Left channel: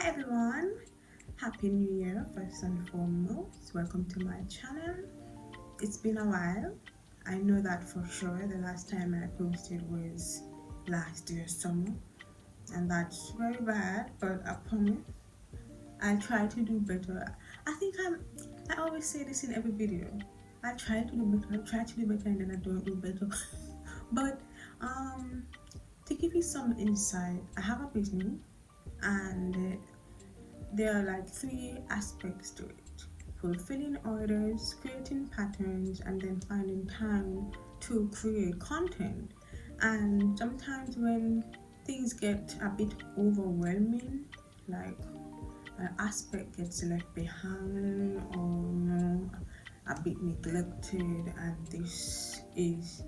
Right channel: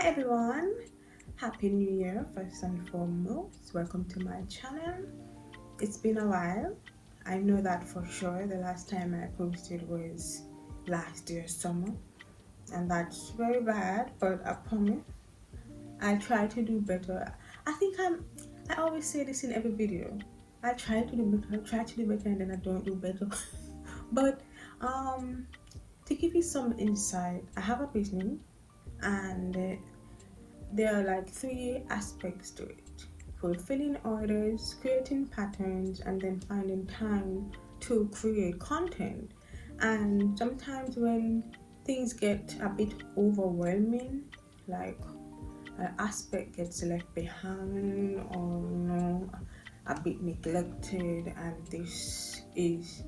Hi everyone, happy new year first and foremost. Welcome to my channel. It's been a while. I know that for sure. The last time I posted was last year's summer, and that's very bad, but I promise I try to do better. I always say this in every video. I try to do better and then I don't do better. But to give you some insight, I have a business, and there are like 3 aspects to it: fulfilling orders, creating patterns, and then finding time to create content. And sometimes when things get a bit overwhelming, like an aspect gets left behind or a bit neglected, and this is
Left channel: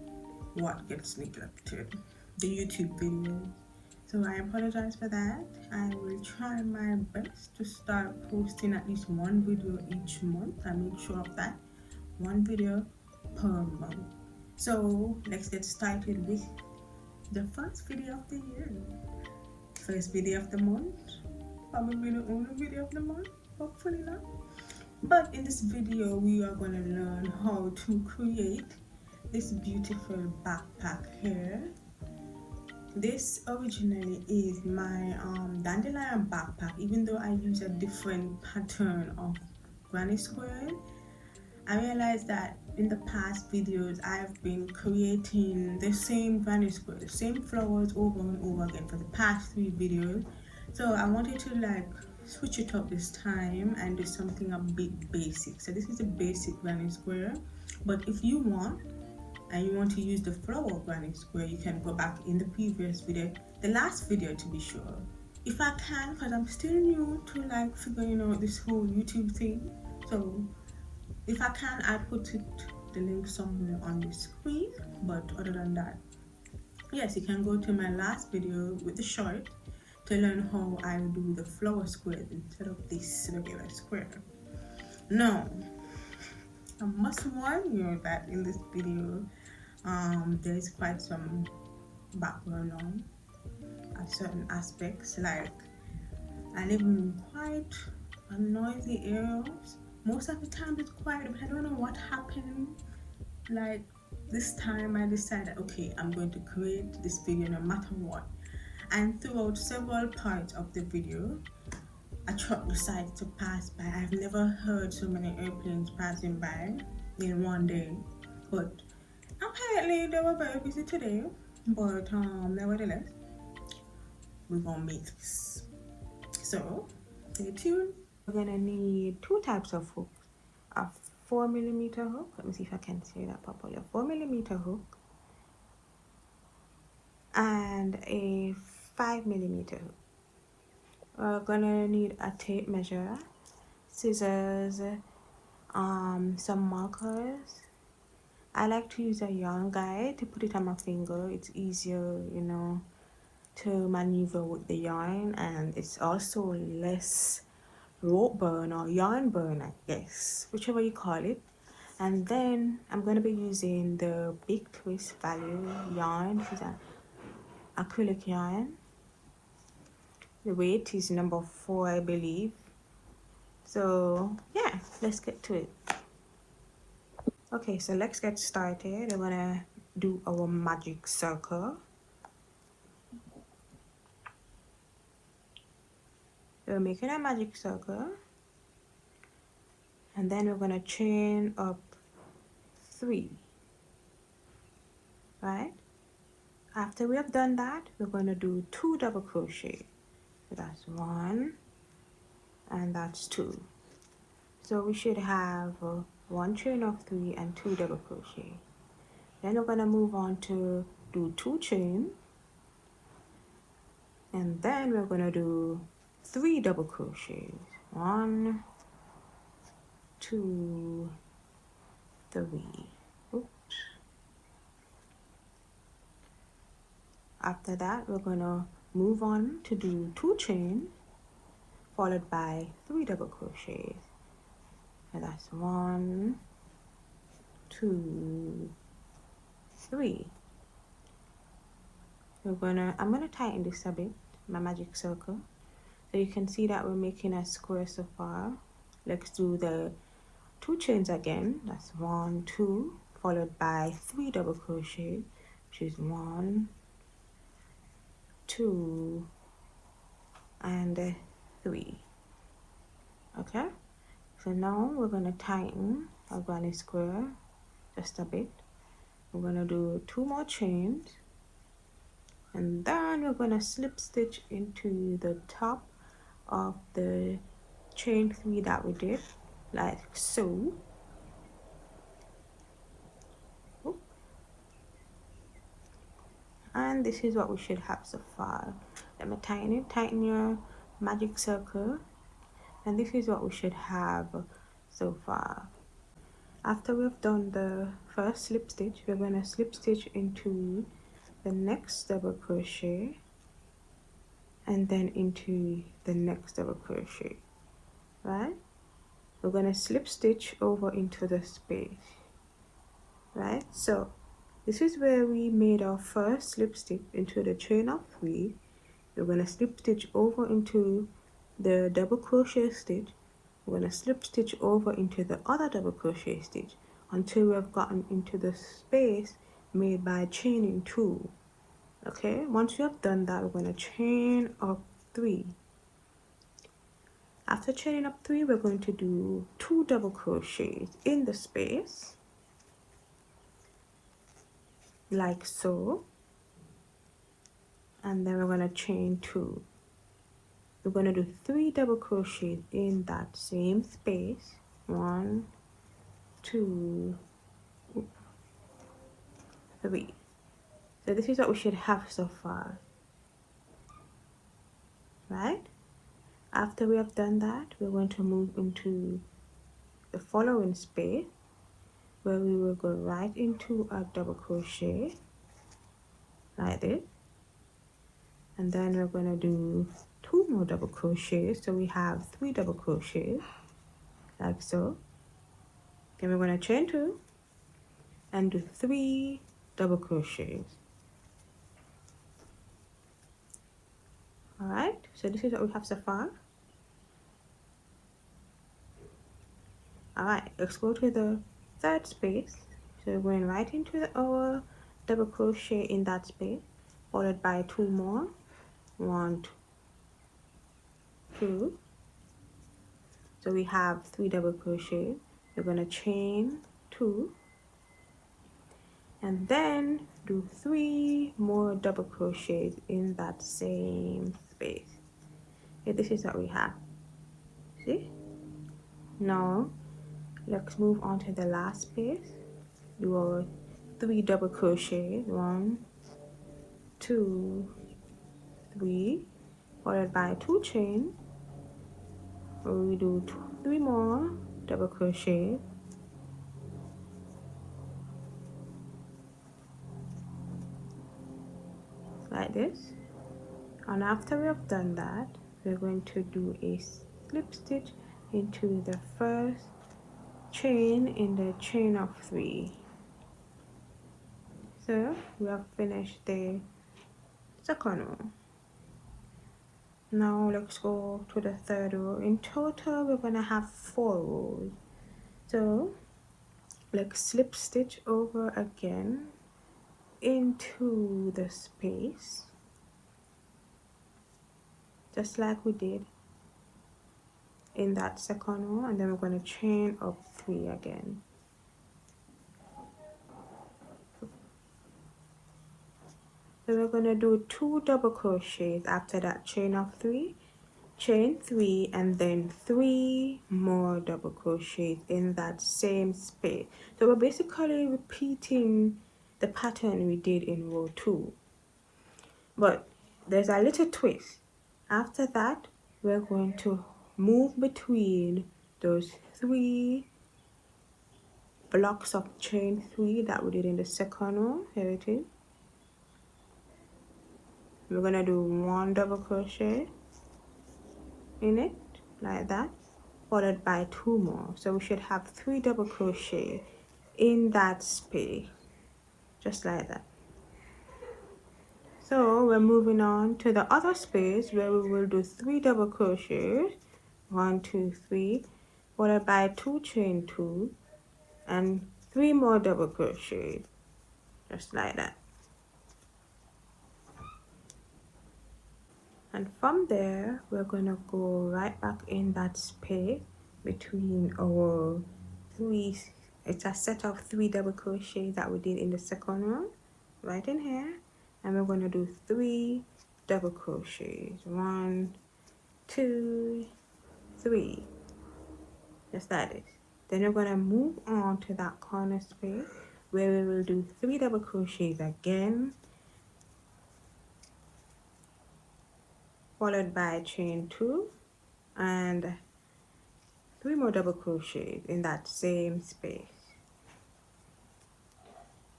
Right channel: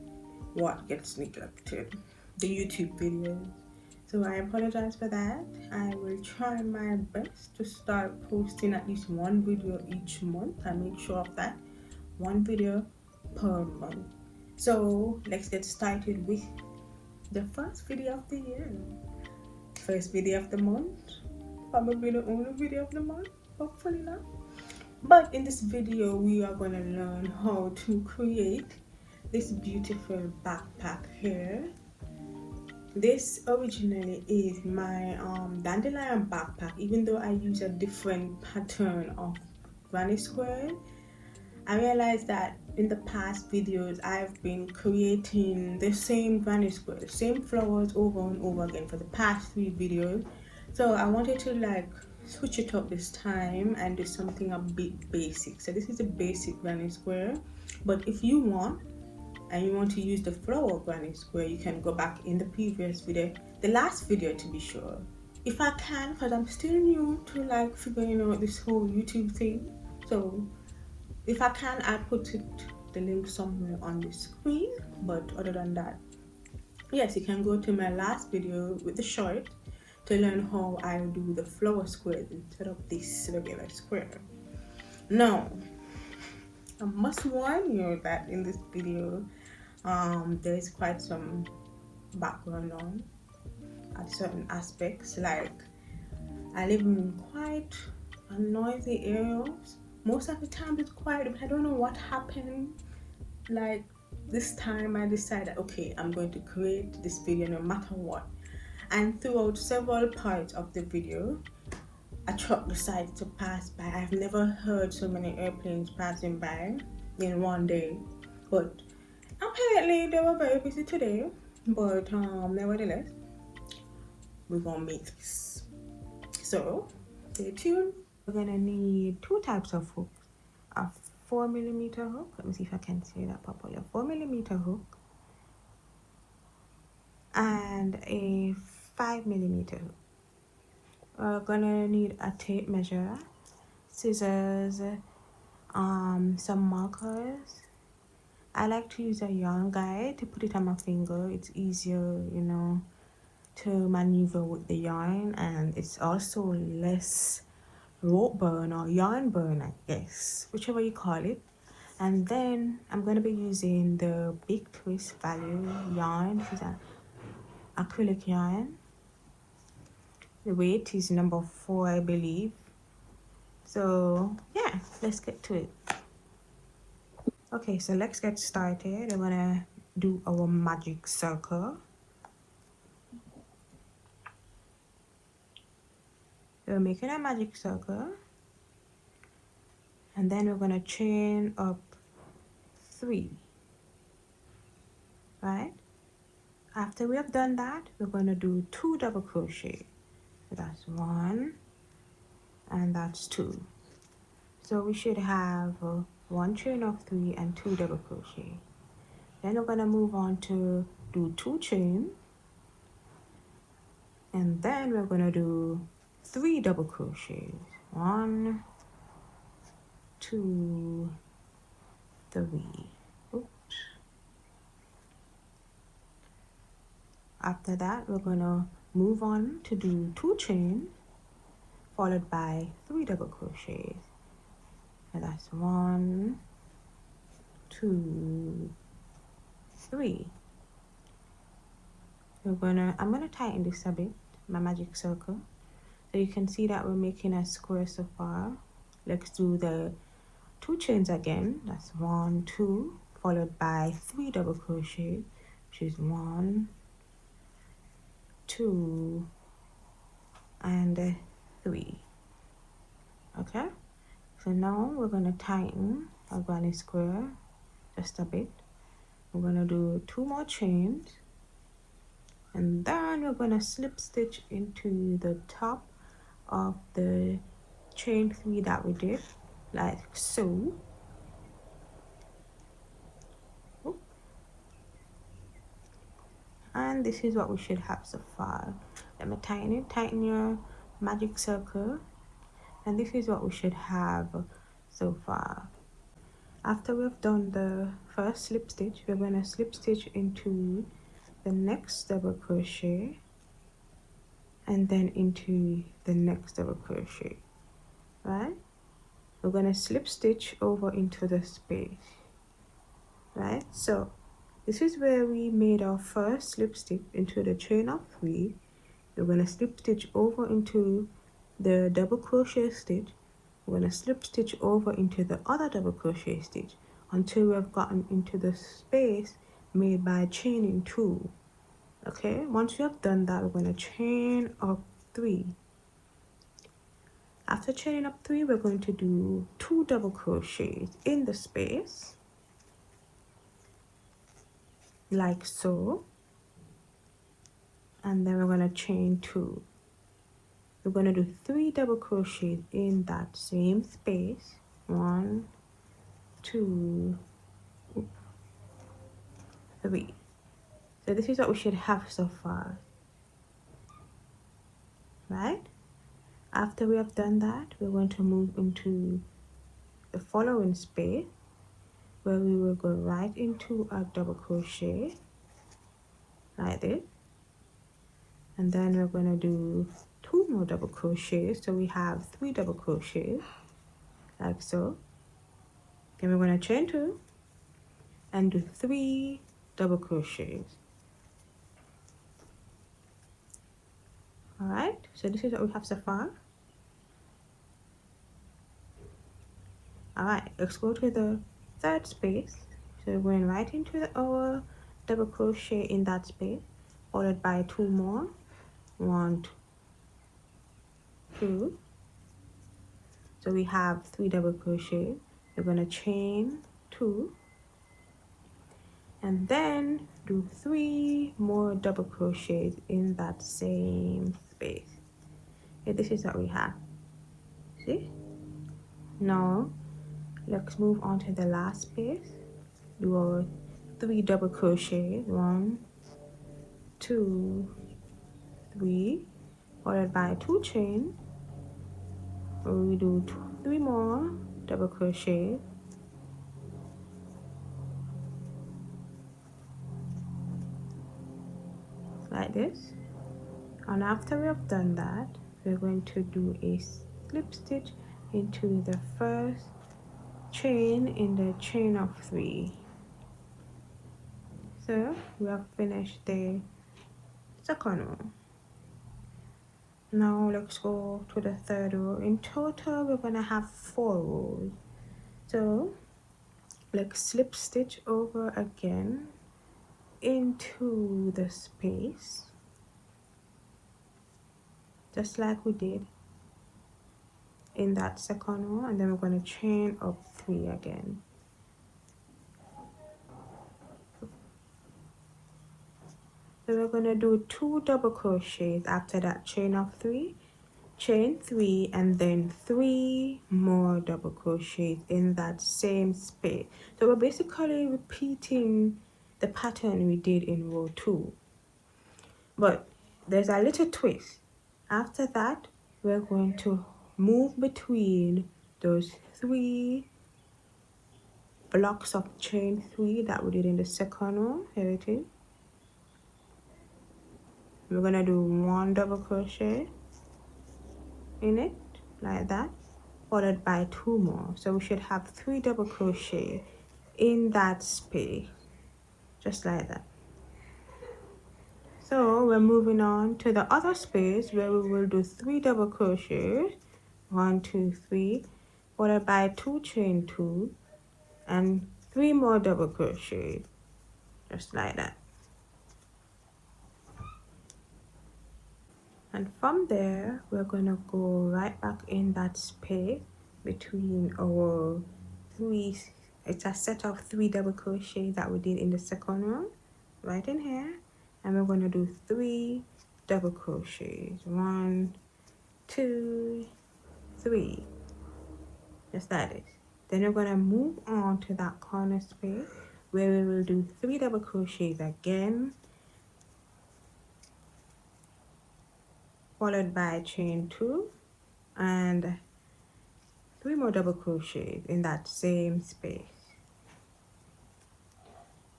what gets neglected: the YouTube video. So I apologize for that. I will try my best to start posting at least 1 video each month. I make sure of that, 1 video per month. So let's get started with the first video of the year. First video of the month, probably the only video of the month, hopefully not. But in this video we are going to learn how to create this beautiful backpack here. This originally is my dandelion backpack. Even though I use a different pattern of granny square, I realized that in the past videos I've been creating the same granny square, the same flowers over and over again for the past 3 videos. So I wanted to like switch it up this time and do something a bit basic. So this is a basic granny square, but if you want and you want to use the flower granny square, you can go back in the previous video, the last video to be sure. If I can, because I'm still new to like figuring out this whole YouTube thing, so if I can, I put the link somewhere on the screen. But other than that, yes, you can go to my last video with the short to learn how I do the flower squares instead of this regular square. Now, I must warn you that in this video there is quite some background noise at certain aspects. Like, I live in quite a noisy area. Most of the time it's quiet, but I don't know what happened. Like this time I decided, okay, I'm going to create this video no matter what. And throughout several parts of the video, a truck decides to pass by. I've never heard so many airplanes passing by in one day, but apparently they were very busy today. But nevertheless, we're gonna make this. So stay tuned. We're gonna need 2 types of hooks: a 4mm hook. Let me see if I can say that properly. A 4mm hook and a 5mm hook. We're gonna need a tape measure, scissors, some markers. I like to use a yarn guide to put it on my finger. It's easier, you know, to maneuver with the yarn, and it's also less rope burn or yarn burn, I guess, whichever you call it. And then I'm going to be using the Big Twist Value yarn. This is an acrylic yarn. The weight is number 4, I believe. So yeah, let's get to it. Okay, so let's get started. I'm gonna do our magic circle. We're making a magic circle, and then we're gonna chain up 3. Right? After we have done that, we're gonna do 2 double crochet. That's 1 and that's 2. So we should have 1 chain of 3 and 2 double crochet. Then we're gonna move on to do 2 chains, and then we're gonna do 3 double crochets. 1, 2, 3. Oops. After that, we're gonna move on to do 2 chains followed by 3 double crochets. And that's 1, 2, 3. I'm gonna tighten this a bit, my magic circle. So you can see that we're making a square so far. Let's do the 2 chains again. That's 1, 2, followed by 3 double crochet, which is 1, 2, and 3. Okay, so now we're going to tighten our granny square just a bit. We're going to do 2 more chains, and then we're going to slip stitch into the top of the chain 3 that we did, like so. And this is what we should have so far. Let me tighten your magic circle, and this is what we should have so far. After we've done the first slip stitch, we're going to slip stitch into the next double crochet, and then into the next double crochet, right? We're going to slip stitch over into the space, right? So this is where we made our first slip stitch into the chain of 3. We're going to slip stitch over into the double crochet stitch. We're going to slip stitch over into the other double crochet stitch until we've gotten into the space made by chaining 2. Okay, once you have done that, we're going to chain up 3. After chaining up 3, we're going to do 2 double crochets in the space, like so, and then we're going to chain 2. We're going to do 3 double crochets in that same space, 1, 2, 3. So this is what we should have so far, right? After we have done that, we're going to move into the following space, where we will go right into a double crochet like this, and then we're going to do 2 more double crochets, so we have 3 double crochets like so. Then we're going to chain 2 and do 3 double crochets. All right, so this is what we have so far. All right, let's go to the third space. So we're going right into our double crochet in that space, followed by 2 more, 1, 2. So we have 3 double crochets. We're going to chain 2 and then do 3 more double crochets in that same space. Okay, this is what we have. See? Now let's move on to the last space. Do our 3 double crochets, 1, 2, 3, followed by 2 chains. And we do 3 more double crochet, like this. And after we have done that, we're going to do a slip stitch into the first chain in the chain of 3. So we have finished the second one. Now let's go to the third row. In total, we're gonna have 4 rows. So let's slip stitch over again into the space, just like we did in that second row, and then we're going to chain up 3 again. So we're going to do 2 double crochets after that chain of 3, chain 3, and then 3 more double crochets in that same space. So we're basically repeating the pattern we did in row 2, but there's a little twist. After that, we're going to move between those 3 blocks of chain 3 that we did in the second row. Here it is. We're gonna do 1 double crochet in it like that, followed by 2 more. So we should have 3 double crochet in that space, just like that. So we're moving on to the other space where we will do 3 double crochets, 1 2 3, followed by 2 chain 2 and 3 more double crochets, just like that. And from there we're gonna go right back in that space between our 3. It's a set of 3 double crochets that we did in the second row, right in here, and we're going to do 3 double crochets, 1 2 3, just like this. Then we're going to move on to that corner space where we will do 3 double crochets again, followed by chain 2 and 3 more double crochets in that same space,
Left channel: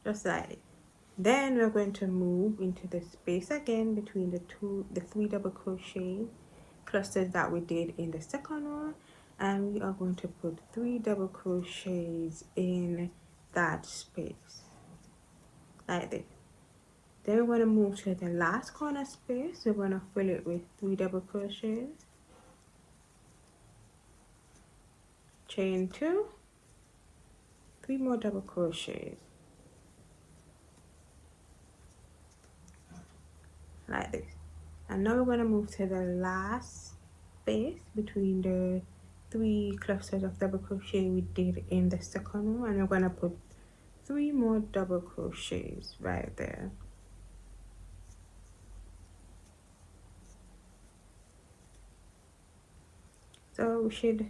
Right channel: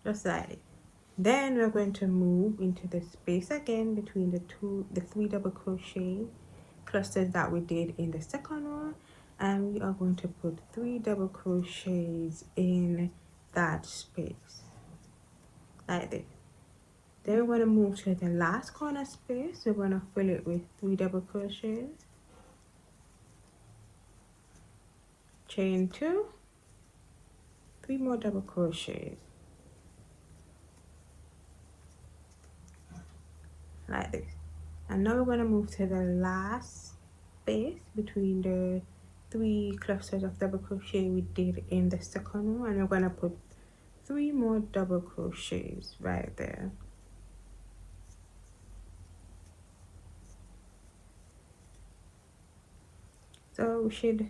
just like it. Then we're going to move into the space again between the 3 double crochet clusters that we did in the second row, and we are going to put 3 double crochets in that space, like this. Then we're going to move to the last corner space. We're going to fill it with 3 double crochets, chain 2, 3 more double crochets, like this. And now we're going to move to the last space between the 3 clusters of double crochet we did in the second row, and we're going to put 3 more double crochets right there. So we should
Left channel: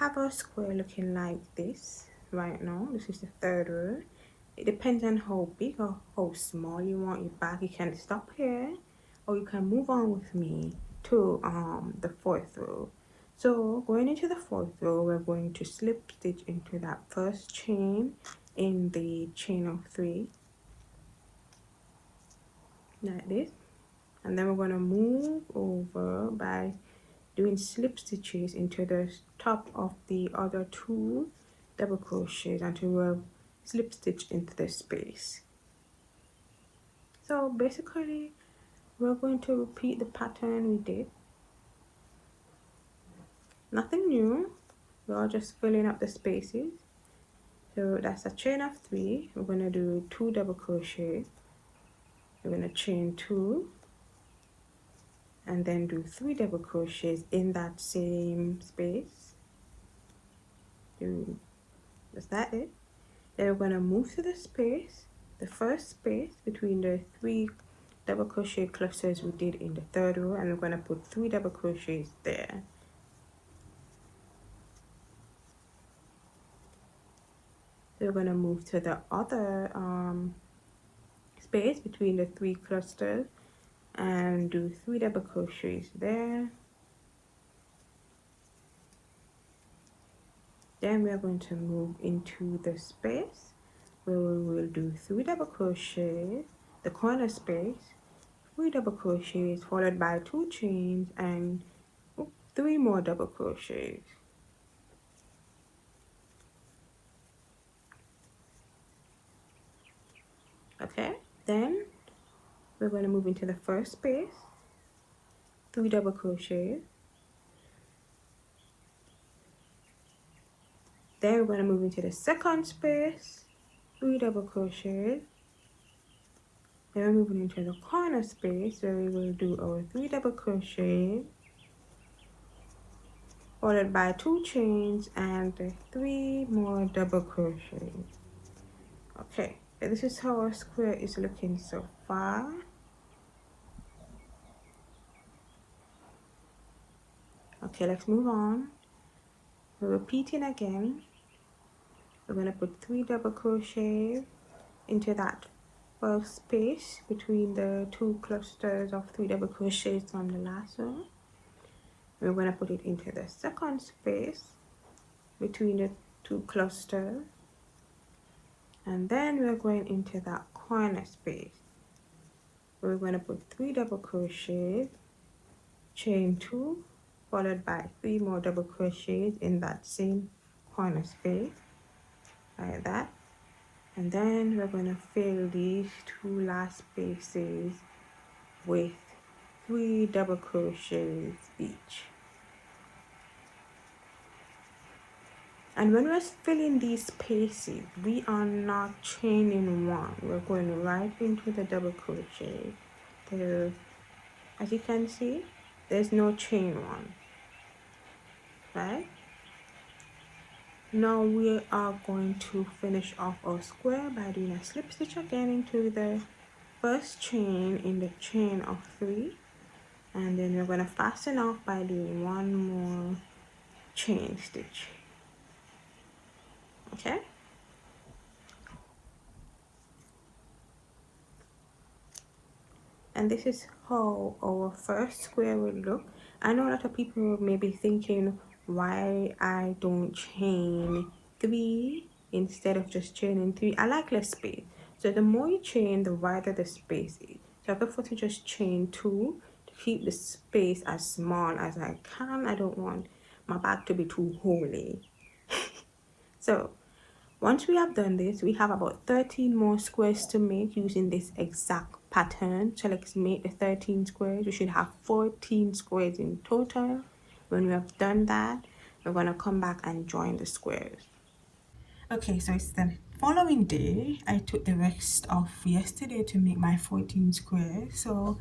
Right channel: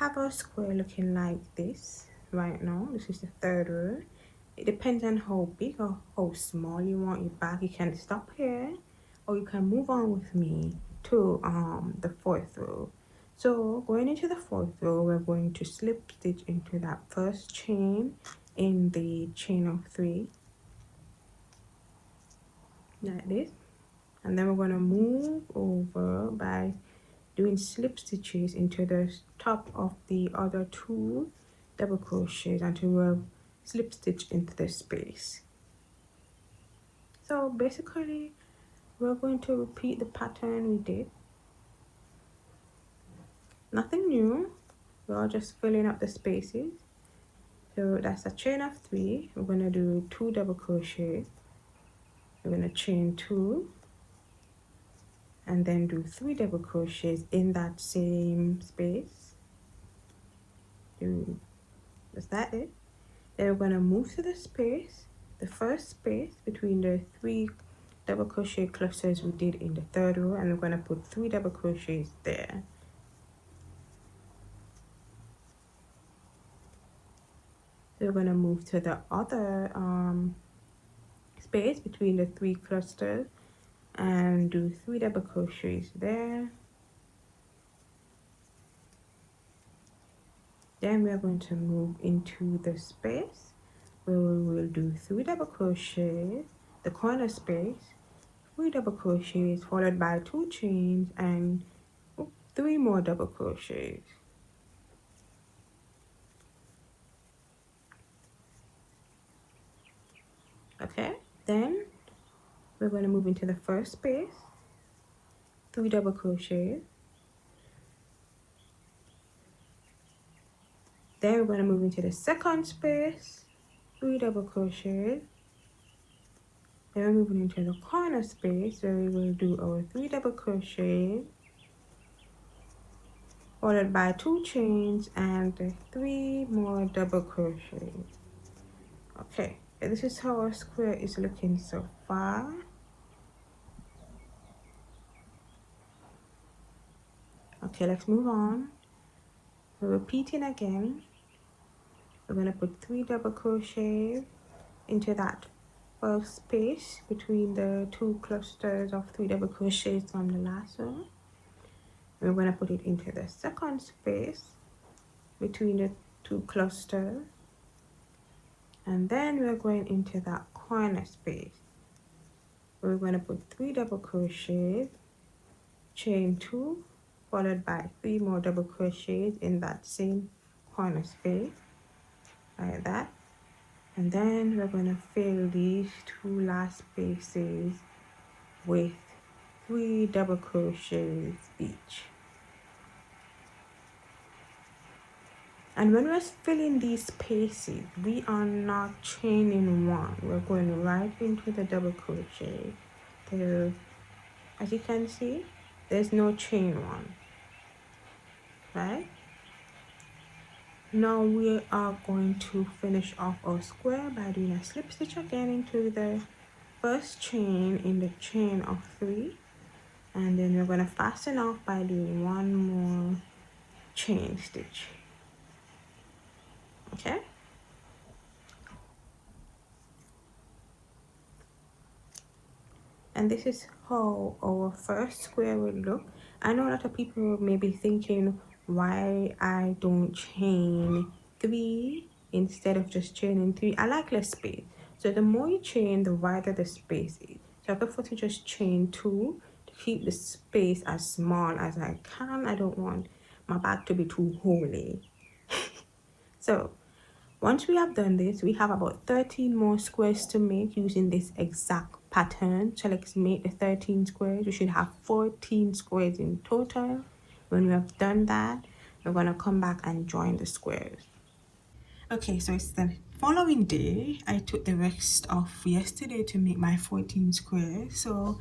have our square looking like this right now. This is the 3rd row. It depends on how big or how small you want your bag. You can stop here or you can move on with me to the 4th row. So going into the 4th row, we're going to slip stitch into that first chain in the chain of 3, like this, and then we're going to move over by doing slip stitches into the top of the other 2 double crochets until we're slip stitch into the space. So basically we're going to repeat the pattern we did. Nothing new, we're just filling up the spaces. So that's a chain of 3. We're going to do 2 double crochets. I'm going to chain 2 and then do 3 double crochets in that same space. Is that it? Then we're going to move to the space, the first space between the 3 double crochet clusters we did in the 3rd row, and we're going to put 3 double crochets there. So we're going to move to the other space between the 3 clusters and do 3 double crochets there. Then we're going to move into the space where we will do 3 double crochets, the corner space, 3 double crochets followed by 2 chains and 3 more double crochets. Okay, then we're going to move into the first space, 3 double crochets. Then we're going to move into the second space, 3 double crochets. Then we're moving into the corner space where we will do our 3 double crochets followed by 2 chains and 3 more double crochets. Okay, and this is how our square is looking so far. Okay, let's move on. We're repeating again. We're going to put 3 double crochets into that first space between the 2 clusters of 3 double crochets on the last row. We're going to put it into the second space between the 2 clusters, and then we're going into that corner space. We're going to put 3 double crochets, chain 2, followed by 3 more double crochets in that same corner space, like that. And then we're going to fill these two last spaces with 3 double crochets each. And when we're filling these spaces, we are not chaining one. We're going right into the double crochet. There, as you can see, there's no chain one. Right? Now we are going to finish off our square by doing a slip stitch again into the first chain in the chain of 3, and then we're going to fasten off by doing one more chain stitch. Okay, and this is how our first square will look. I know a lot of people may be thinking why I don't chain 3 instead of just chaining 3. I like less space, so the more you chain, the wider the space is. So I prefer to just chain 2 to keep the space as small as I can. I don't want my bag to be too homely. So once we have done this, we have about 13 more squares to make using this exact pattern. So let's make the 13 squares. We should have 14 squares in total. When we have done that, we're going to come back and join the squares. Okay, so it's the following day. I took the rest of yesterday to make my 14 squares. So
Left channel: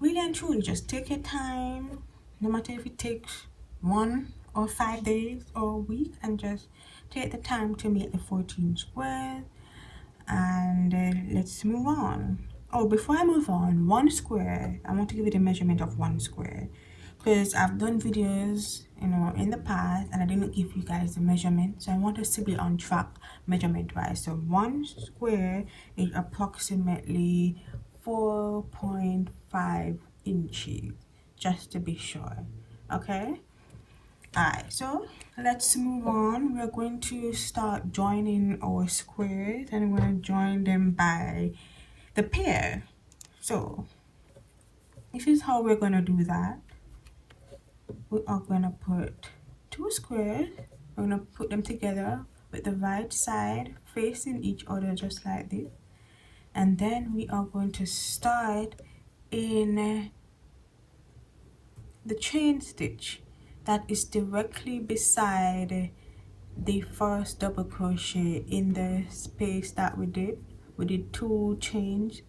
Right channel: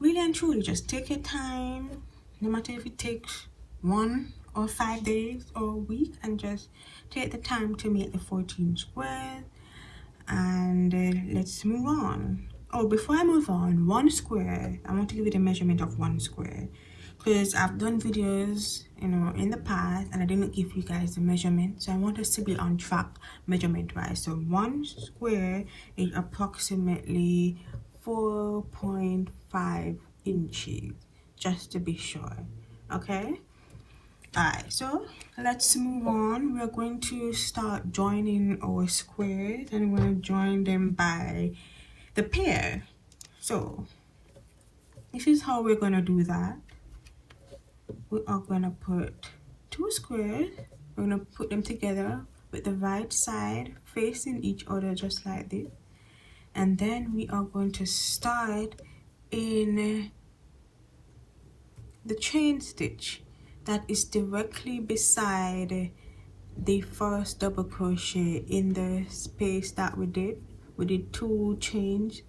really and truly, just take your time, no matter if it takes 1 or 5 days or a week, and just take the time to make the 14 squares. And let's move on. Oh, before I move on, 1 square, I want to give you the measurement of 1 square, because I've done videos, you know, in the past, and I didn't give you guys the measurement, so I want us to be on track measurement wise. So 1 square is approximately 4.5 inches, just to be sure. Okay, alright, so let's move on. We're going to start joining our squares, and we're going to join them by the pair. So this is how we're going to do that. We are going to put 2 squares, we're going to put them together with the right side facing each other, just like this. And then we are going to start in the chain stitch that is directly beside the first double crochet in the space that we did. We did 2 chains.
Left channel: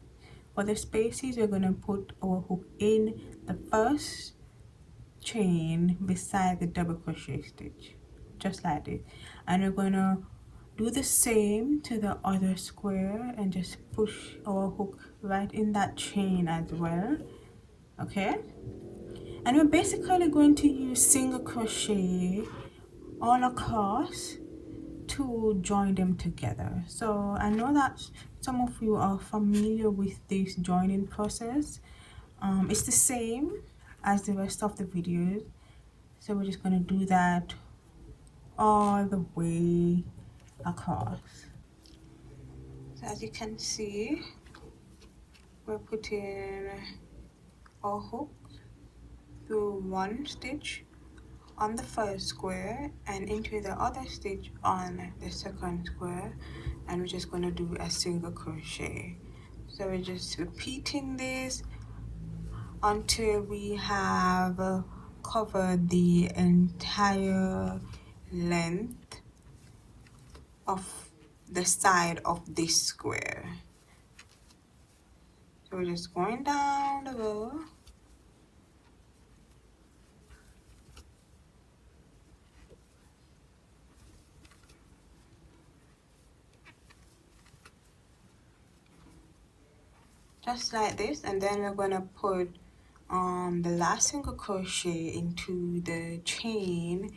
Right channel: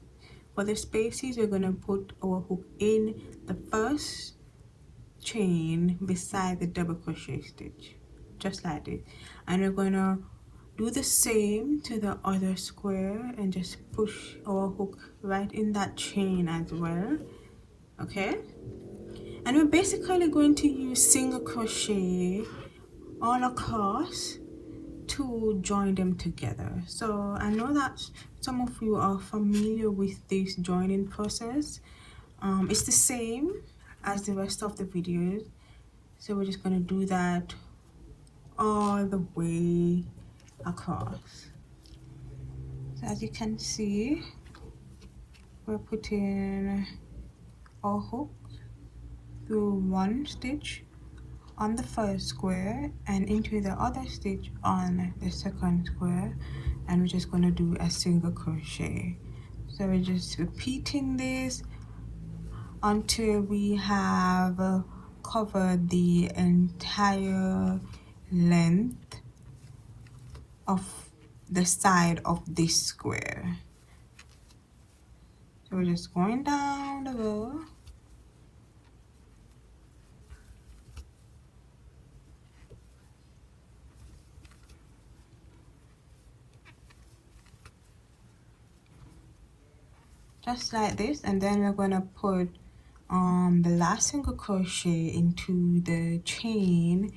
For the spaces, we're going to put our hook in the first chain beside the double crochet stitch, just like this. And we're going to do the same to the other square and just push our hook right in that chain as well. Okay, and we're basically going to use single crochet all across to join them together. So I know that some of you are familiar with this joining process. It's the same as the rest of the videos, so we're just going to do that all the way across. So as you can see, we're putting our hook through 1 stitch on the first square and into the other stitch on the second square, and we're just going to do a single crochet. So we're just repeating this until we have covered the entire length of the side of this square. So we're just going down the row. Just like this, and then we're going to put the last single crochet into the chain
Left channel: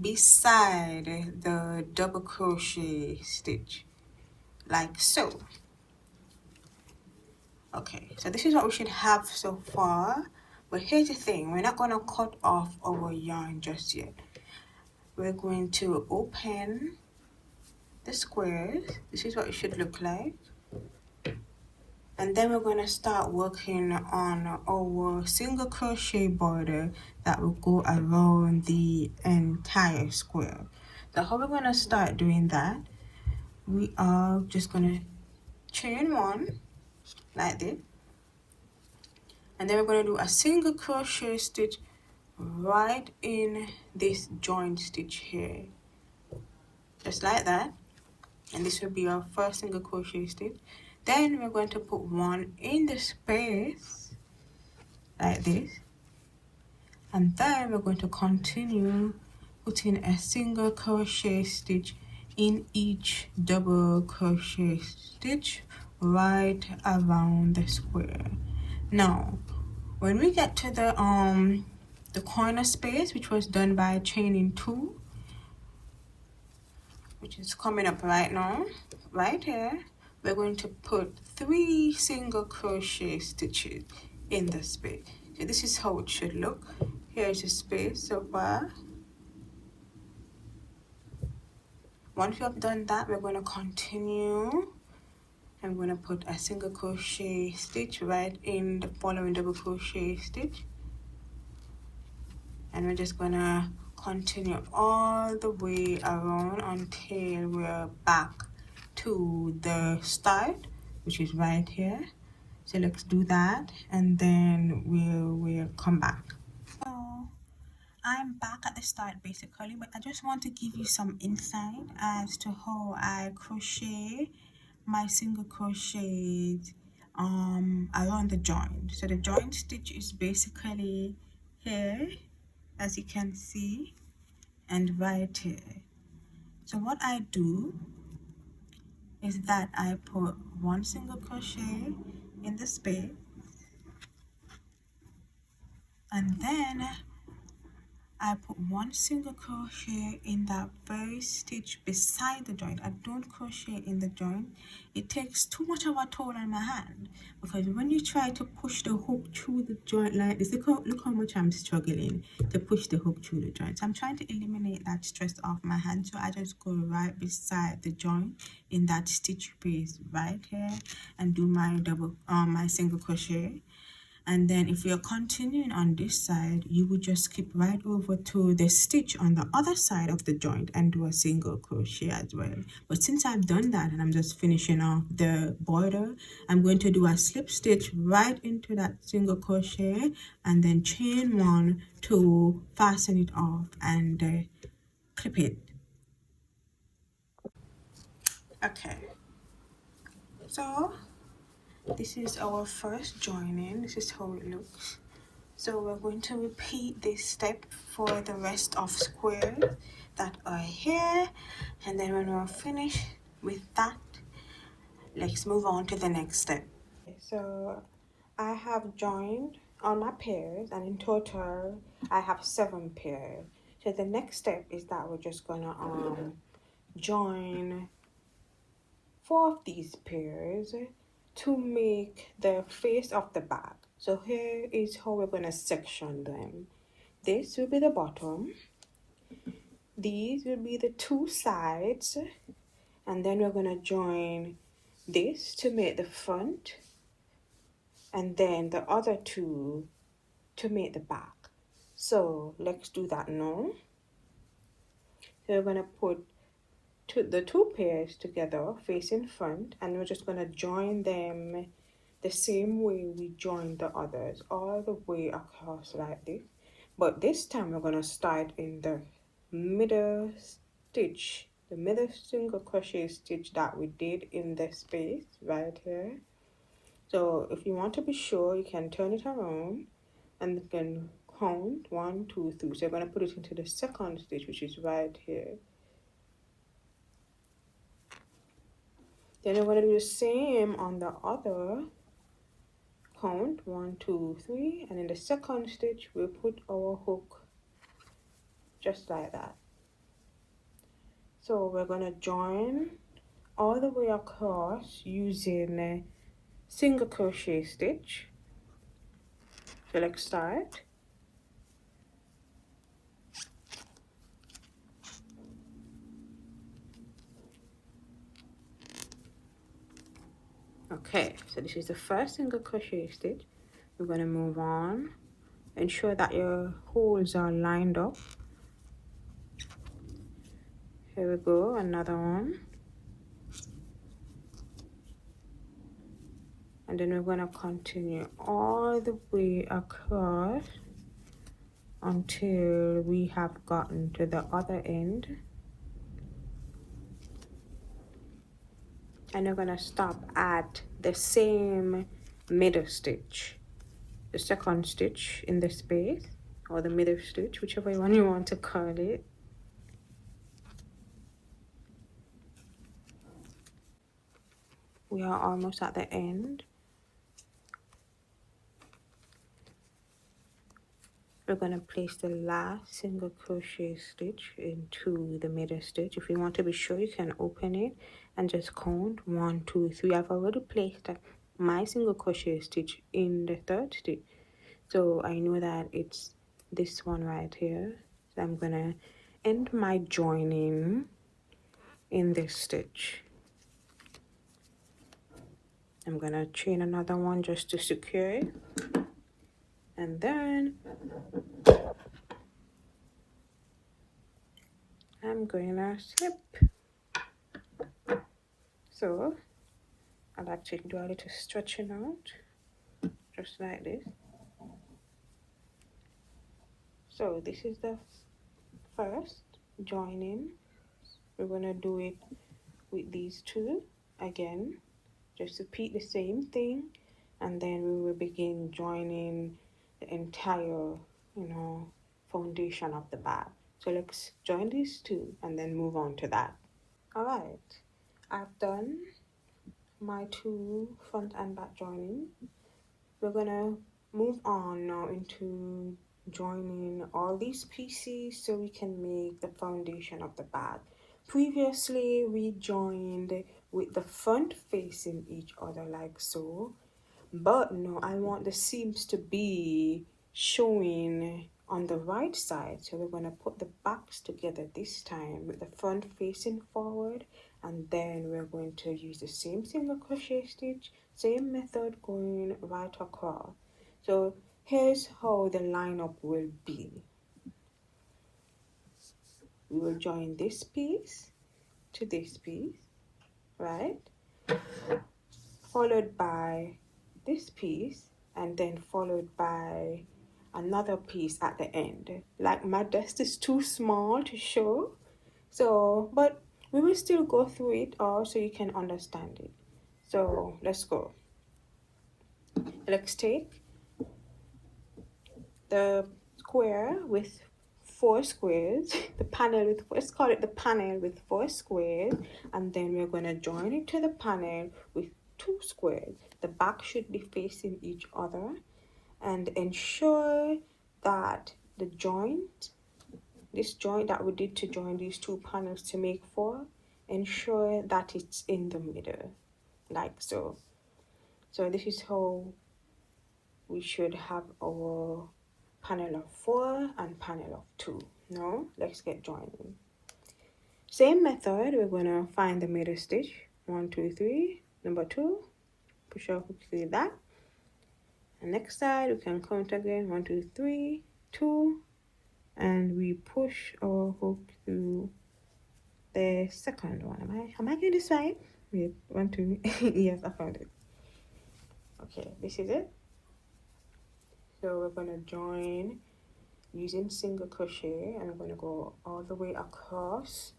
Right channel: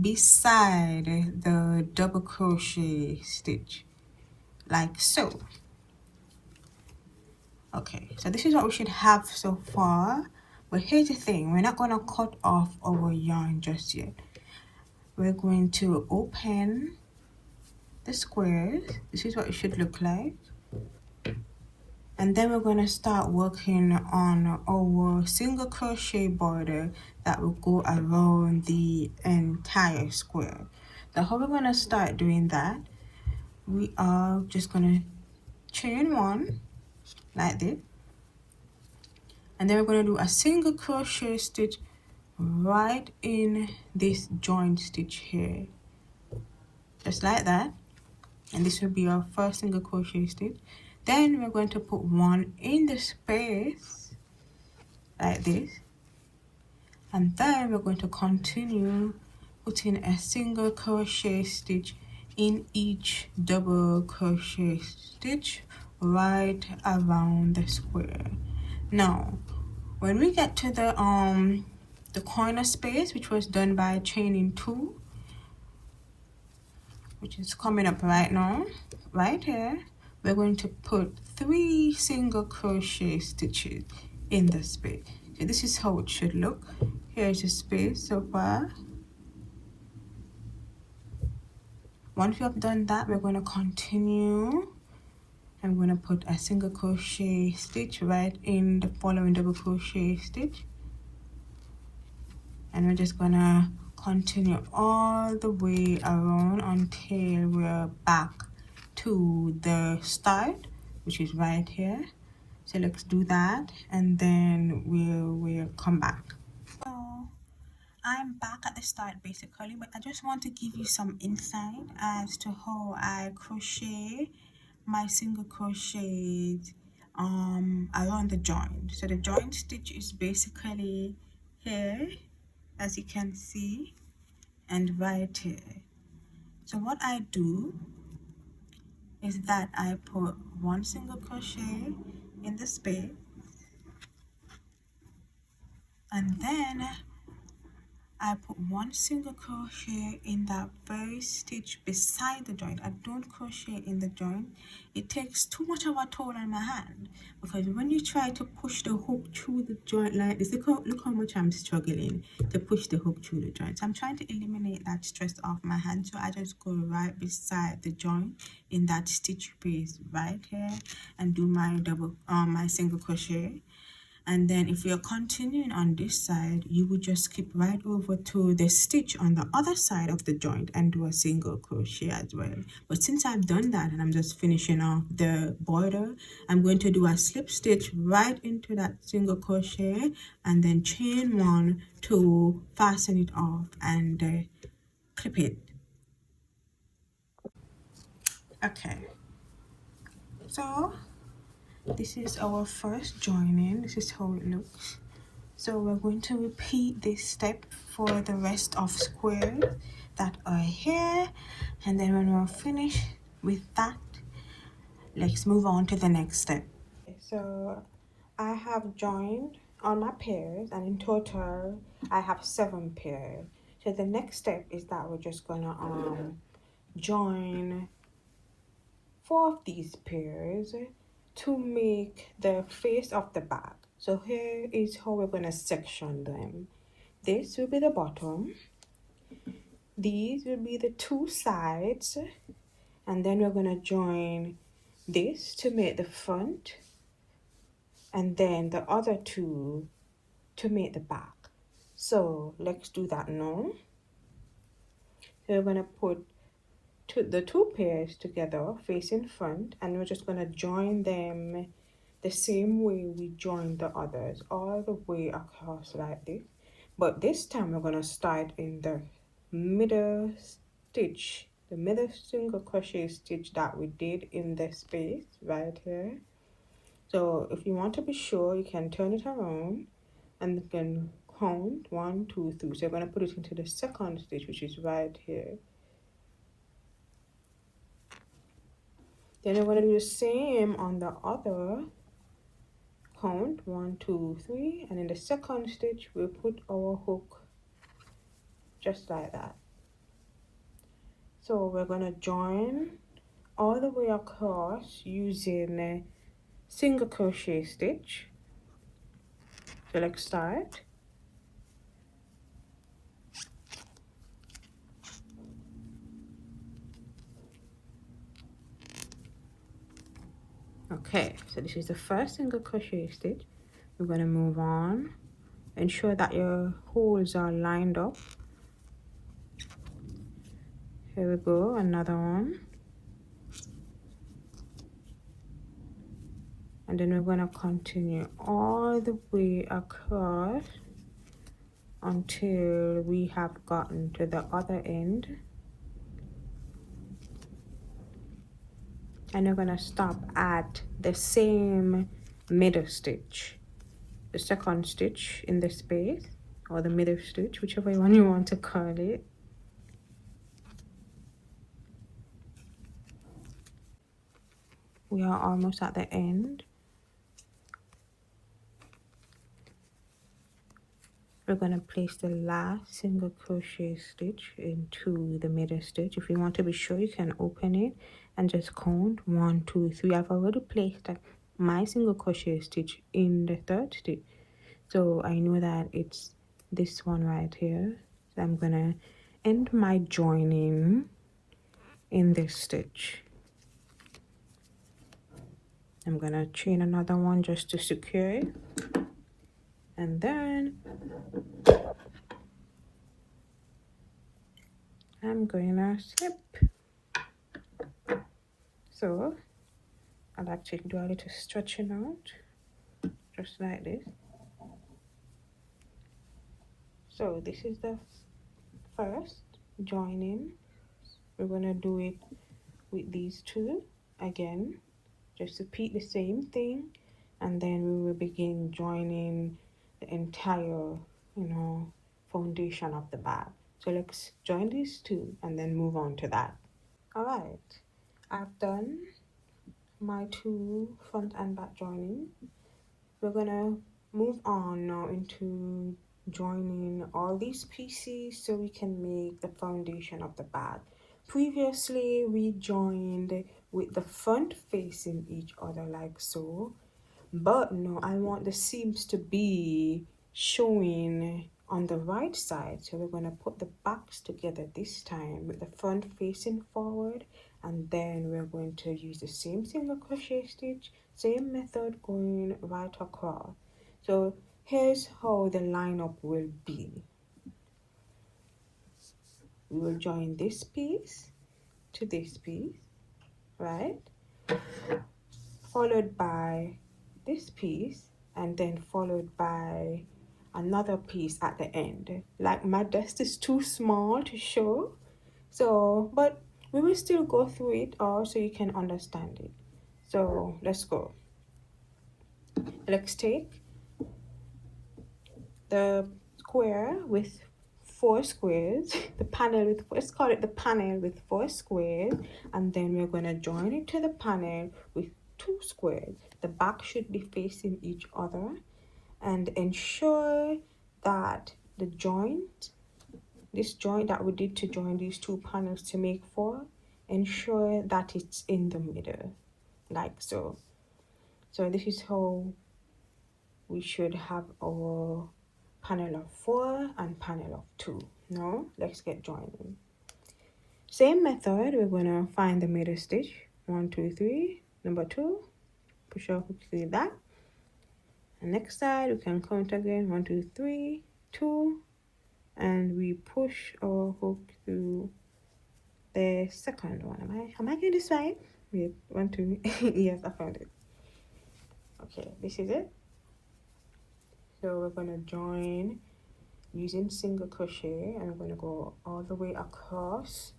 beside the double crochet stitch, like so. Okay, so this is what we should have so far, but here's the thing, we're not going to cut off our yarn just yet. We're going to open the squares. This is what it should look like. And then we're going to start working on our single crochet border that will go around the entire square. So how we're going to start doing that, we are just gonna chain one like this, and then we're gonna do a single crochet stitch right in this joint stitch here, just like that. And this will be our first single crochet stitch. Then we're going to put one in the space like this, and then we're going to continue putting a single crochet stitch in each double crochet stitch right around the square. Now when we get to the corner space, which was done by chaining 2, which is coming up right now, right here, we're going to put 3 single crochet stitches in the space. So this is how it should look. Here is the space so far. Once we have done that, we're going to continue. I'm going to put a single crochet stitch right in the following double crochet stitch, and we're just going to continue all the way around until we're back to the start, which is right here. So let's do that, and then we'll come back. So I'm back at the start basically, but I just want to give you some insight as to how I crochet my single crochets around the joint. So the joint stitch is basically here, as you can see, and right here. So what I do is that I put 1 single crochet in the space, and then I put 1 single crochet in that very stitch beside the joint. I don't crochet in the joint. It takes too much of a toll on my hand, because when you try to push the hook through the joint like this, look how much I'm struggling to push the hook through the joint. So I'm trying to eliminate that stress off my hand, so I just go right beside the joint in that stitch space right here and do my my single crochet. And then if you're continuing on this side, you would just skip right over to the stitch on the other side of the joint and do a single crochet as well. But since I've done that and I'm just finishing off the border, I'm going to do a slip stitch right into that single crochet and then chain 1 to fasten it off and clip it. Okay, so this is our first joining. This is how it looks. So we're going to repeat this step for the rest of squares that are here, and then when we're finished with that, let's move on to the next step. So I have joined all my pairs, and in total I have 7 pairs. So the next step is that we're just gonna join 4 of these pairs to make the face of the bag. So here is how we're going to section them. This will be the bottom, these will be the 2 sides, and then we're going to join this to make the front, and then the other 2 to make the back. So let's do that now. So we're going to put the 2 pairs together facing front, and we're just going to join them the same way we joined the others, all the way across like this. But this time we're going to start in the middle stitch, the middle single crochet stitch that we did in the space right here. So if you want to be sure, you can turn it around and you can count 1, 2, 3. So you're going to put it into the second stitch, which is right here. Then I'm going to do the same on the other. Count 1, 2, 3, and in the second stitch we'll put our hook just like that. So we're going to join all the way across using a single crochet stitch. So let's start. Okay, so this is the first single crochet stitch. We're going to move on. Ensure that your holes are lined up. Here we go, another one. and then we're going to continue all the way across until we have gotten to the other end, and we're going to stop at the same middle stitch, the second stitch in the space, or the middle stitch, whichever one you want to call it. We are almost at the end. We're going to place the last single crochet stitch into the middle stitch. If you want to be sure, you can open it and just count 1, 2, 3. I've already placed my single crochet stitch in the third stitch, so I know that it's this one right here. So I'm gonna end my joining in this stitch. I'm gonna chain another one just to secure it, and then I'm gonna slip. So I like to do a little stretching out, just like this. So this is the first joining. We're gonna do it with these two again, just repeat the same thing, and then we will begin joining the entire, foundation of the bag. So let's join these two and then move on to that. All right, I've done my 2 front and back joining. We're gonna move on now into joining all these pieces so we can make the foundation of the bag. Previously we joined with the front facing each other like so, but no, I want the seams to be showing on the right side, so we're going to put the backs together this time with the front facing forward, and then we're going to use the same single crochet stitch, same method going right across. So here's how the lineup will be. We'll join this piece to this piece, right, followed by this piece, and then followed by another piece at the end. Like my dust is too small to show, so but we will still go through it all so you can understand it. So let's go. Let's take the square with 4 squares, the panel with, let's call it the panel with 4 squares, and then we're going to join it to the panel with 2 squares. The back should be facing each other, and ensure that the joint, this joint that we did to join these 2 panels to make 4, ensure that it's in the middle, like so. So this is how we should have our panel of 4 and panel of 2. Now let's get joining. Same method, we're gonna find the middle stitch, 1, 2, 3, number 2, push our hook through that, and next side we can count again, 1, 2, 3, 2, and we push our hook through the second one. Am I getting this right? Wait, 1, 2 yes, I found it. Okay, this is it. So we're going to join using single crochet, and we're going to go all the way across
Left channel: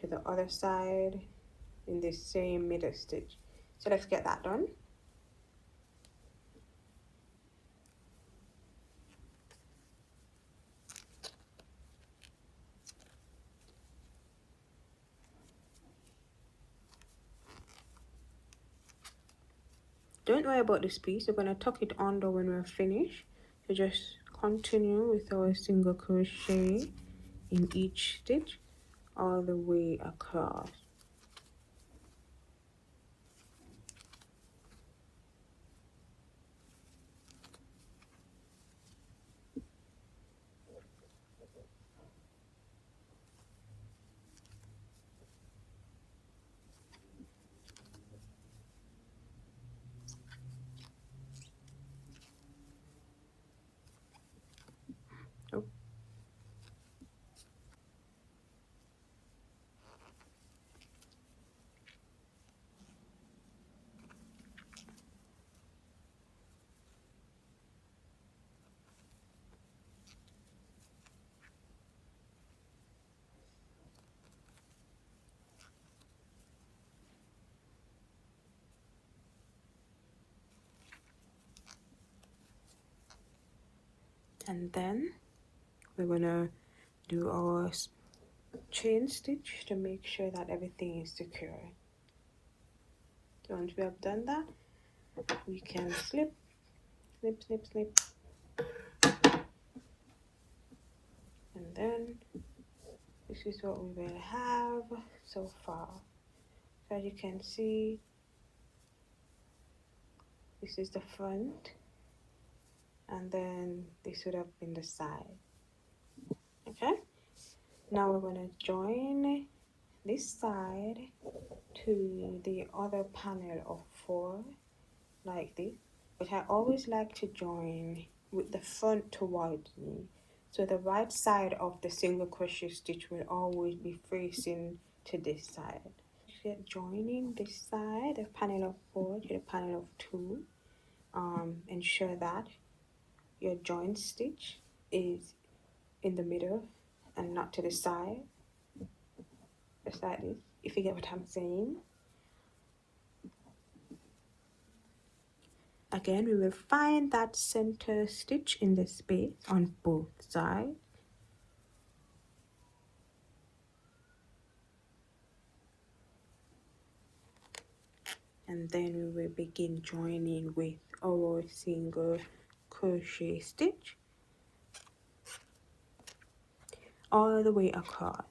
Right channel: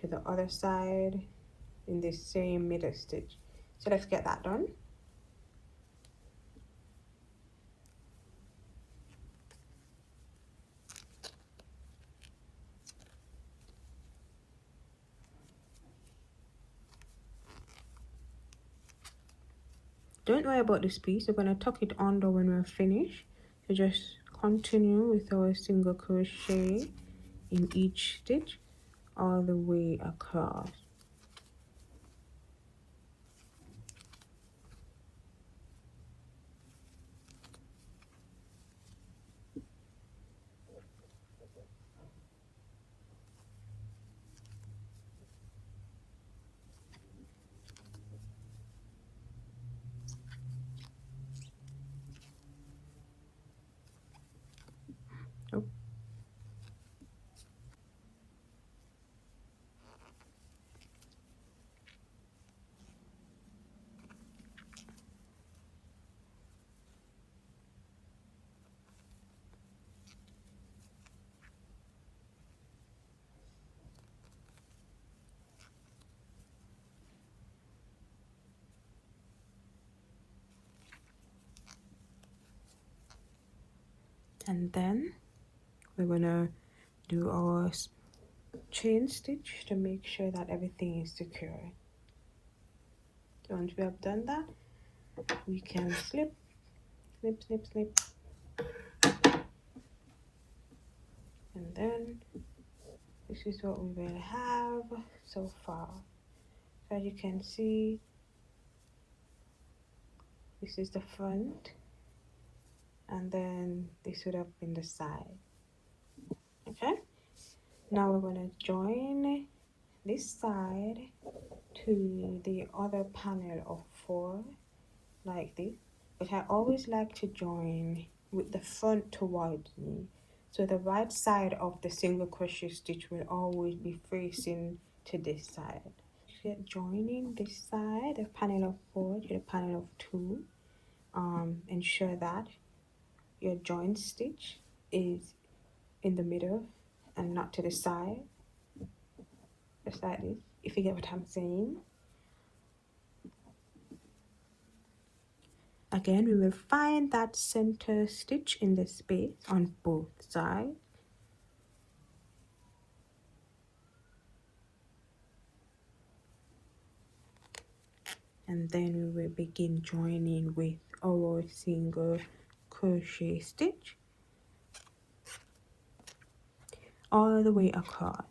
to the other side in this same middle stitch. So let's get that done. Don't worry about this piece, we're going to tuck it under when we're finished. So just continue with our single crochet in each stitch all the way across. And then we're gonna do our chain stitch to make sure that everything is secure. Once we have done that, we can snip, snip, snip, snip, and then this is what we will have so far. So as you can see, this is the front, and then this would have been the side. Okay, now we're going to join this side to the other panel of 4 like this, but I always like to join with the front towards me, so the right side of the single crochet stitch will always be facing to this side. So joining this side, the panel of 4 to the panel of 2, ensure that your joint stitch is in the middle and not to the side, just like this, if you get what I'm saying. Again, we will find that center stitch in the space on both sides. And then we will begin joining with our single crochet stitch all the way across.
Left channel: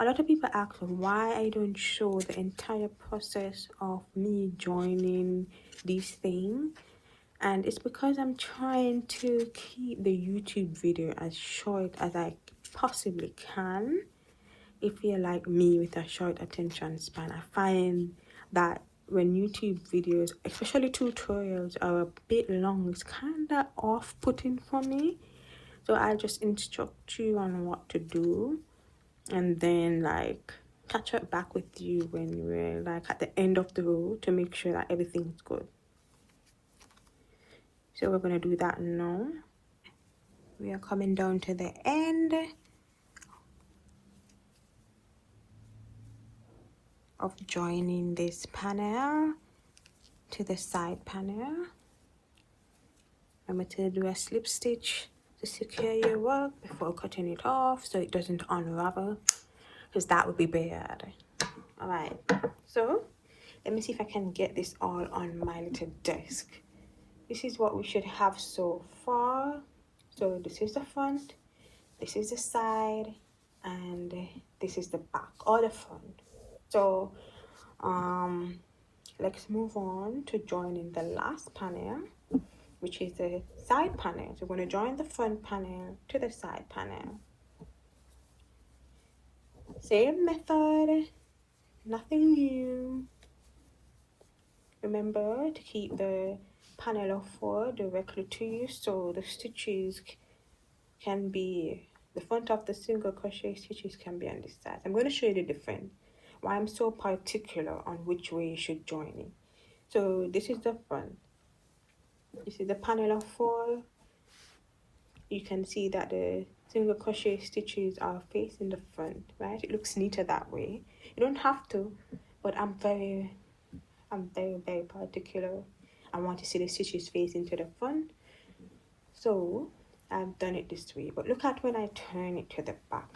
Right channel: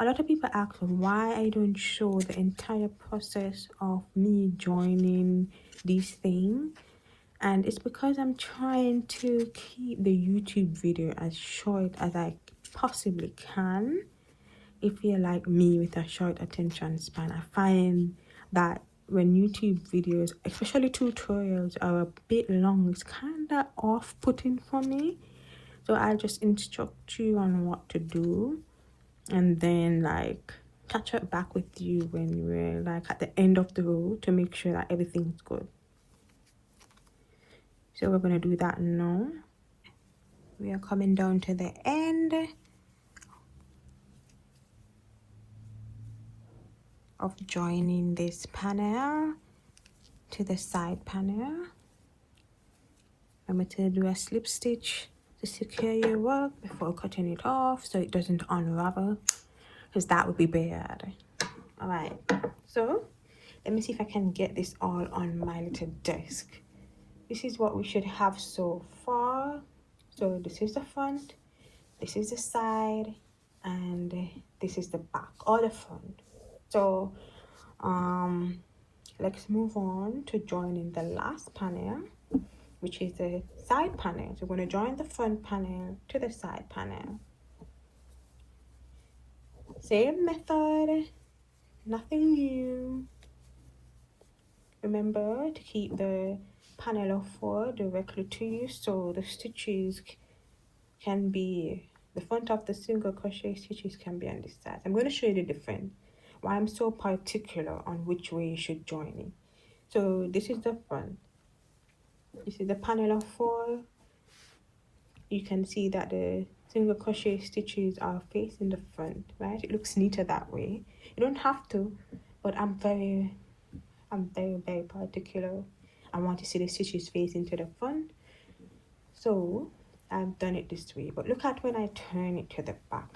A lot of people ask why I don't show the entire process of me joining these things, and it's because I'm trying to keep the YouTube video as short as I possibly can. If you're like me with a short attention span, I find that when YouTube videos, especially tutorials, are a bit long, it's kind of off-putting for me. So I'll just instruct you on what to do, and then like catch up back with you when we're like at the end of the row to make sure that everything's good. So we're gonna do that now. We are coming down to the end of joining this panel to the side panel. I'm going to do a slip stitch to secure your work before cutting it off so it doesn't unravel, because that would be bad. Alright, so let me see if I can get this all on my little desk. This is what we should have so far. So this is the front, this is the side, and this is the back or the front. So let's move on to joining the last panel, which is the side panel. So we're going to join the front panel to the side panel. Same method, nothing new. Remember to keep the panel of 4 directly to you, so the stitches can be, the front of the single crochet stitches can be on this side. I'm going to show you the difference, why I'm so particular on which way you should join it. So this is the front, this is the panel of 4. You can see that the single crochet stitches are facing the front, right? It looks neater that way. You don't have to, but I'm very particular. I want to see the stitches facing to the front, so I've done it this way. But look at when I turn it to the back.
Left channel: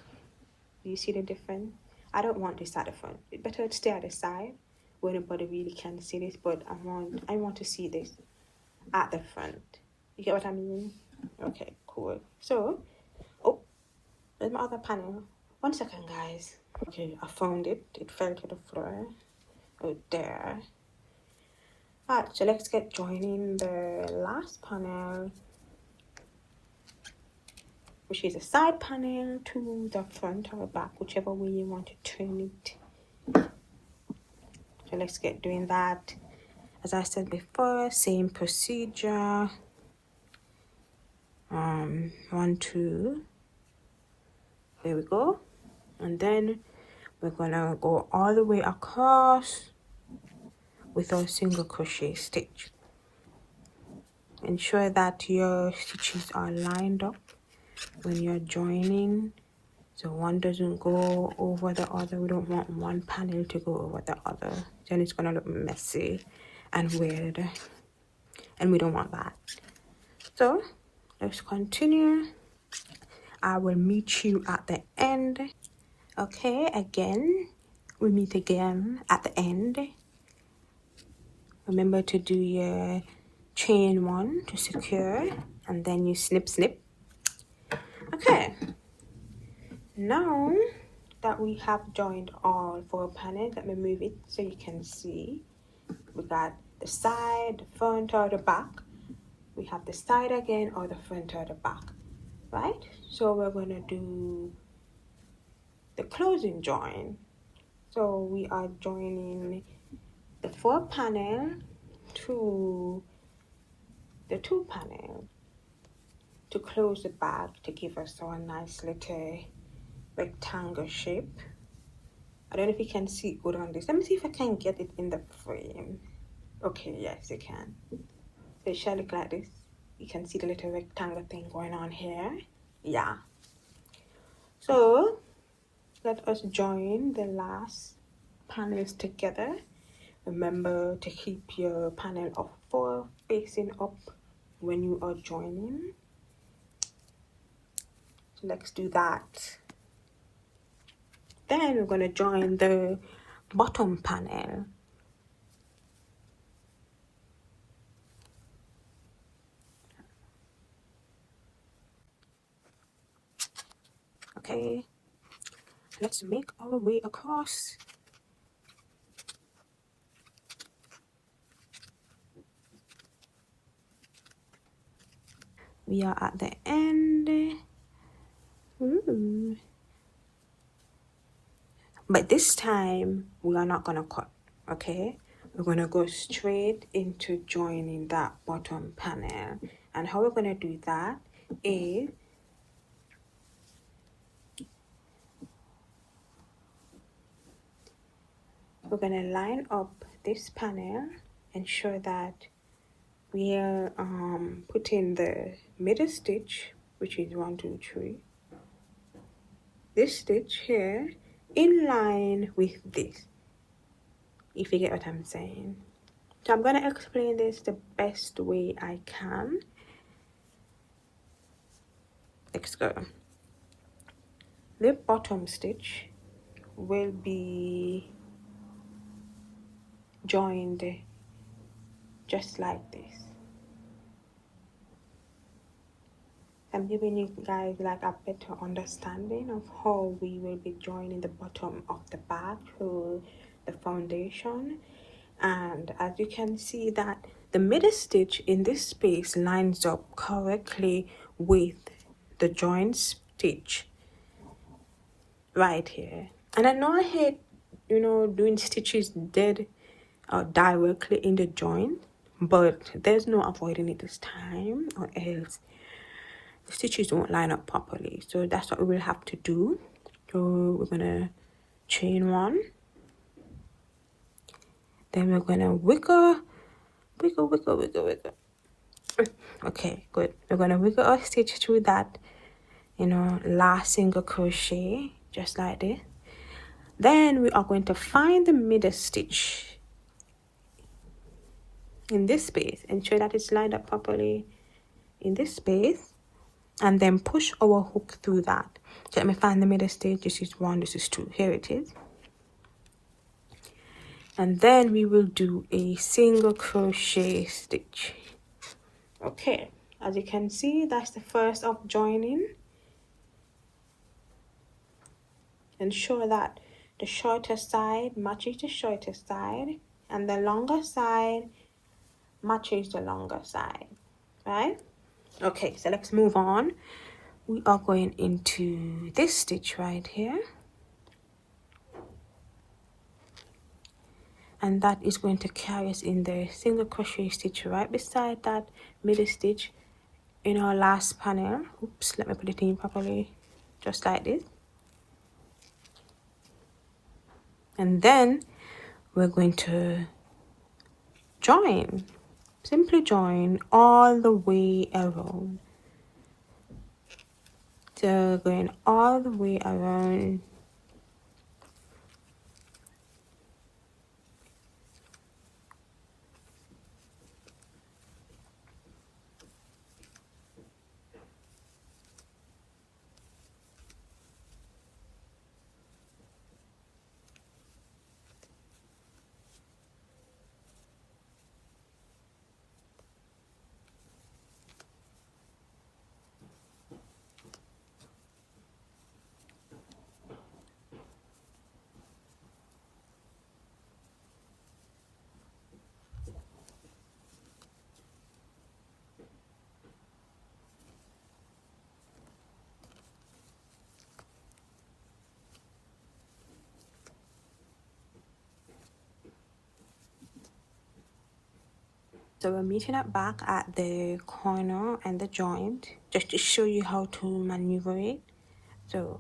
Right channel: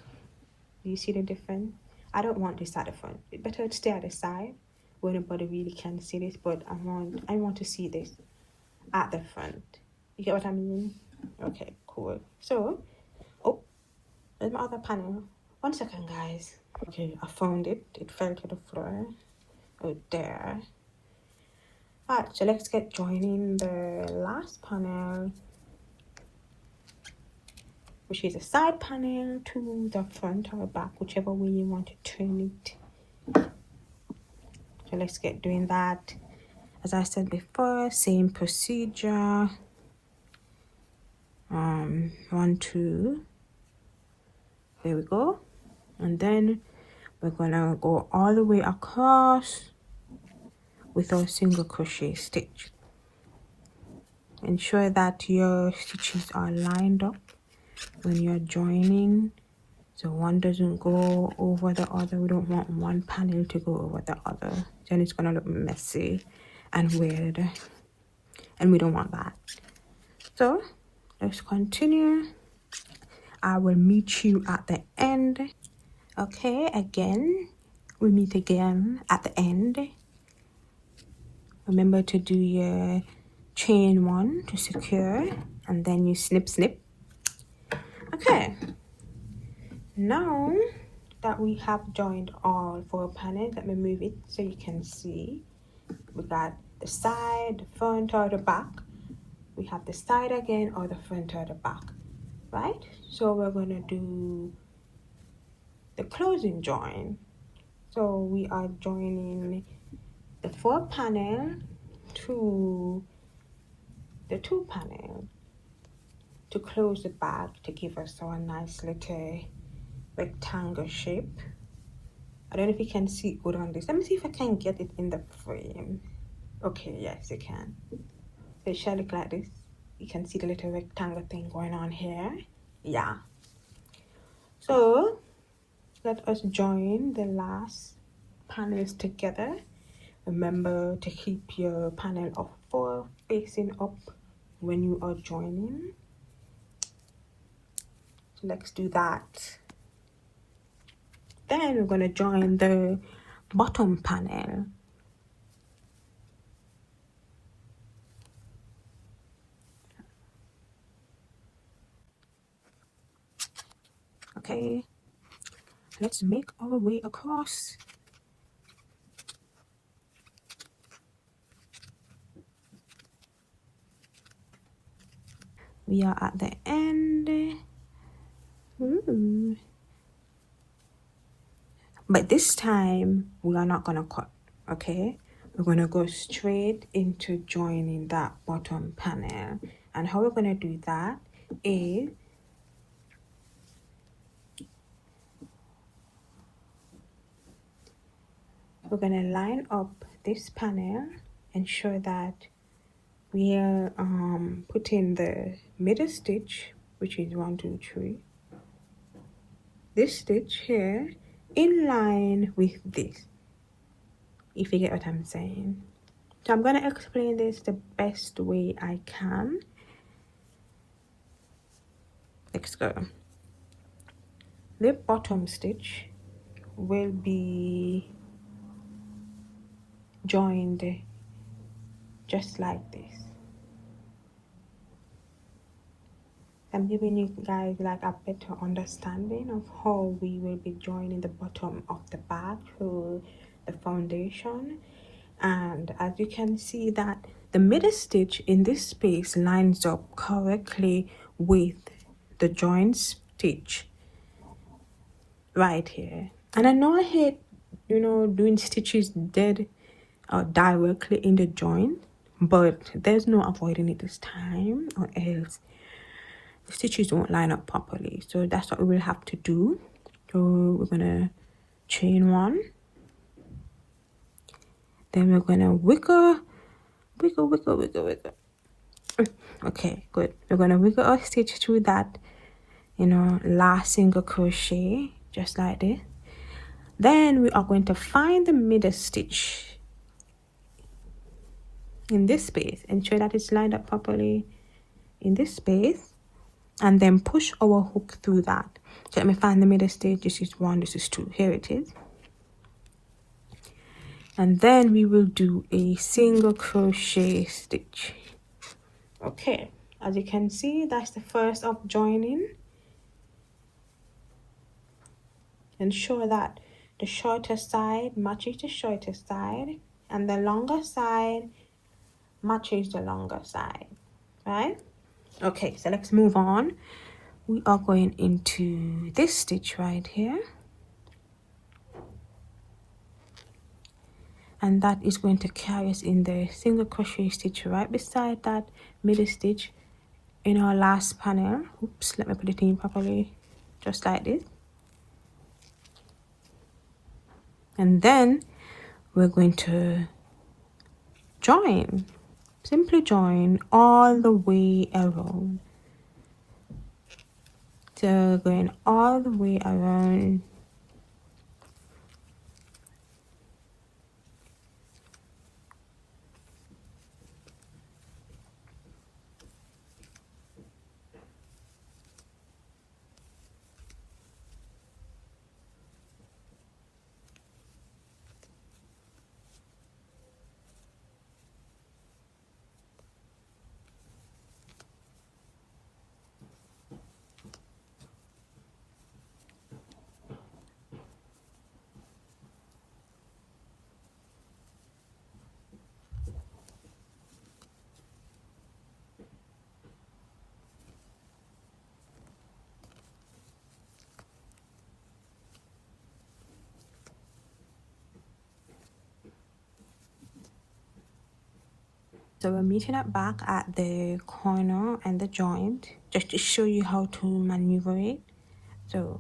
You see the difference? I don't want this at the front. It's better to stay at the side where nobody really can see this, but I want to see this at the front. You get what I mean? Okay, cool. So, oh, there's my other panel. 1 second, guys. Okay, I found it. It fell to the floor. Oh, there. Alright, so let's get joining the last panel, which is a side panel to the front or back, whichever way you want to turn it. So let's get doing that. As I said before, same procedure. 1, 2. There we go. And then we're gonna go all the way across with our single crochet stitch. Ensure that your stitches are lined up when you're joining, so one doesn't go over the other. We don't want one panel to go over the other, then it's gonna look messy and weird, and we don't want that. So let's continue. I will meet you at the end. Okay, again, we meet again at the end. Remember to do your chain 1 to secure, and then you snip snip. Okay, now that we have joined all 4 panels, let me move it so you can see. We got the side, the front, or the back. We have the side again, or the front or the back, right? So we're gonna do the closing join. So we are joining the 4 panel to the 2 panel to close the back to give us our nice little rectangle shape. I don't know if you can see good on this. Let me see if I can get it in the frame. Okay, yes, you can. So it shall look like this. You can see the little rectangle thing going on here. Yeah. So let us join the last panels together. Remember to keep your panel of 4 facing up when you are joining. So let's do that. Then we're going to join the bottom panel. Okay, let's make our way across. We are at the end. But this time we are not gonna cut, okay? We're gonna go straight into joining that bottom panel. And how we're gonna do that is we're gonna line up this panel, ensure that we are putting the middle stitch, which is 1, 2, 3, this stitch here in line with this, if you get what I'm saying. So I'm going to explain this the best way I can. Let's go. The bottom stitch will be joined just like this. I'm giving you guys like a better understanding of how we will be joining the bottom of the bag for the foundation. And as you can see that the middle stitch in this space lines up correctly with the joint stitch right here. And I know I hate, you know, doing stitches dead or directly in the joint, but there's no avoiding it this time, or else the stitches won't line up properly. So that's what we will have to do. So we're gonna chain 1, then we're gonna wiggle. Okay, good. We're gonna wiggle our stitch through that, you know, last single crochet, just like this. Then we are going to find the middle stitch in this space, ensure that it's lined up properly in this space, and then push our hook through that. So let me find the middle stitch. This is 1, this is 2, here it is. And then we will do a single crochet stitch. Okay, as you can see, that's the first of joining. Ensure that the shorter side matches the shorter side, and the longer side matches the longer side, right? Okay, so let's move on. We are going into this stitch right here, and that is going to carry us in the single crochet stitch right beside that middle stitch in our last panel. Oops, let me put it in properly, just like this. And then we're going to join, simply join all the way around. So going all the way around. So we're meeting up back at the corner and the joint just to show you how to maneuver it. So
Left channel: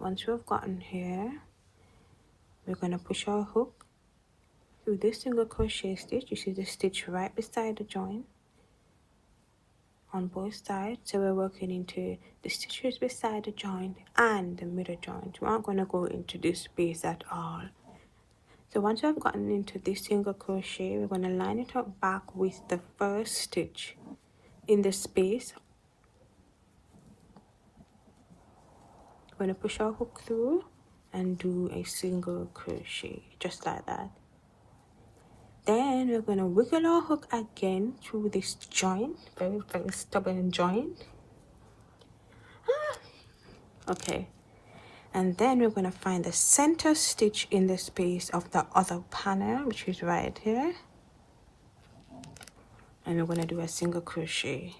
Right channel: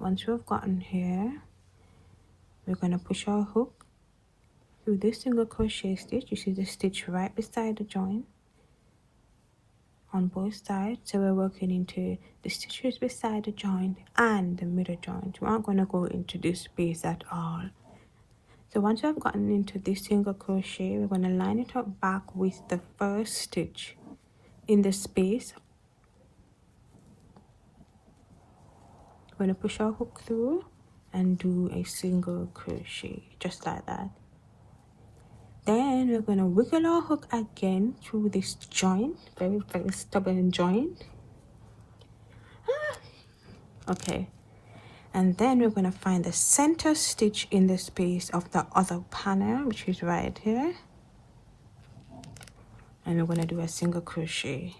once we've gotten here, we're going to push our hook through this single crochet stitch. You see the stitch right beside the joint on both sides. So we're working into the stitches beside the joint and the middle joint. We aren't going to go into this space at all. So once I've gotten into this single crochet, we're going to line it up back with the first stitch in the space. We're going to push our hook through and do a single crochet just like that. Then we're going to wiggle our hook again through this joint, very stubborn joint. Okay. And then we're going to find the center stitch in the space of the other panel, which is right here. And we're going to do a single crochet.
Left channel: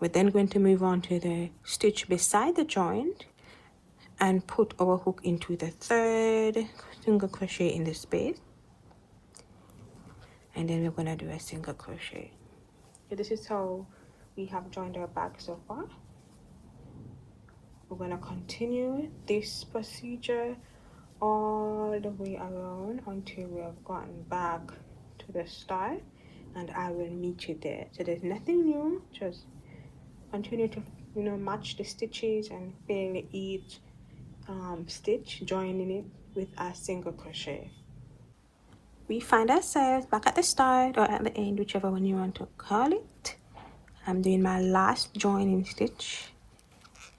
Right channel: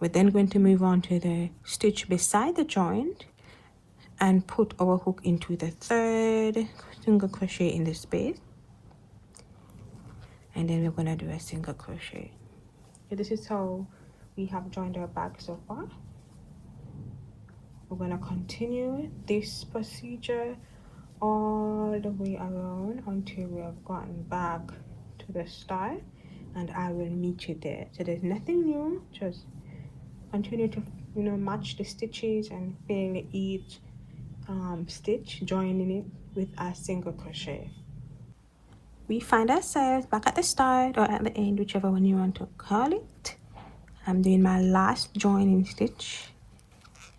We're then going to move on to the stitch beside the joint and put our hook into the third single crochet in the space. And then we're going to do a single crochet. Okay, this is how we have joined our bag so far. We're going to continue this procedure all the way around until we have gotten back to the start, and I will meet you there. So there's nothing new, just continue to match the stitches and fill each stitch, joining it with a single crochet. We find ourselves back at the start or at the end, whichever one you want to call it. I'm doing my last joining stitch.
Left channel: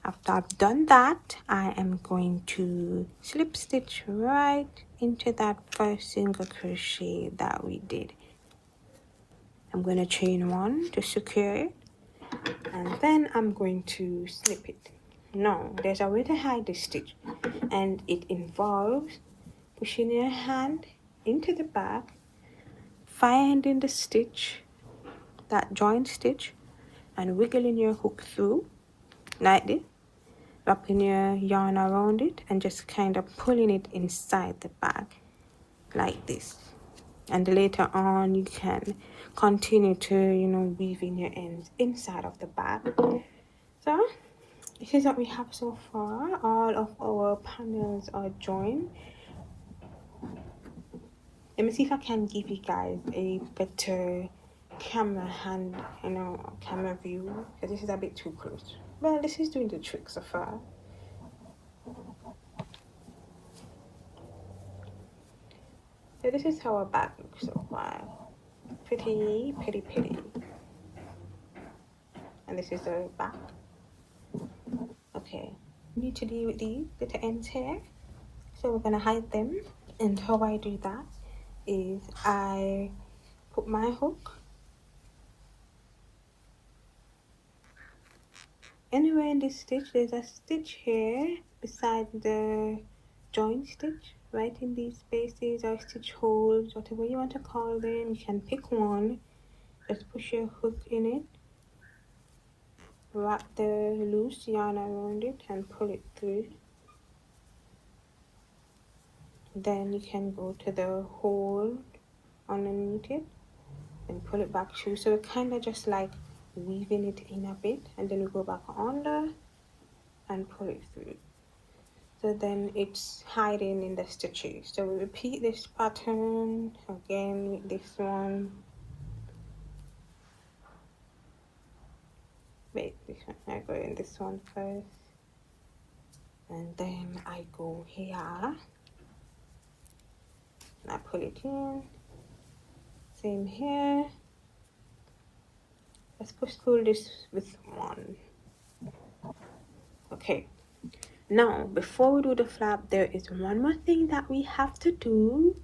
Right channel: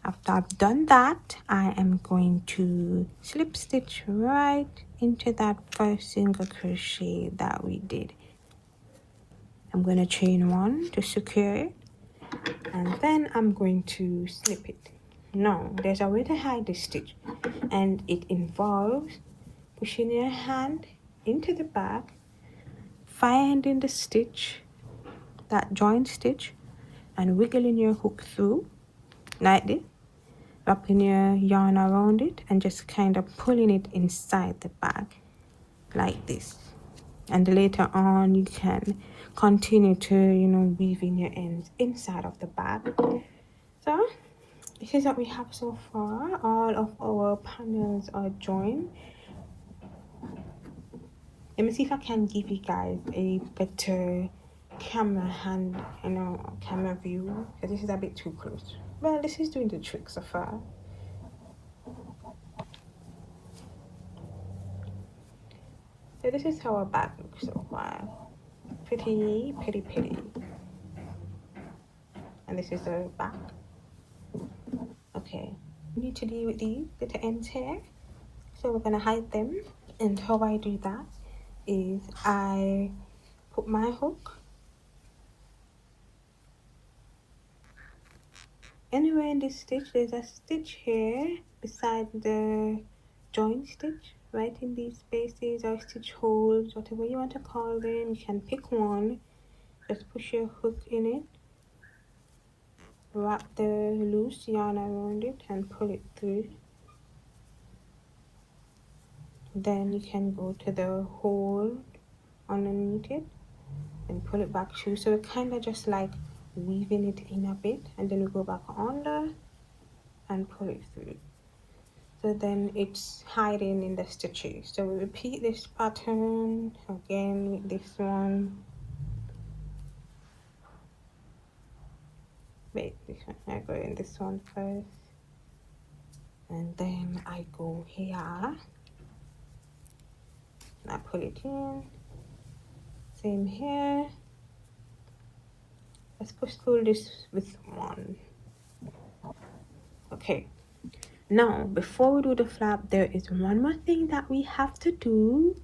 After I've done that, I am going to slip stitch right into that first single crochet that we did. I'm going to chain one to secure it, and then I'm going to slip it. Now, there's a way to hide this stitch, and it involves pushing your hand into the back, finding the stitch, that joint stitch, and wiggling your hook through like this, wrapping your yarn around it and just kind of pulling it inside the bag like this. And later on you can continue to weave in your ends inside of the bag. So this is what we have so far. All of our panels are joined. Let me see if I can give you guys a better camera view. But this is a bit too close. Well, this is doing the trick so far. So this is how our bag looks so far. Pretty. And this is the back. Okay, we need to deal with these little ends here. So we're going to hide them. And how I do that is I put my hook anywhere in this stitch. There's a stitch here beside the joint stitch, right in these spaces or stitch holes, whatever you want to call them. You can pick one, just push your hook in it, wrap the loose yarn around it and pull it through. Then you can go to the hole underneath it and pull it back through. So we're kind of just like weaving it in a bit, and then we go back under and pull it through. So then it's hiding in the stitches. So we repeat this pattern again with this one. Wait, I go in this one first, and then I go here and I put it in. Same here. Let's push through this with one. Okay, now before we do the flap, there is one more thing that we have to do,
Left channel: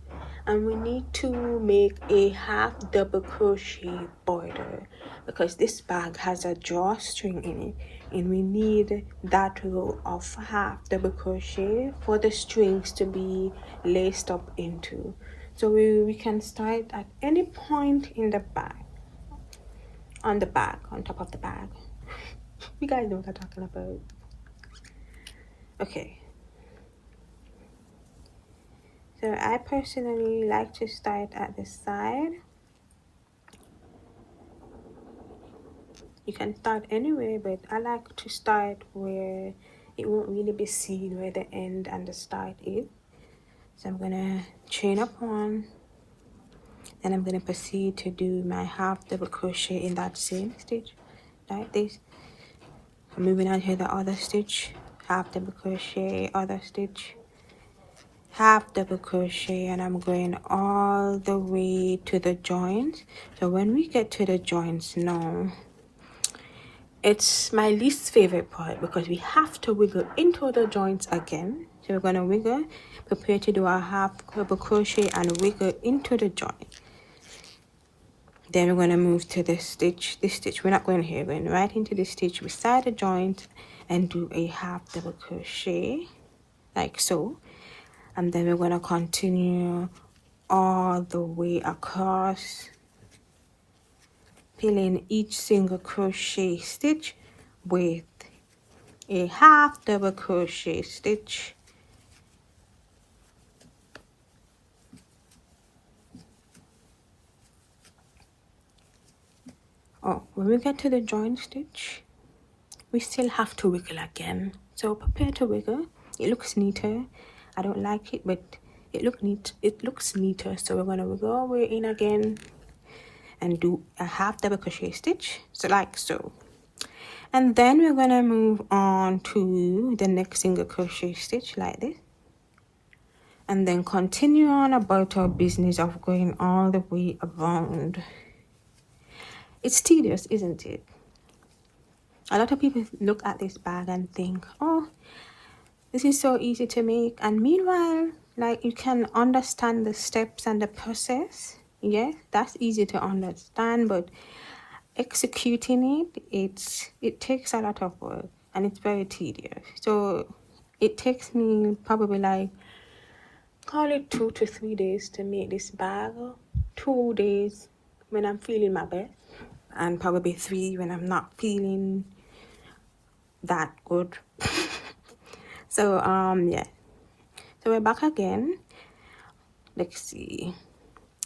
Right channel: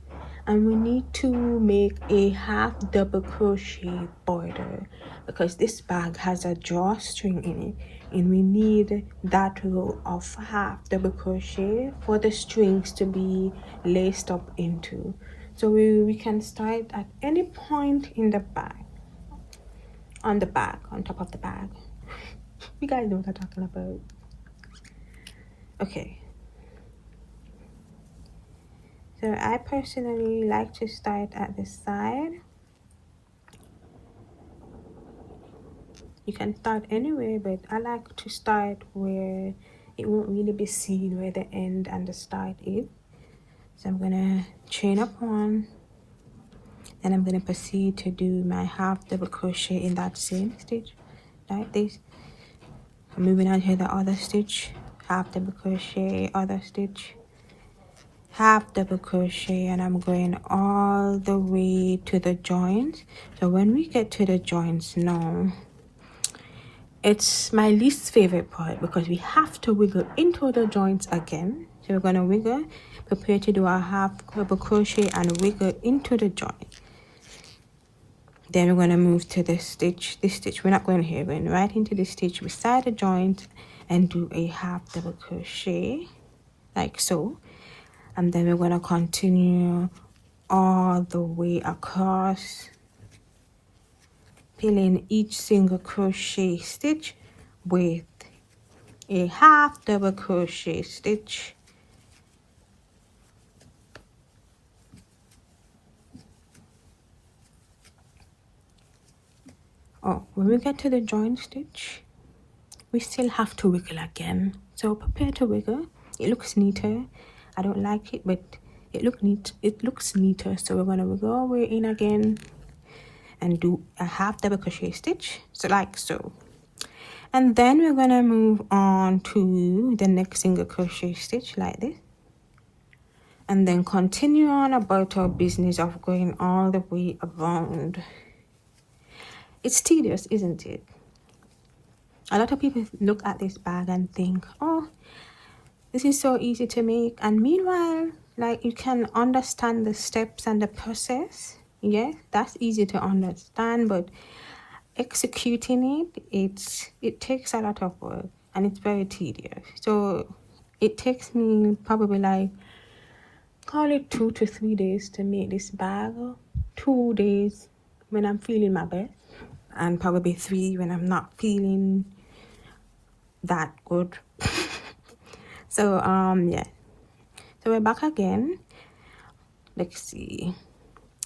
and we need to make a half double crochet border because this bag has a drawstring in it, and we need that row of half double crochet for the strings to be laced up into. So we can start at any point in the bag, on the bag, on top of the bag. You guys know what I'm talking about. Okay, so I personally like to start at the side You can start anywhere, but I like to start where it won't really be seen where the end and the start is. So I'm gonna chain up one, and I'm gonna proceed to do my half double crochet in that same stitch like this. Moving on to the other stitch, half double crochet, other stitch, half double crochet, and I'm going all the way to the joints. So when we get to the joints now, it's my least favorite part because we have to wiggle into the joints again. So we're going to wiggle, prepare to do our half double crochet and wiggle into the joint. Then we're going to move to this stitch. We're not going here, we're going right into the stitch beside the joint and do a half double crochet like so. And then we're going to continue all the way across, filling each single crochet stitch with a half double crochet stitch. Oh, when we get to the joint stitch, we still have to wiggle again. So prepare to wiggle. It looks neater. I don't like it, but it looks neater. So we're gonna wiggle our way in again and do a half double crochet stitch, so like so. And then we're gonna move on to the next single crochet stitch like this, and then continue on about our business of going all the way around. It's tedious, isn't it? A lot of people look at this bag and think, oh, this is so easy to make, and meanwhile, like, you can understand the steps and the process. Yes, that's easy to understand, but executing it takes a lot of work, and it's very tedious. So it takes me probably like, call it 2 to 3 days to make this bag. 2 days when I'm feeling my best, and probably 3 when I'm not feeling that good. So yeah, so we're back again. Let's see,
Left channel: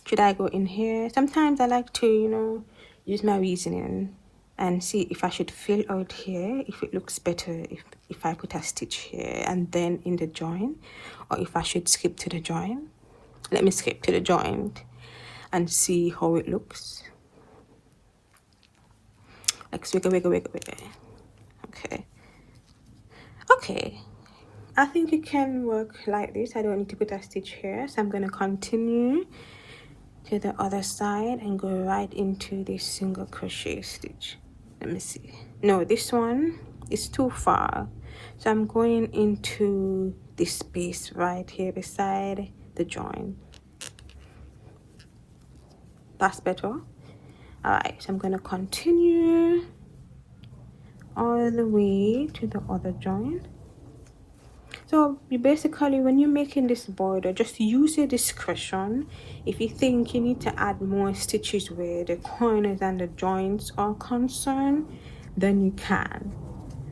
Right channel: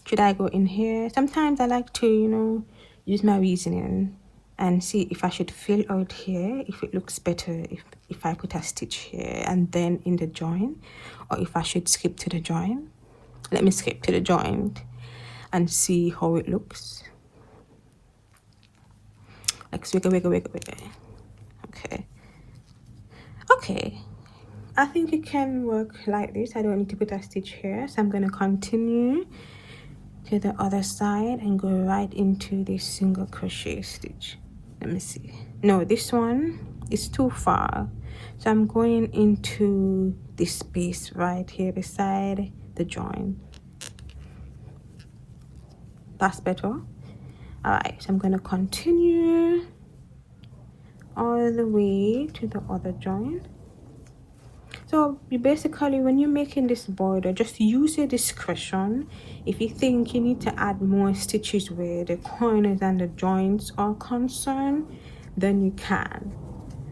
should I go in here? Sometimes I like to, you know, use my reasoning and see if I should fill out here, if it looks better if I put a stitch here and then in the joint, or if I should skip to the joint. Let me skip to the joint and see how it looks. Let's wiggle. Okay, I think it can work like this. I don't need to put a stitch here, so I'm going to continue to the other side and go right into this single crochet stitch. Let me see. No, this one is too far, so I'm going into this space right here beside the joint. That's better. All right, so I'm going to continue all the way to the other joint. So you basically, when you're making this border, just use your discretion. If you think you need to add more stitches where the corners and the joints are concerned, then you can.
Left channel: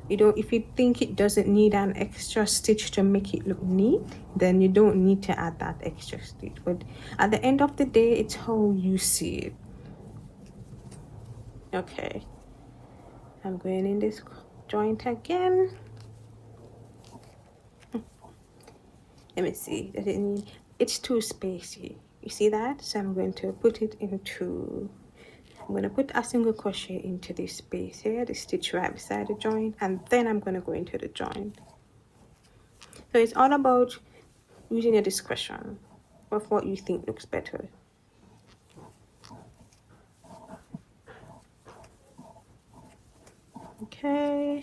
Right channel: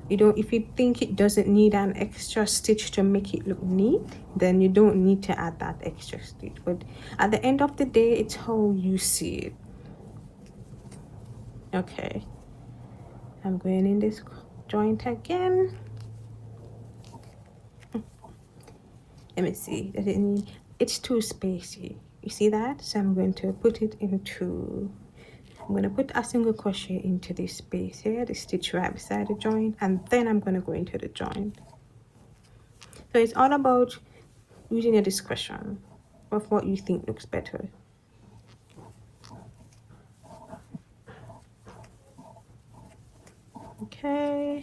You don't, if you think it doesn't need an extra stitch to make it look neat, then you don't need to add that extra stitch. But at the end of the day, it's how you see it. Okay, I'm going in this joint again. Let me see, it's too spacey, you see that? So I'm going to put it into, I'm going to put a single crochet into this space here, the stitch right beside the joint, and then I'm going to go into the joint. So it's all about using your discretion of what you think looks better. Okay.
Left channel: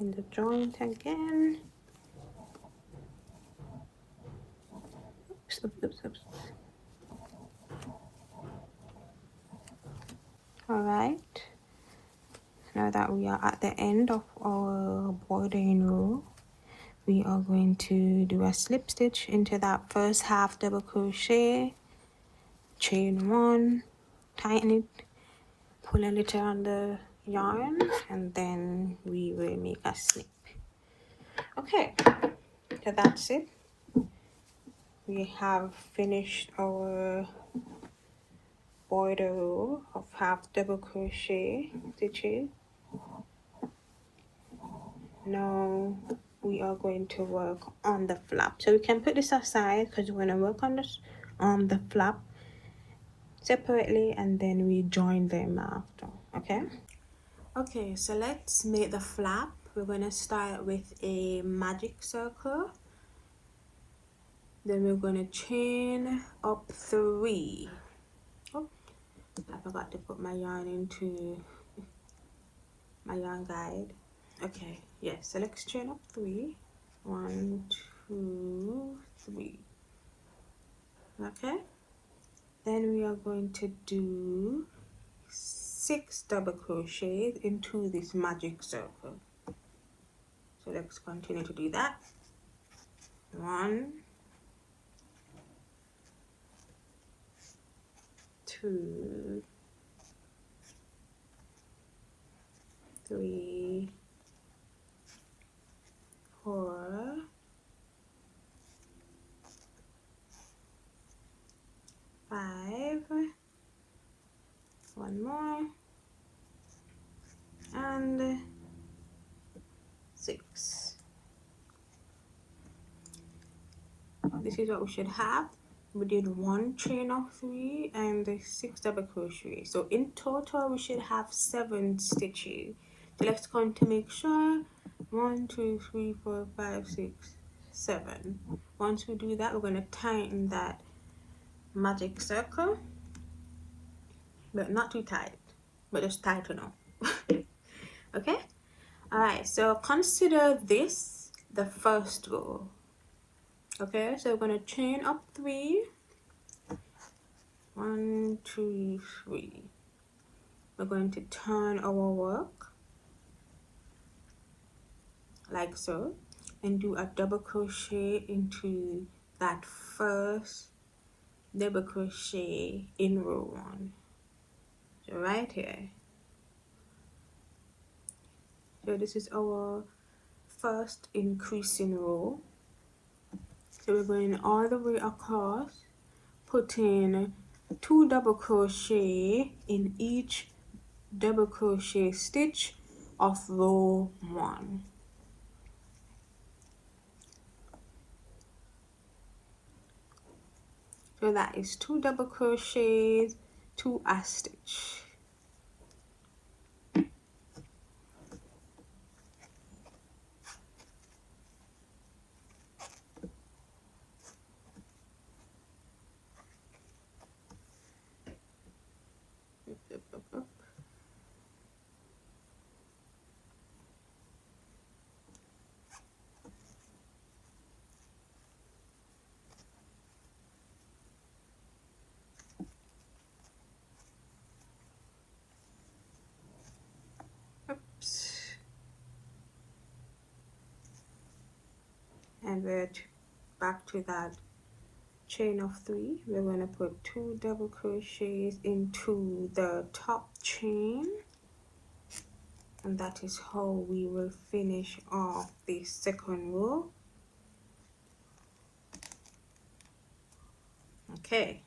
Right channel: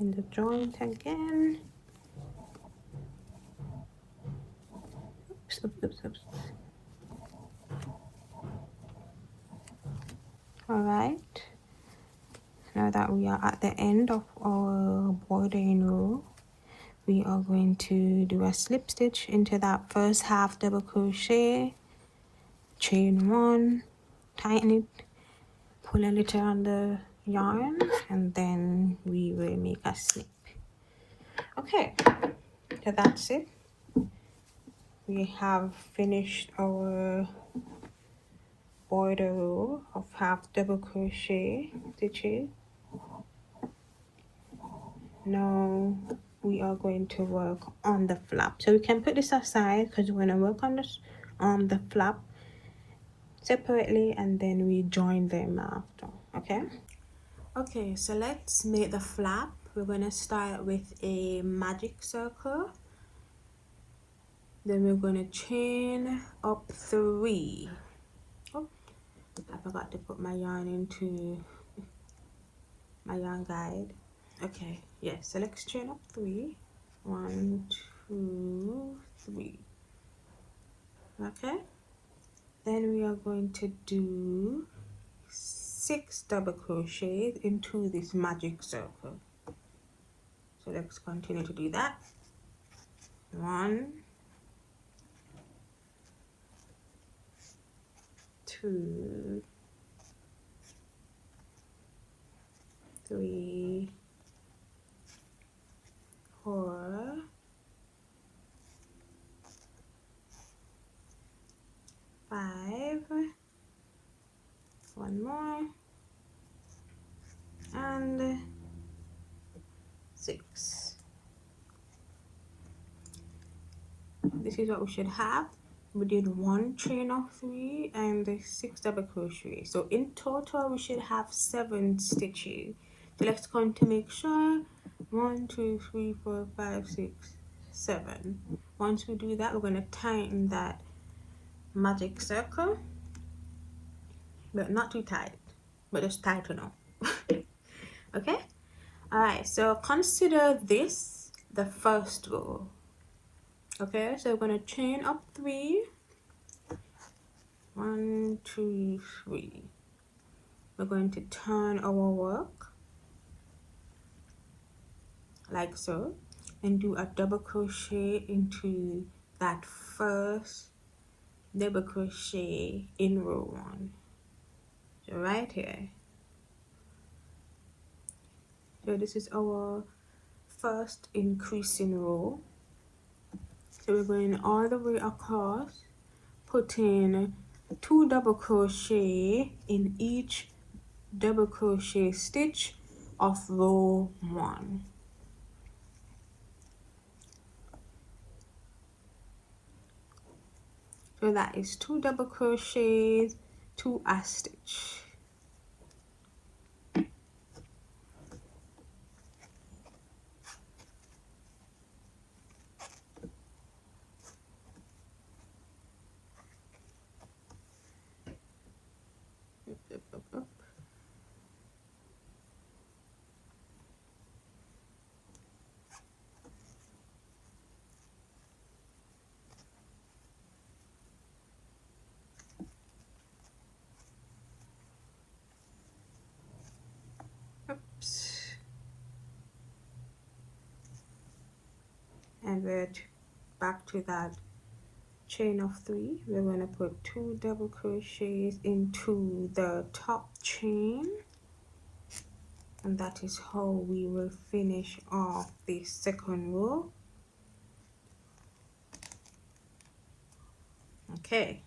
In the joint again. Alright, now that we are at the end of our bordering row, we are going to do a slip stitch into that first half double crochet, chain 1, tighten it, pull a little on the yarn, and then we will make a slip. Okay, so that's it. We have finished our border row of half double crochet stitches. Now we are going to work on the flap, so we can put this aside because we're going to work on this the flap separately, and then we join them after. Okay, so let's make the flap. We're going to start with a magic circle, then we're going to chain up 3. Oh, I forgot to put my yarn into my yarn guide. Okay, yes, so let's chain up 3. 1, 2, 3. Okay, then we are going to do 6 double crochets into this magic circle. So let's continue to do that. 1, 2, 3, 4, 5, 1 more, and 6. This is what we should have. We did 1 chain of 3 and 6 double crochet. So in total we should have 7 stitches. So let's count to make sure. 1, 2, 3, 4, 5, 6, 7. Once we do that, we're going to tighten that magic circle, but not too tight, but just tight enough. Okay, all right, so consider this the first row. Okay, so we're going to chain up 3. 1, 2, 3. We're going to turn our work like so and do a double crochet into that first double crochet in row 1. So right here. So this is our first increasing row. So we're going all the way across, putting 2 double crochet in each double crochet stitch of row 1. So that is 2 double crochets to a stitch. And we're back to that chain of 3. We're going to put 2 double crochets into the top chain, and that is how we will finish off the second row. Okay,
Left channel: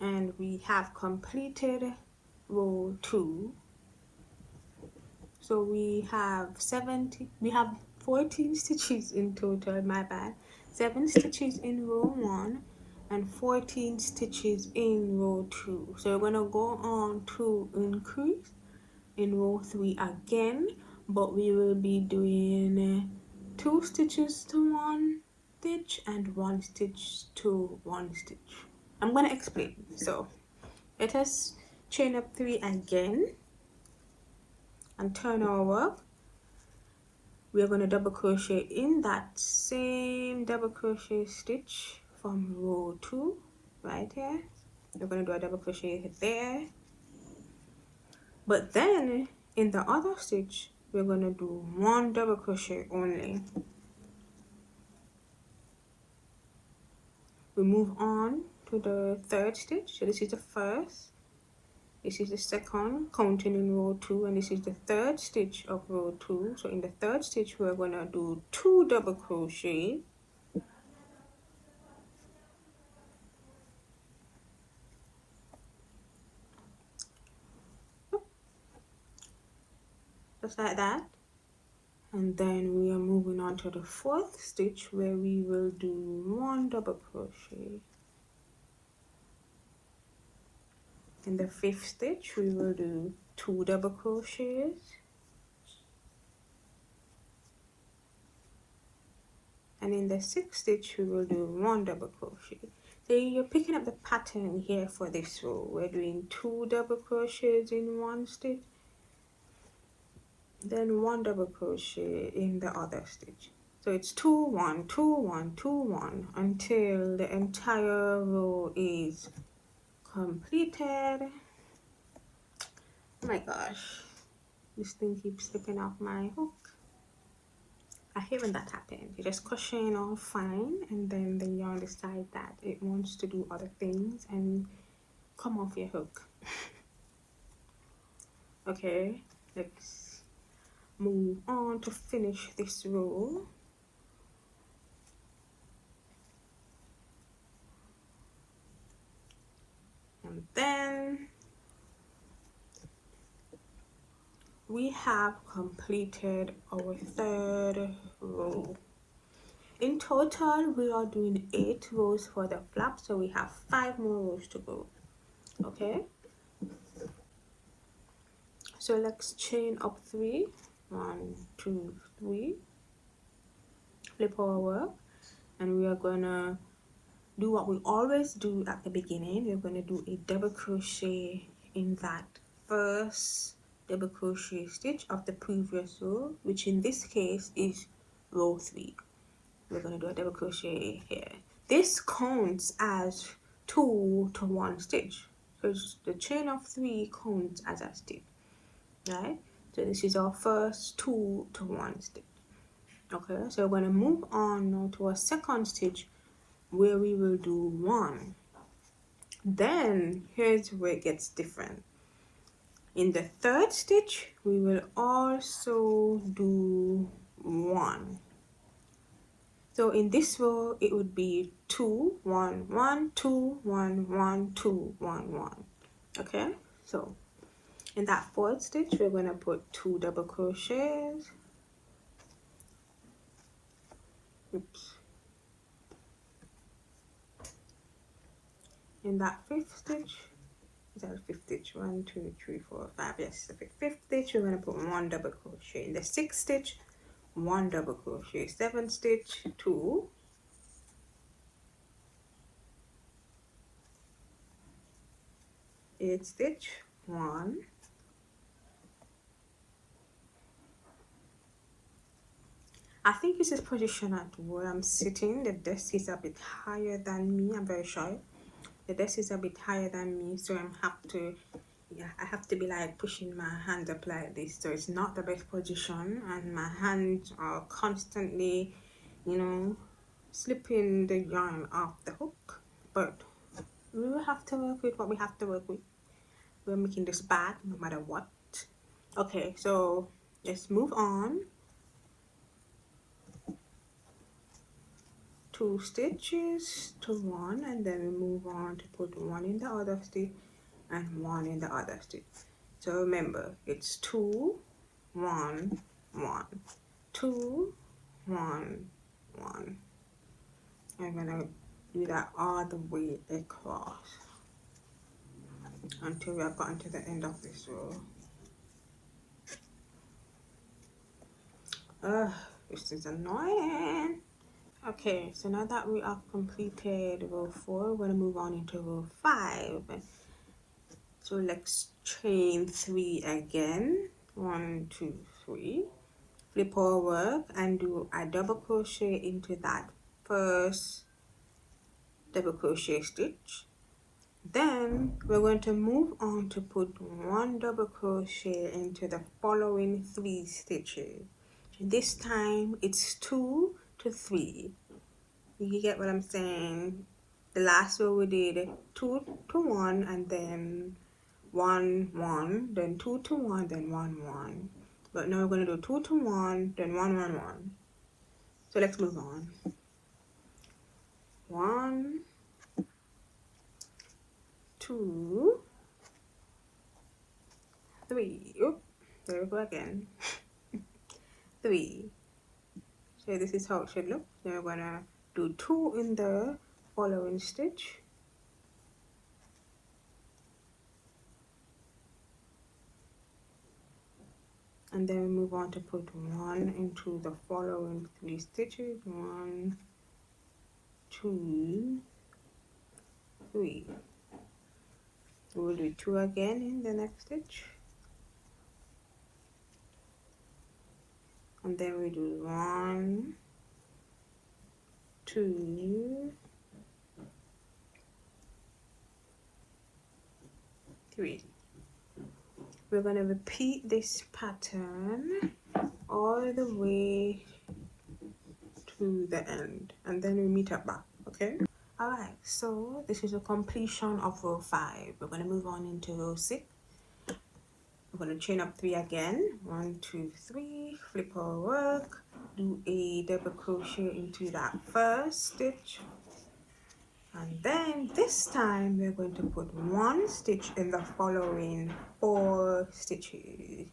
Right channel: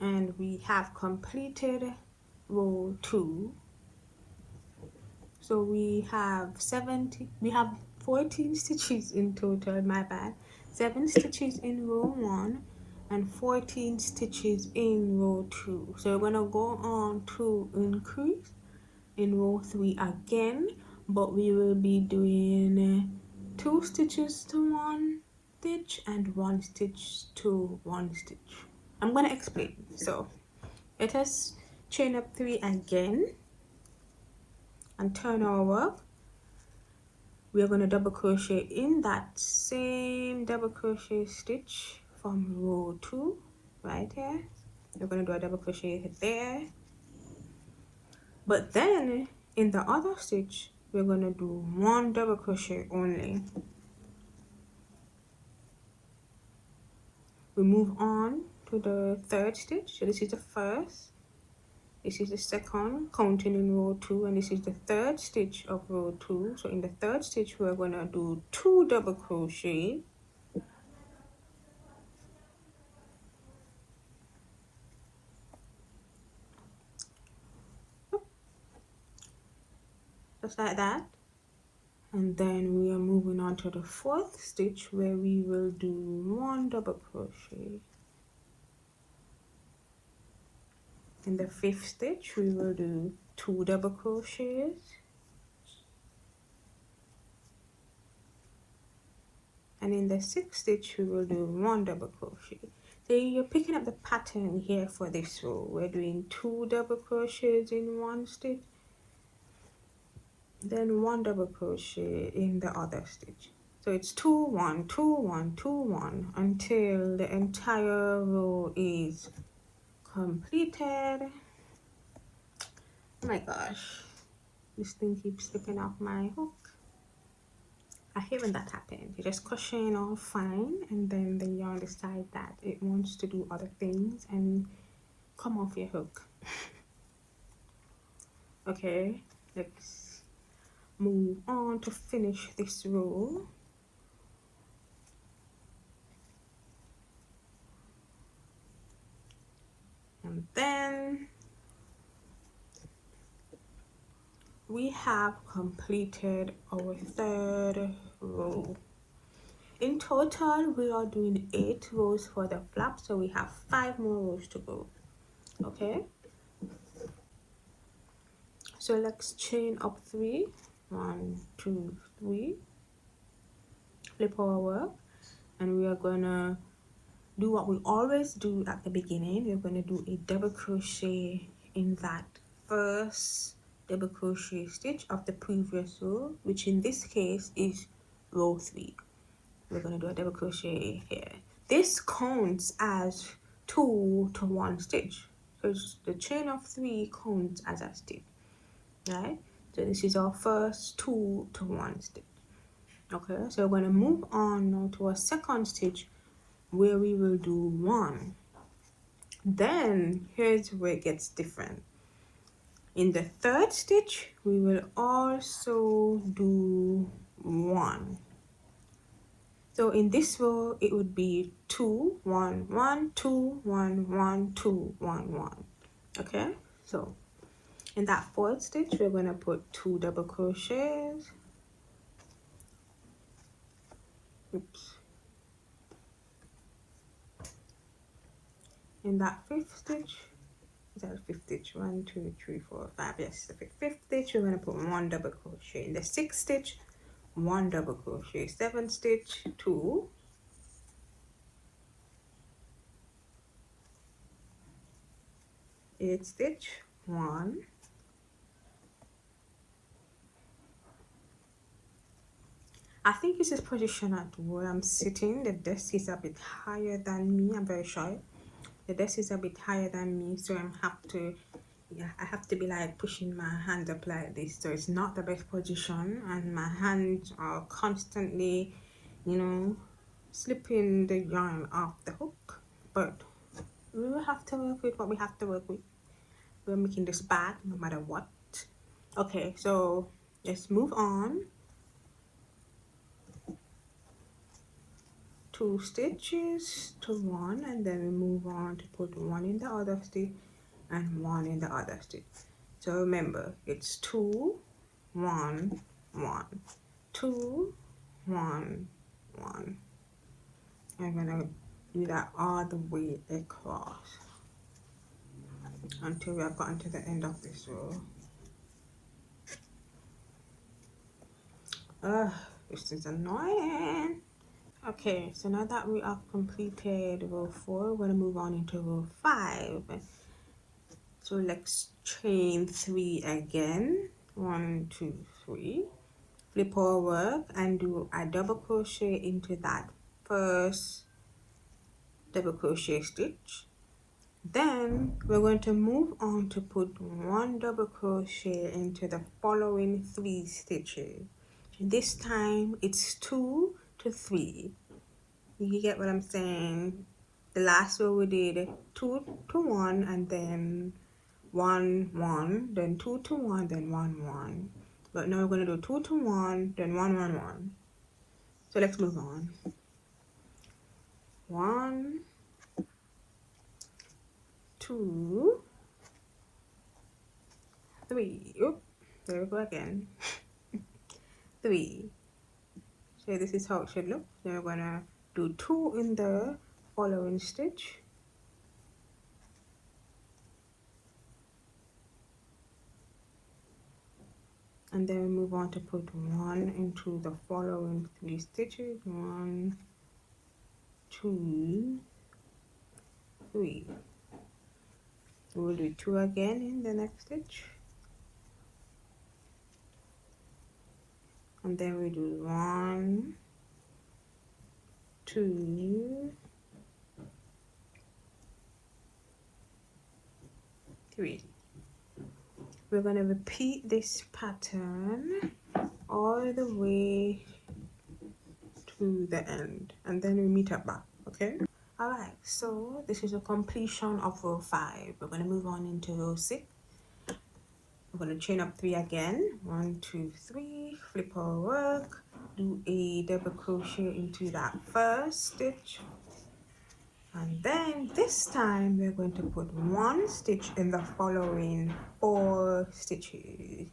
and we have completed row 2. So we have 14 stitches in total, my bad. 7 stitches in row 1 and 14 stitches in row 2. So we're gonna go on to increase in row 3 again, but we will be doing 2 stitches to 1 stitch and 1 stitch to 1 stitch. I'm gonna explain. So let us chain up 3 again and turn our work. We are going to double crochet in that same double crochet stitch from row 2 right here. We're going to do a double crochet there, but then in the other stitch we're going to do 1 double crochet only. We move on to the 3rd stitch. So this is the first, this is the second, counting in row 2, and this is the 3rd stitch of row 2. So in the 3rd stitch we're going to do 2 double crochet, just like that. And then we are moving on to the 4th stitch where we will do 1 double crochet. In the 5th stitch we will do 2 double crochets, and in the 6th stitch we will do 1 double crochet. So you're picking up the pattern here for this row. We're doing 2 double crochets in 1 stitch, then 1 double crochet in the other stitch. So it's 2 1 2 1 2 1 until the entire row is completed. Oh my gosh, this thing keeps slipping off my hook. I hate when that happens. You're just crocheting all fine, and then the yarn decides that it wants to do other things and come off your hook. Okay, let's move on to finish this row. And then we have completed our 3rd row. In total we are doing 8 rows for the flap, so we have 5 more rows to go. Okay, so let's chain up 3, 1 2 3, flip our work, and we are gonna do what we always do at the beginning. We're going to do a double crochet in that first double crochet stitch of the previous row, which in this case is row 3. We're going to do a double crochet here. This counts as 2 to 1 stitch, so the chain of 3 counts as a stitch, right? So this is our first 2 to 1 stitch. Okay, so we're going to move on to a 2nd stitch where we will do 1. Then here's where it gets different. In the 3rd stitch we will also do 1. So in this row it would be 2 1 1 2 1 1 2 1 1. Okay, so in that 4th stitch we're going to put 2 double crochets. Oops. In that 5th stitch, is that 5th stitch? 1 2 3 4 5. Yes, the 5th stitch we're going to put 1 double crochet. In the 6th stitch, 1 double crochet. 7th stitch, 2. 8th stitch, 1. I think this is position at where I'm sitting. The desk is a bit higher than me. I'm very short. The desk is a bit higher than me, so I have to be like pushing my hands up like this. So it's not the best position, and my hands are constantly, you know, slipping the yarn off the hook. But we will have to work with what we have to work with. We're making this bag no matter what. Okay, so let's move on. 2 stitches to 1, and then we move on to put 1 in the other stitch and 1 in the other stitch. So remember, it's 2 1 1 2 1 1. I'm gonna do that all the way across until we have gotten to the end of this row. This is annoying. Okay, so now that we have completed row 4, we're going to move on into row 5. So let's chain 3 again. 1 2 3. Flip our work and do a double crochet into that first double crochet stitch. Then we're going to move on to put one double crochet into the following 3 stitches. This time it's 2 to 3. You get what I'm saying? The last row we did 2 to 1 and then 1 1, then 2 to 1, then 1 1. But now we're going to do 2 to 1, then 1 1 1. So let's move on. 1 2 3. Oop, there we go again. 3. So this is how it should look. Now we're gonna do 2 in the following stitch. And then move on to put 1 into the following 3 stitches. 1 2 3. We'll do 2 again in the next stitch. And then we do 1 2 3. We're going to repeat this pattern all the way to the end, and then we meet up back. Okay. Alright, so this is the completion of row 5. We're going to move on into row 6. We're going to chain up 3 again. 1 2 3, flip our work, do a double crochet into that first stitch, and then this time we're going to put 1 stitch in the following 4 stitches.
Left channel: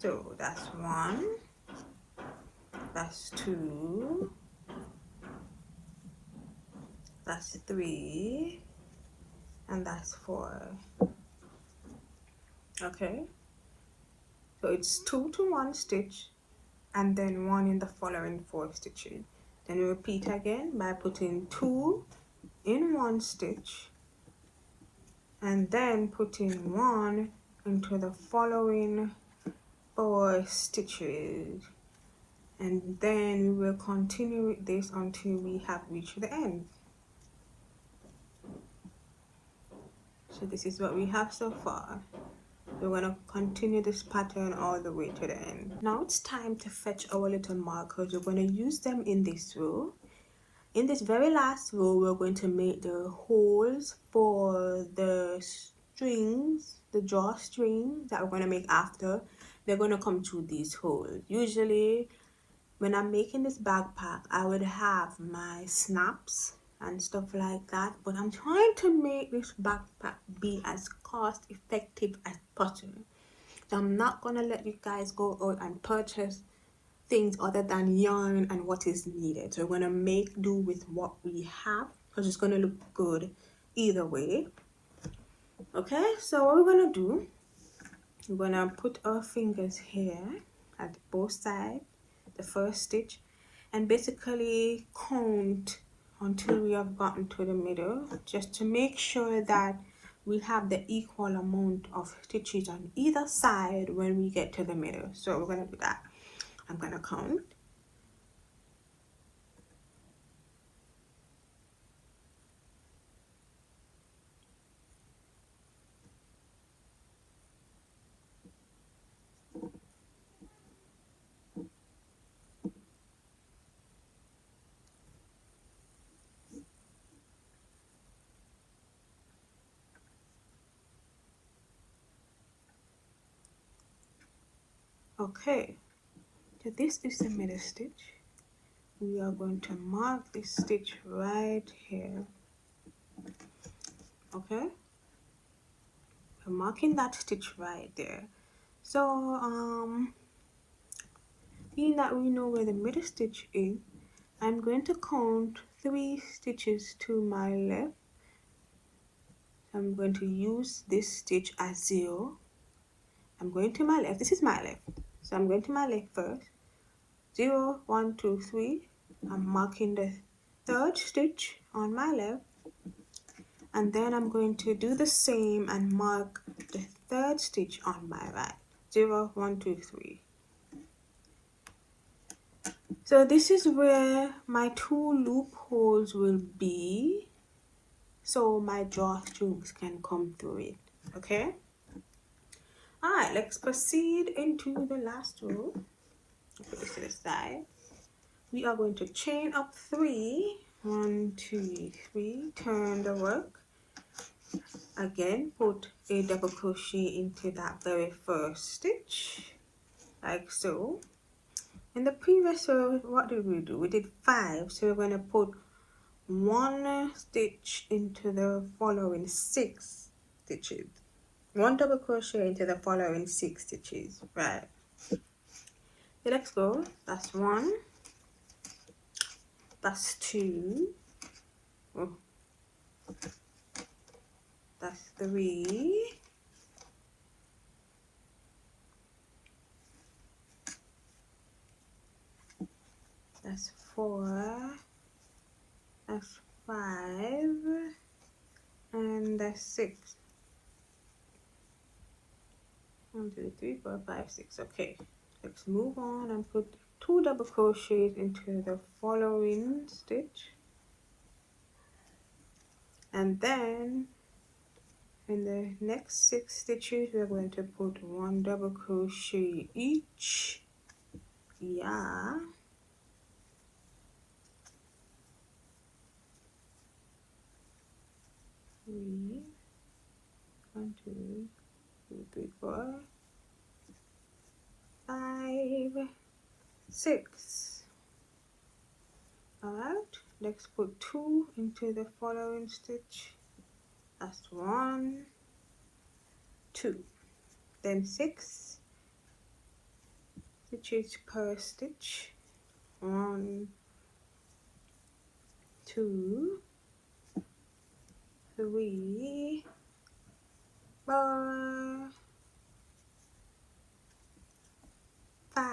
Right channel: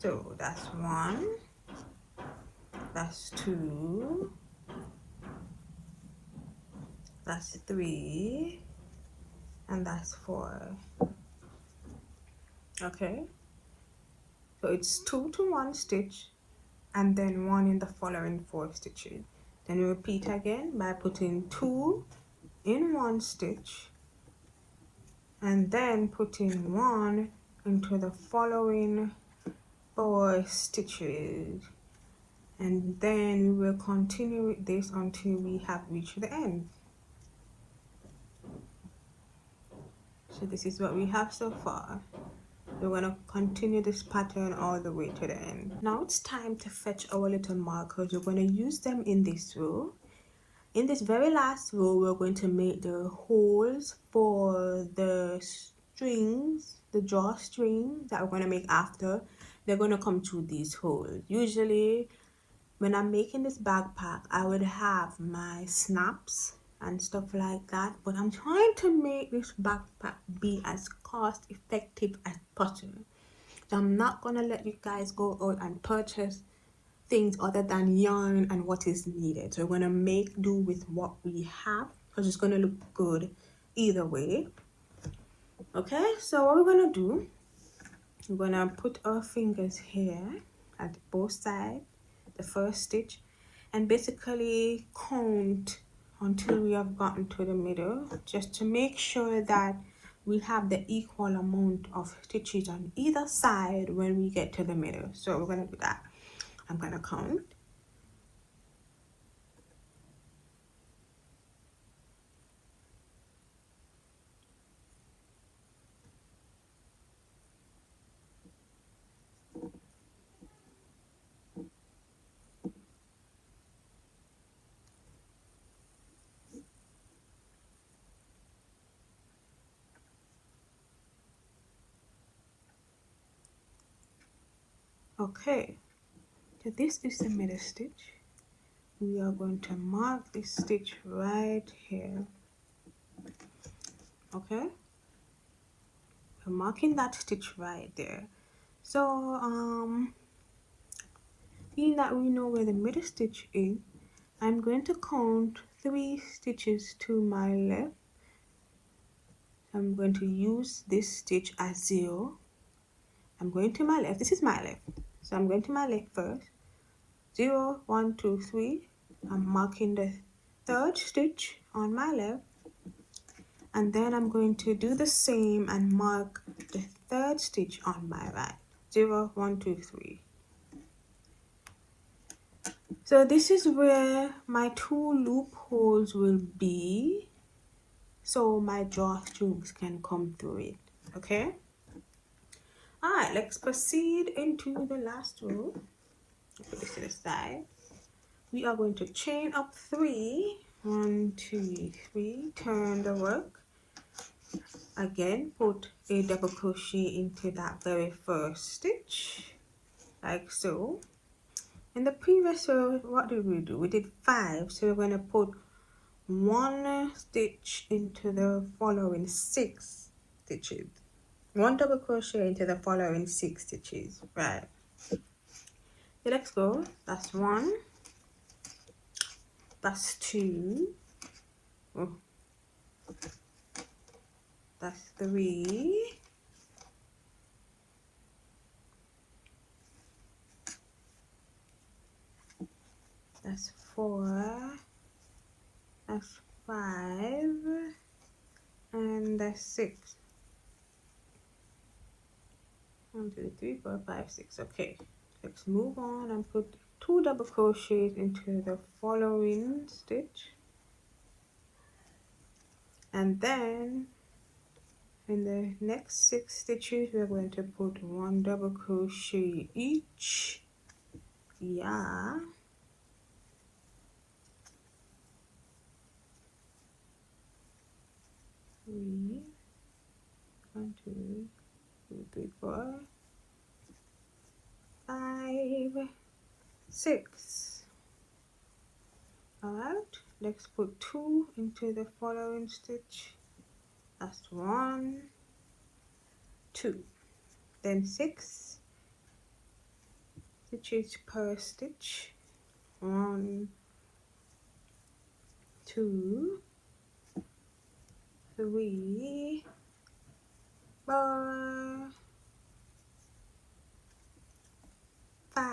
So that's 1, that's 2, that's 3, and that's 4. Okay, so it's 2 to 1 stitch and then 1 in the following 4 stitches. Then you repeat again by putting 2 in 1 stitch and then putting 1 into the following 4 stitches, and then we'll continue with this until we have reached the end. So this is what we have so far. We're going to continue this pattern all the way to the end. Now it's time to fetch our little markers. We're going to use them in this row. In this very last row, we're going to make the holes for the strings, the drawstring that we're going to make after. They're going to come through these holes. Usually when I'm making this backpack, I would have my snaps and stuff like that, but I'm trying to make this backpack be as cost effective as possible. I'm not going to let you guys go out and purchase things other than yarn and what is needed. So we're going to make do with what we have because it's going to look good either way. Okay, so what we're going to do, we're going to put our fingers here at both sides, the first stitch, and basically count until we have gotten to the middle, just to make sure that we have the equal amount of stitches on either side when we get to the middle. So we're going to do that. I'm going to count. Okay, so this is the middle stitch. We are going to mark this stitch right here. Okay, we're marking that stitch right there. So being that we know where the middle stitch is, I'm going to count 3 stitches to my left. I'm going to use this stitch as 0. I'm going to my left. This is my left. So I'm going to my left first. 0, 1, 2, 3. I'm marking the 3rd stitch on my left. And then I'm going to do the same and mark the 3rd stitch on my right. 0, 1, 2, 3. So this is where my 2 loopholes will be. so my drawstrokes can come through it. Okay. Alright, let's proceed into the last row. To the side. We are going to chain up 3. 1, 2, 3. Turn the work. Again, put a double crochet into that very first stitch, like so. In the previous row, what did we do? We did 5, so we're going to put 1 stitch into the following 6 stitches. 1 double crochet into the following 6 stitches, right? So let's go. That's 1. That's 2. Oh. That's 3. That's 4. That's 5. And that's 6. 1, 2, 3, 4, 5, 6. Okay. Let's move on and put 2 double crochets into the following stitch. And then in the next 6 stitches we're going to put 1 double crochet each. Yeah. Three, 1, 2, 3, 4, 5, 6. Alright, let's put 2 into the following stitch. That's 1, 2. Then 6 stitches per stitch. 1, 2, 3, 4, 5,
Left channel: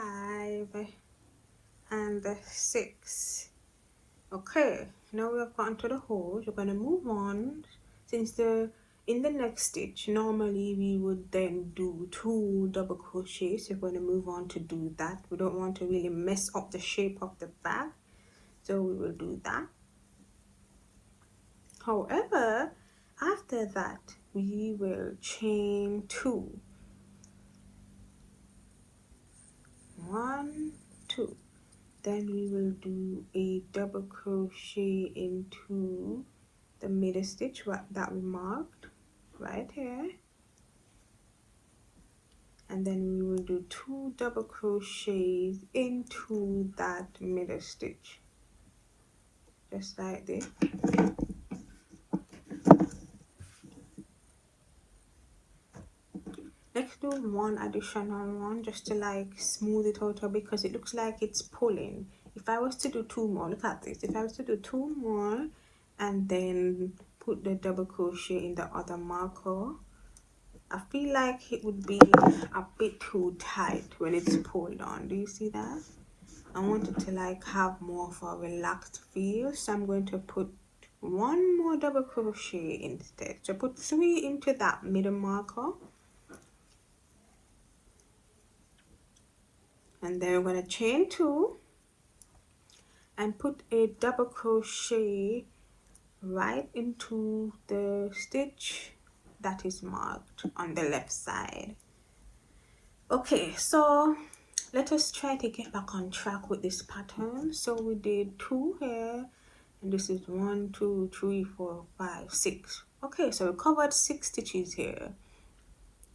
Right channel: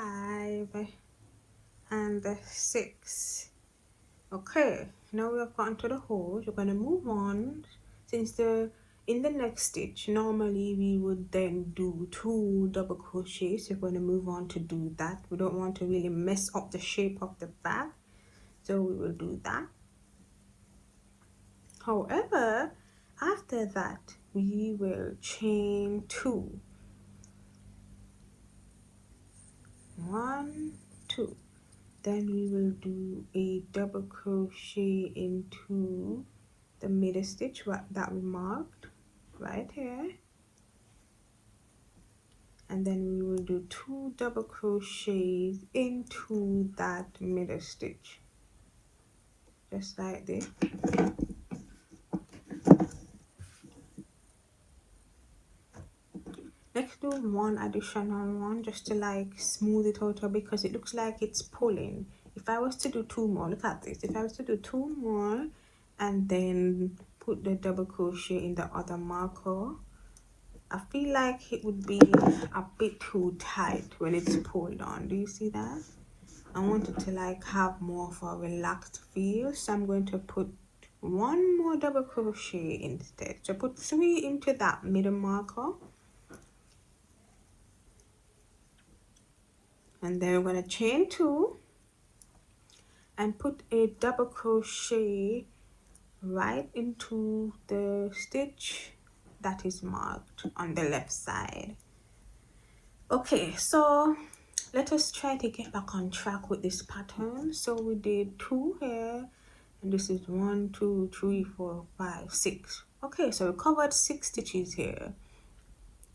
and 6. Okay, now we're on to the holes. We're going to move on. Since in the next stitch normally we would then do 2 double crochets, so we're going to move on to do that. We don't want to really mess up the shape of the bag, so we will do that. However, after that we will chain 2. 1, 2. Then we will do a double crochet into the middle stitch that we marked right here, and then we will do 2 double crochets into that middle stitch, just like this. Let's do 1 additional one just to like smooth it out because it looks like it's pulling. If I was to do 2 more, look at this. If I was to do 2 more and then put the double crochet in the other marker, I feel like it would be a bit too tight when it's pulled on. Do you see that? I want it to like have more of a relaxed feel, so I'm going to put 1 more double crochet instead. So put 3 into that middle marker, and then we're going to chain 2 and put a double crochet right into the stitch that is marked on the left side. Okay, so let us try to get back on track with this pattern. So we did 2 here, and this is 1, 2, 3, 4, 5, 6. Okay, so we covered 6 stitches here,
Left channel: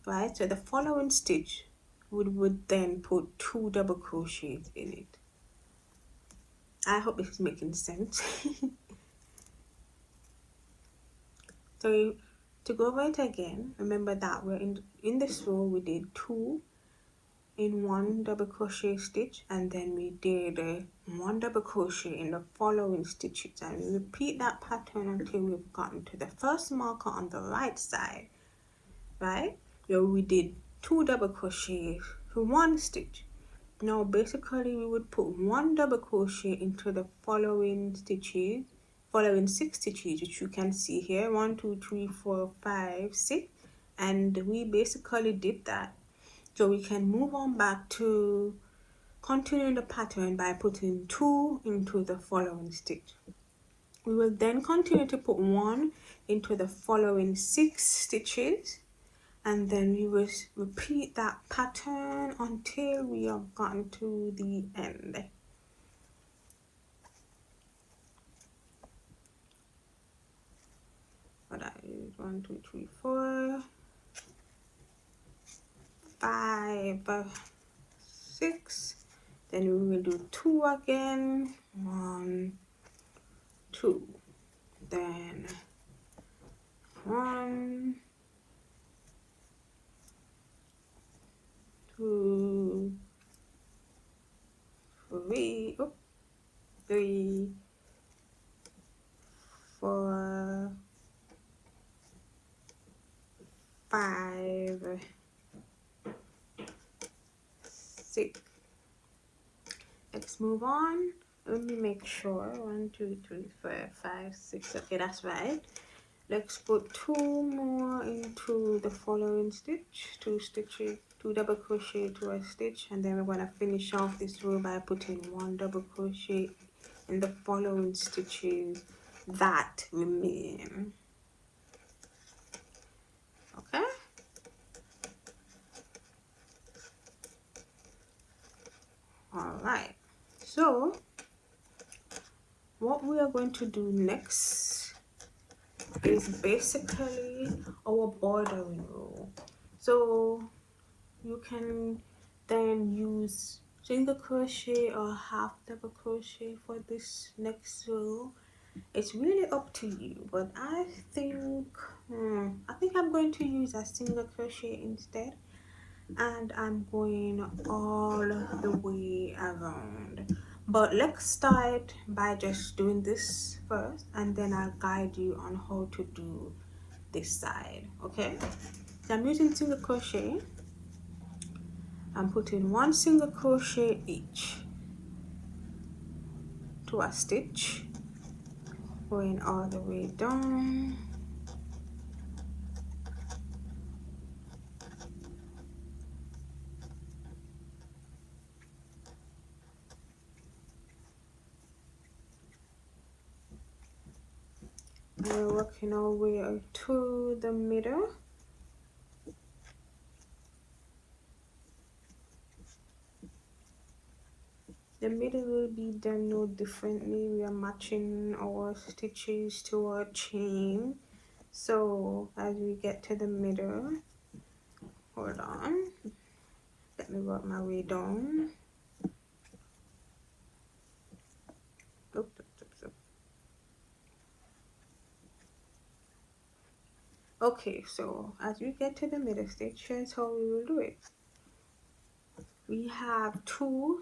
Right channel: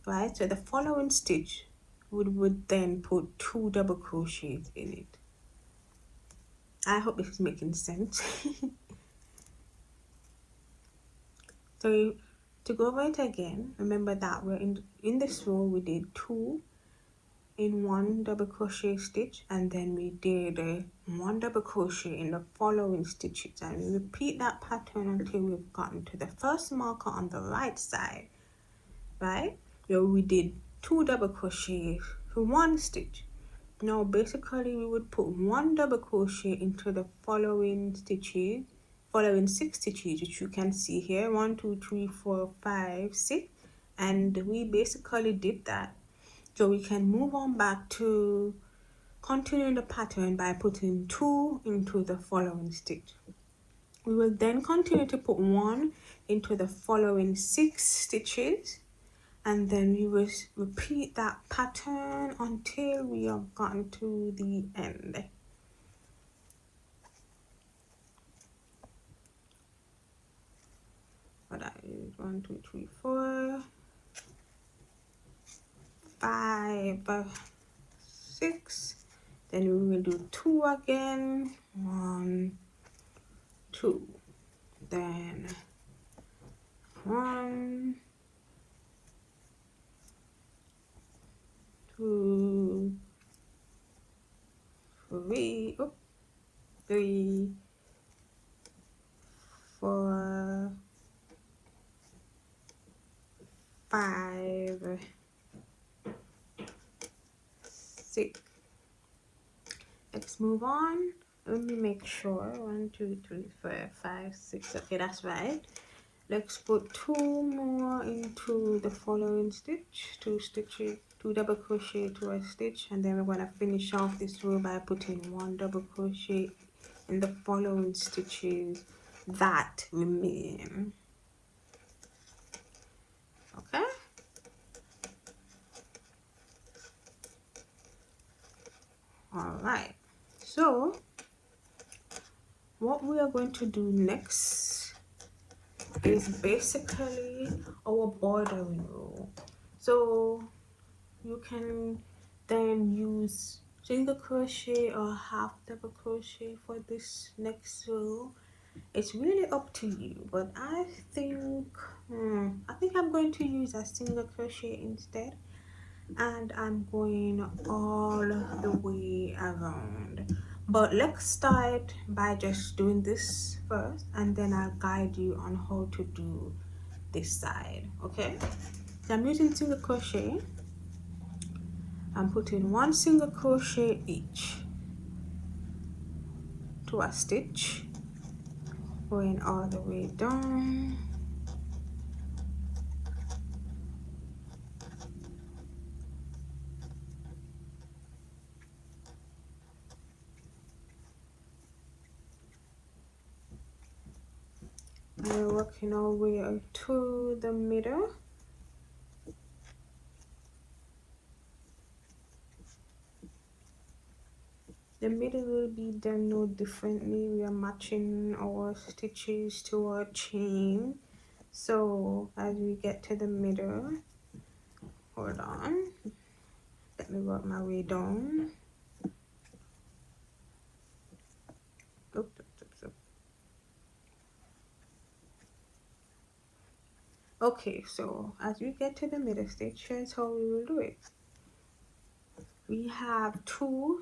right? So the following stitch we would then put 2 double crochets in it. I hope this is making sense. So to go over it again, remember that we're in this row we did 2 in 1 double crochet stitch, and then we did 1 double crochet in the following stitches, and we repeat that pattern until we've gotten to the first marker on the right side, right? So we did 2 double crochets for 1 stitch. Now basically we would put 1 double crochet into the following stitches, following 6 stitches, which you can see here, 1, 2, 3, 4, 5, 6, and we basically did that. So we can move on back to continuing the pattern by putting 2 into the following stitch. We will then continue to put 1 into the following 6 stitches, and then we will repeat that pattern until we have gotten to the end. So that is 1, 2, 3, 4, 5, 6. Then we will do 2 again. 1, 2. Then 1, 2, 3, 3, 4, 5, 6. Let's move on. Let me make sure. 1, 2, 3, 4, 5, 6. Okay, that's right. Let's put 2 more into the following stitch. 2 stitches, 2 double crochet to a stitch, and then we're going to finish off this row by putting 1 double crochet in the following stitches that remain. Okay. Alright, so what we are going to do next is basically our bordering row. So you can then use single crochet or half double crochet for this next row. It's really up to you, but I think I'm going to use a single crochet instead, and I'm going all the way around. But let's start by just doing this first, and then I'll guide you on how to do this side. Okay, I'm using single crochet. I'm putting 1 single crochet each to a stitch, going all the way down. And we're working our way up to the middle. The middle will be done no differently. We are matching our stitches to our chain. So as we get to the middle, hold on, let me work my way down. Okay, so as we get to the middle stitch, here's how we will do it. We have 2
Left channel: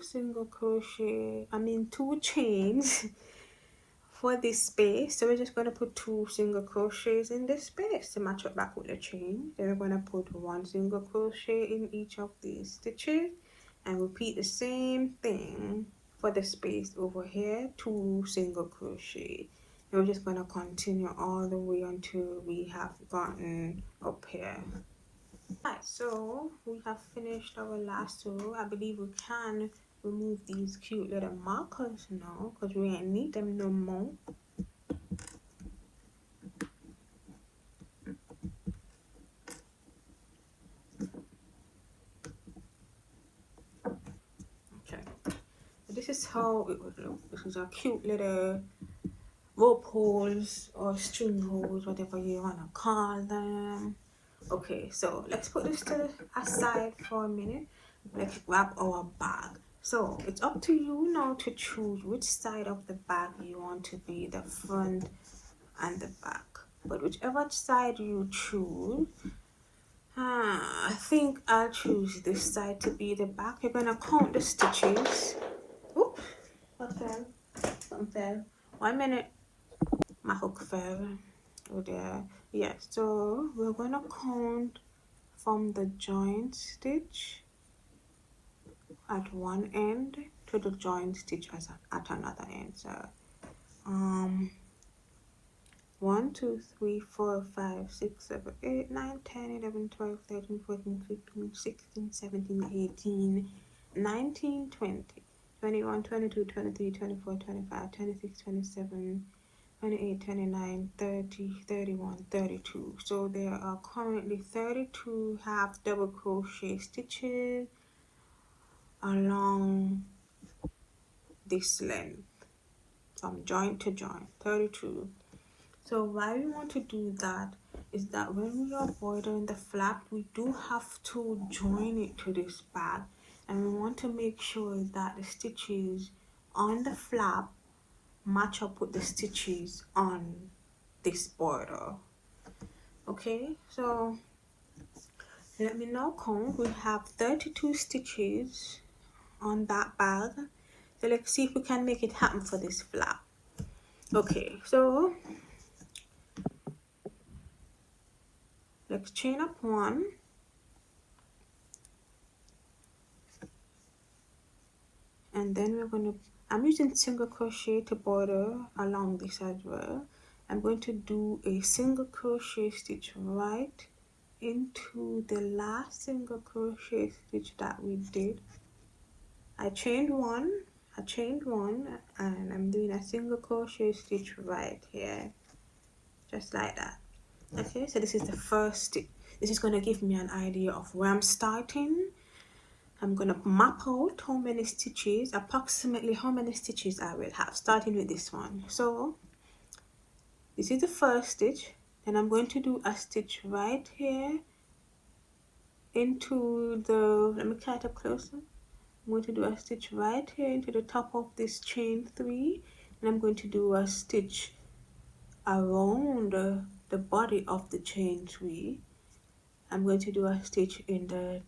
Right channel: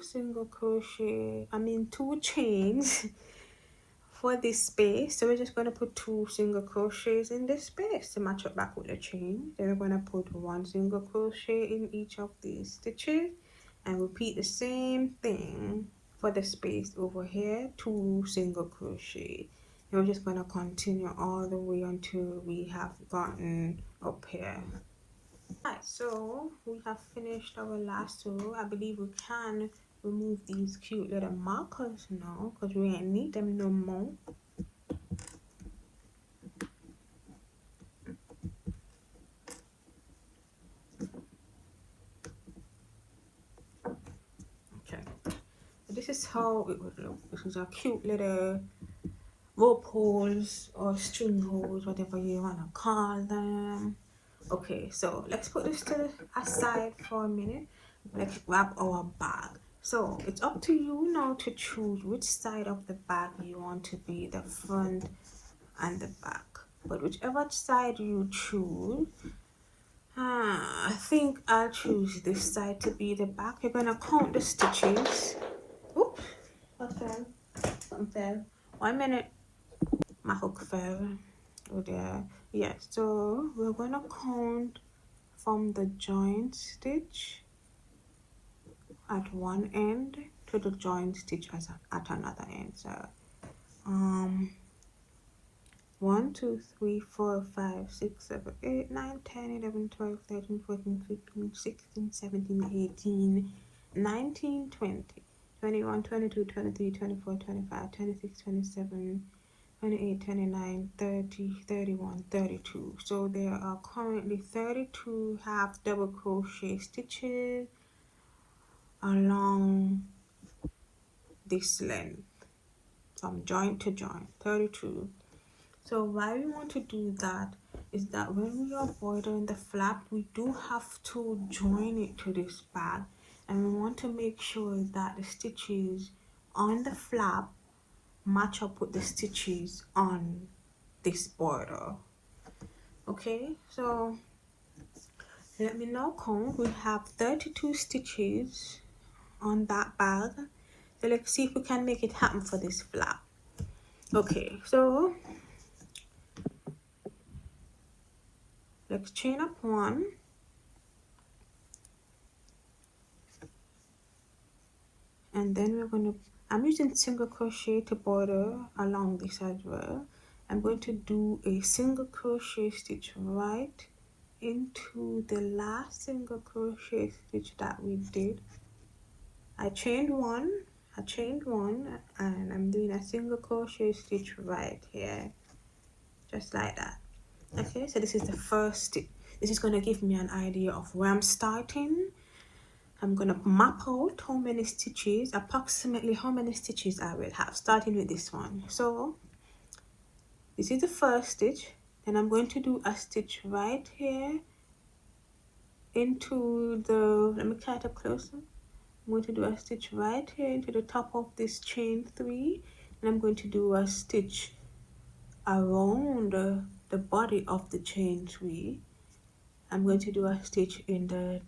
chains for this space. So we're just going to put 2 single crochets in this space to match up back with the chain. Then we're going to put 1 single crochet in each of these stitches and repeat the same thing for the space over here. 2 single crochet. And we're just going to continue all the way until we have gotten up here. Alright, so we have finished our last row. I believe we can remove these cute little markers now because we ain't need them no more. Okay, this is how it would look. This is our cute little rope holes or string holes, whatever you want to call them. Okay, so let's put this to aside for a minute. Let's grab our bag. So it's up to you now to choose which side of the bag you want to be, the front and the back. But whichever side you choose, I think I'll choose this side to be the back. You're gonna count the stitches. Oops, something fell. 1 minute. My hook fell. Oh there. Yeah, so we're gonna count from the joint stitch at one end to the joint stitch at another end. So 1, 2, 3, 4, 5, 6, 7, 8, 9, 10, 11, 12, 13, 14, 15, 16, 17, 18, 19, 20, 21, 22, 23, 24, 25, 26, 27, 28, 29, 30, 31, 32. So there are currently 32 half double crochet stitches along this length from joint to joint, 32. So why we want to do that is that when we are bordering the flap, we do have to join it to this bag, and we want to make sure that the stitches on the flap match up with the stitches on this border. Okay, so let me now count. We have 32 stitches on that bag. So let's see if we can make it happen for this flap. Okay, so let's chain up one, and then we're going to, I'm using single crochet to border along this as well. I'm going to do a single crochet stitch right into the last single crochet stitch that we did. I chained one, and I'm doing a single crochet stitch right here, just like that. Okay, so this is the first stitch. This is going to give me an idea of where I'm starting. I'm going to map out how many stitches, approximately how many stitches I will have, starting with this one. So this is the first stitch, and I'm going to do a stitch right here into the, let me cut it up closer. I'm going to do a stitch right here into the top of this chain 3, and I'm going to do a stitch around the body of the chain 3. I'm going to do a stitch in the,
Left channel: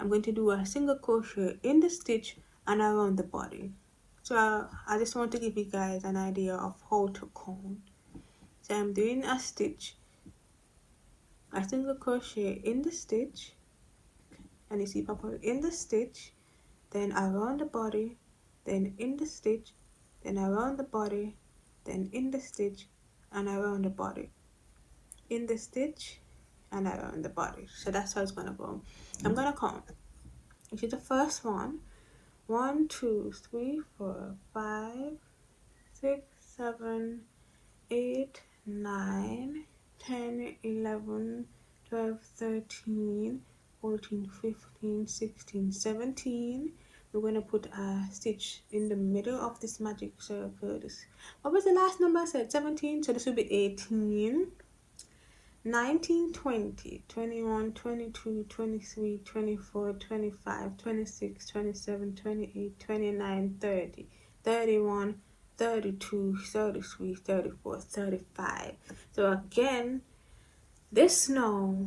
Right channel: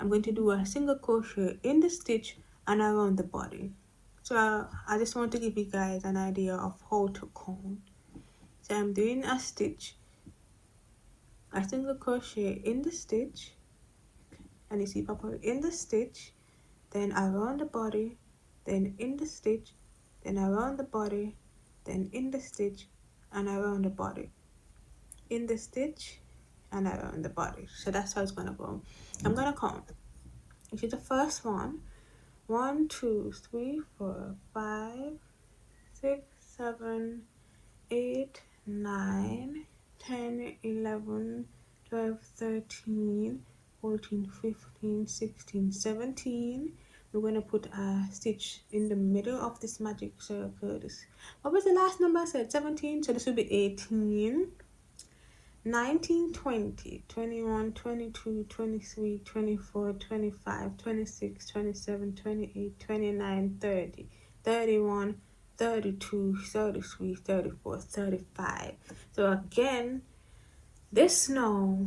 I'm going to do a single crochet in the stitch and around the body. So I just want to give you guys an idea of how to count. So I'm doing a stitch, a single crochet in the stitch, and you see properly in the stitch, then around the body, then in the stitch, then around the body, then in the stitch and around the body, in the stitch and around the body. So that's how it's gonna go. I'm gonna count. This is the first one. 1, 2, 3, 4, 5, 6, 7, 8, 9, 10, 11, 12, 13, 14, 15, 16, 17. We're going to put a stitch in the middle of this magic circle. What was the last number? I said 17, so this will be 18, 19, 20, 21, 22, 23, 24, 25, 26, 27, 28, 29, 30, 31, 32, 33, 34, 35. So again, this now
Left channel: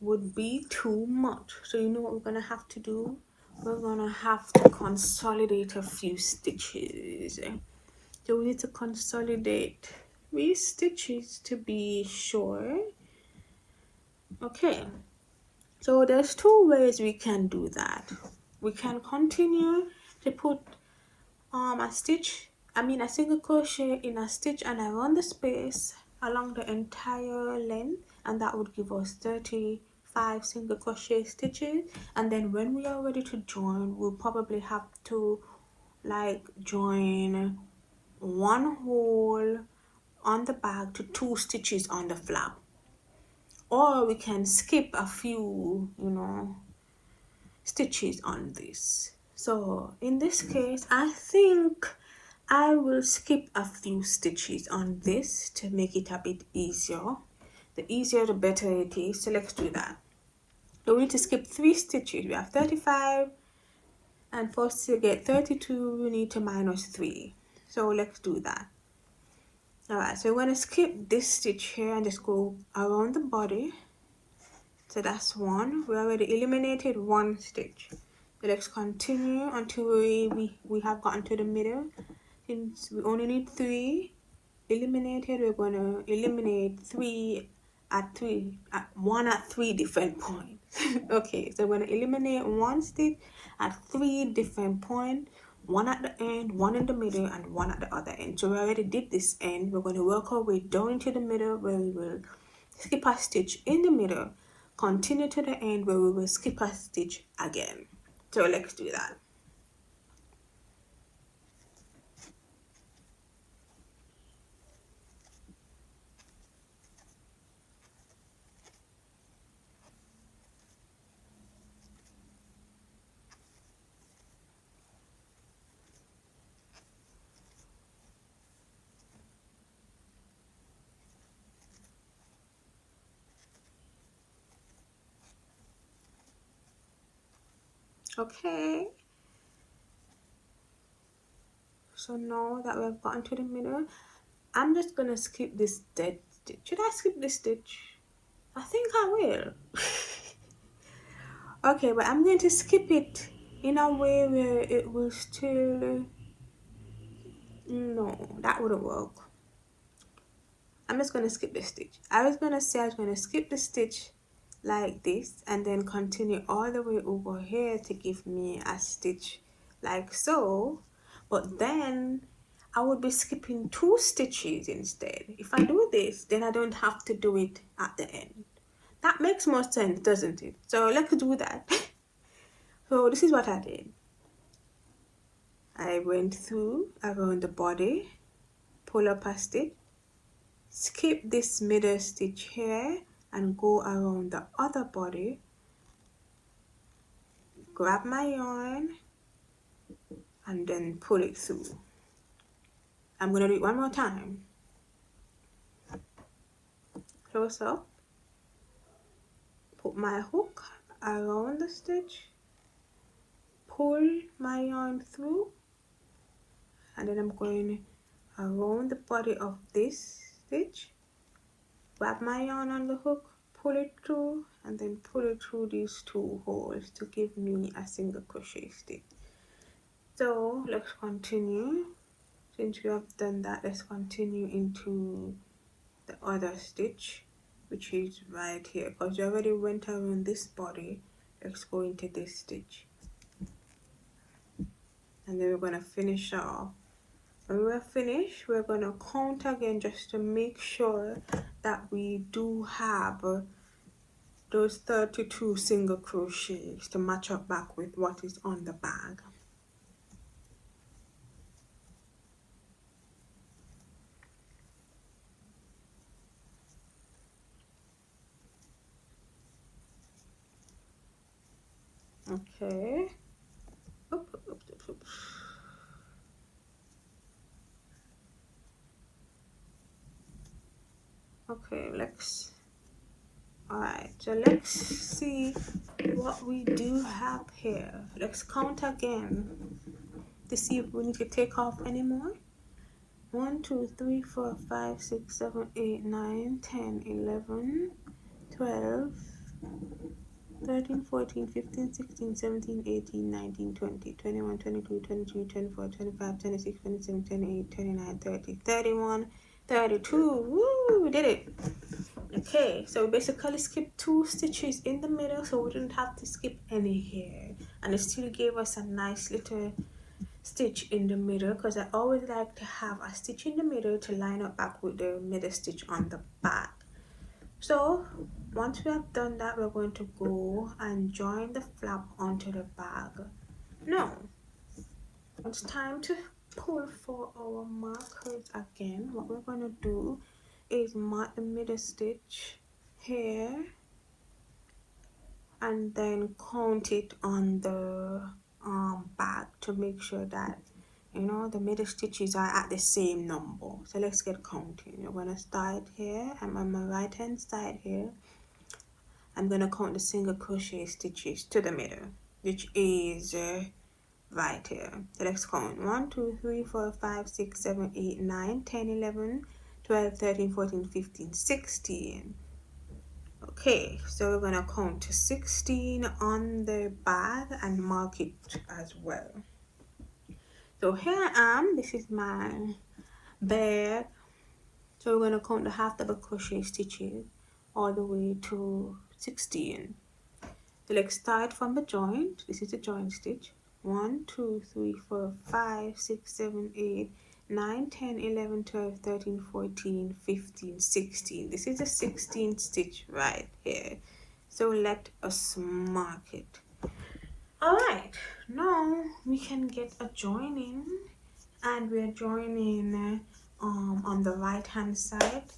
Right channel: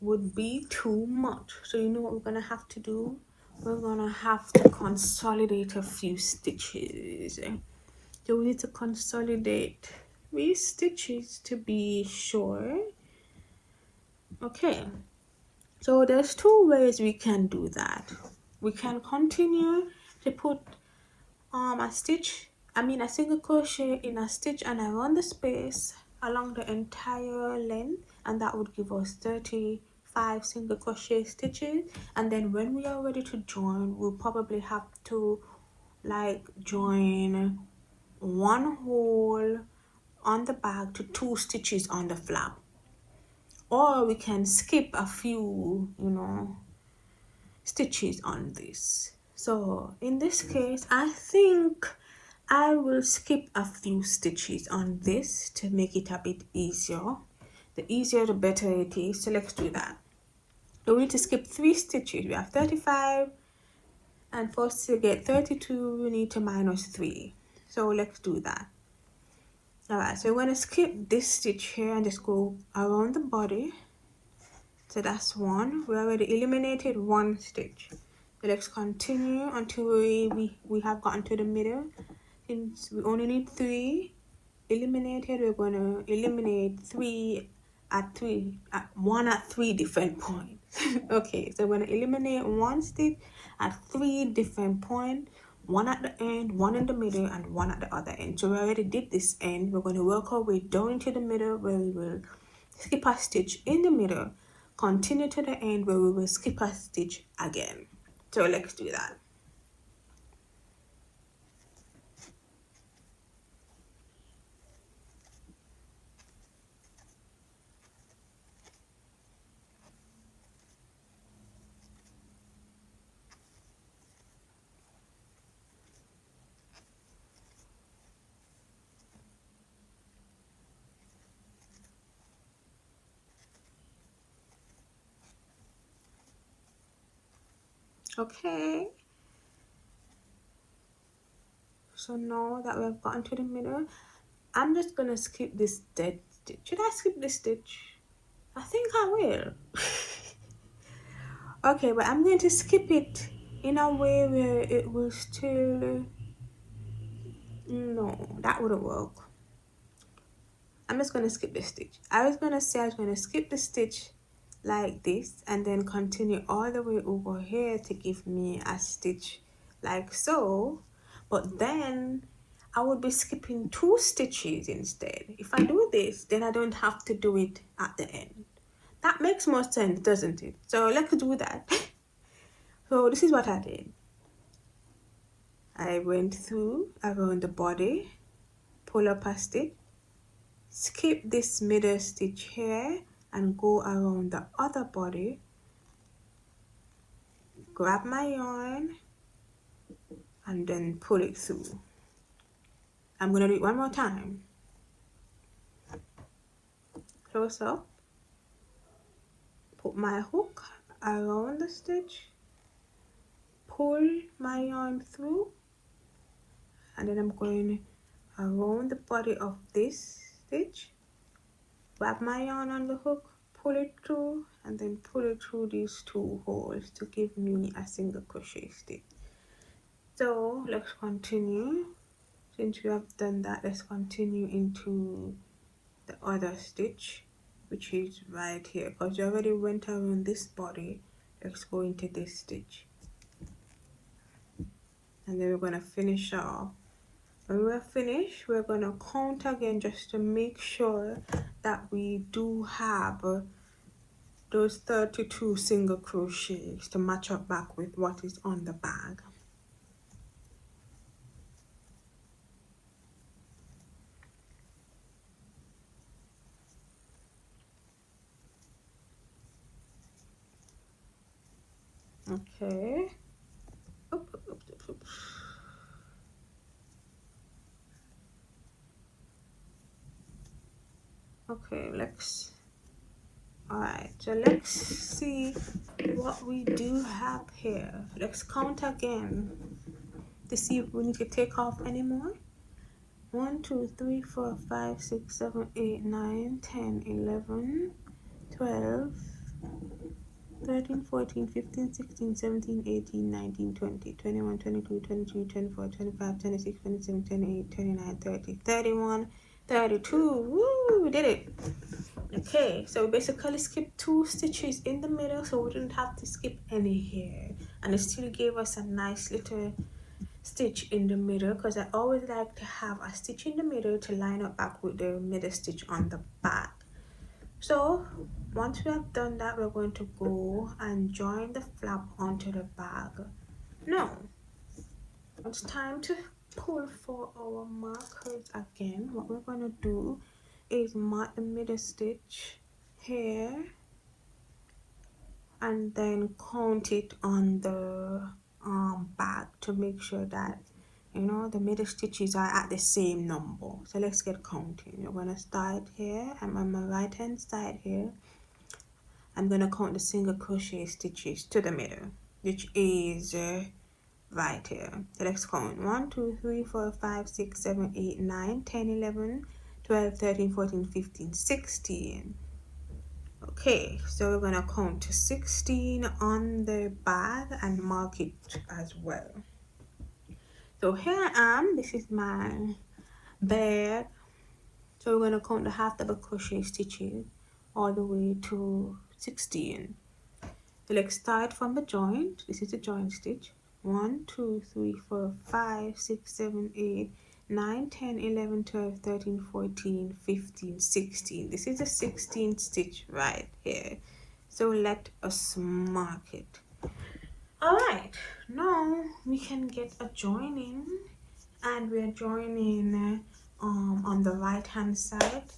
would be too much. So you know what we're gonna have to do? We're gonna have to consolidate a few stitches. So we need to consolidate 3 stitches to be sure. Okay, so there's 2 ways we can do that. We can continue to put a single crochet in a stitch and around the space along the entire length, and that would give us 35 single crochet stitches. And then when we are ready to join, we'll probably have to like join 1 hole on the bag to 2 stitches on the flap, or we can skip a few, stitches on this. So in this case, I think I will skip a few stitches on this to make it a bit easier. The easier the better it is, so let's do that. So we need to skip 3 stitches. We have 35, and for us to get 32 we need to minus 3. So let's do that. Alright, so we're going to skip this stitch here and just go around the body. So that's 1. We already eliminated 1 stitch. So let's continue until we have gotten to the middle. Since we only need 3 eliminated, we're going to eliminate 1 at 3 different points. Okay, so we're going to eliminate 1 stitch at 3 different points. 1 at the end, 1 in the middle, and 1 at the other end. So we already did this end. We're going to work our way down to the middle, where we will skip a stitch in the middle, continue to the end where we will skip a stitch again. So let's do that. Okay, so now that we've gotten to the middle, I'm just gonna skip this stitch. Should I skip this stitch? I think I will. Okay, but I'm going to skip it in a way where it will still... No, that wouldn't work. I'm just going to skip this stitch. I was going to say I was going to skip the stitch like this and then continue all the way over here to give me a stitch like so, but then I would be skipping 2 stitches instead. If I do this, then I don't have to do it at the end. That makes more sense, doesn't it? So let's do that. So this is what I did. I went through around the body, pull up a stitch, skip this middle stitch here and go around the other body, grab my yarn and then pull it through. I'm going to do it one more time. Close up, put my hook around the stitch, pull my yarn through, and then I'm going around the body of this stitch, grab my yarn on the hook, pull it through, and then pull it through these 2 holes to give me a single crochet stitch. So let's continue. Since we have done that, let's continue into the other stitch, which is right here, because you already went around this body. Let's go into this stitch, and then we're going to finish off. When we're finished, we're going to count again just to make sure that we do have those 32 single crochets to match up back with what is on the bag. Okay. Okay, so let's see what we do have here. Let's count again to see if we need to take off any more. 1, 2, 3, 4, 5, 6, 7, 8, 9, 10, 11, 12, 13, 14, 15, 16, 17, 18, 19, 20, 21, 22, 23, 24, 25, 26, 27, 28, 29, 30, 31, 32. Woo, we did it. Okay, so we basically skipped 2 stitches in the middle, so we didn't have to skip any here, and it still gave us a nice little stitch in the middle, because I always like to have a stitch in the middle to line up back with the middle stitch on the back. So once we have done that, we're going to go and join the flap onto the bag. Now it's time to pull for our markers again. What we're going to do is mark the middle stitch here and then count it on the bag to make sure that, you know, the middle stitches are at the same number. So let's get counting. I'm going to start here. I'm on my right hand side here. I'm going to count the single crochet stitches to the middle, which is right here. So let's count 1, 2, 3, 4, 5, 6, 7, 8, 9, 10, 11, 12, 13, 14, 15, 16. Okay, so we're going to count to 16 on the bag and mark it as well. So here I am. This is my bag. So we're going to count the half double crochet stitches all the way to 16. So let's start from the joint. This is the joint stitch. 1, 2, 3, 4, 5, 6, 7, 8, 9, 10, 11, 12, 13, 14, 15, 16. This is the 16th stitch right here. So let us mark it. Alright, now we can get a joining, and we're joining on the right hand side.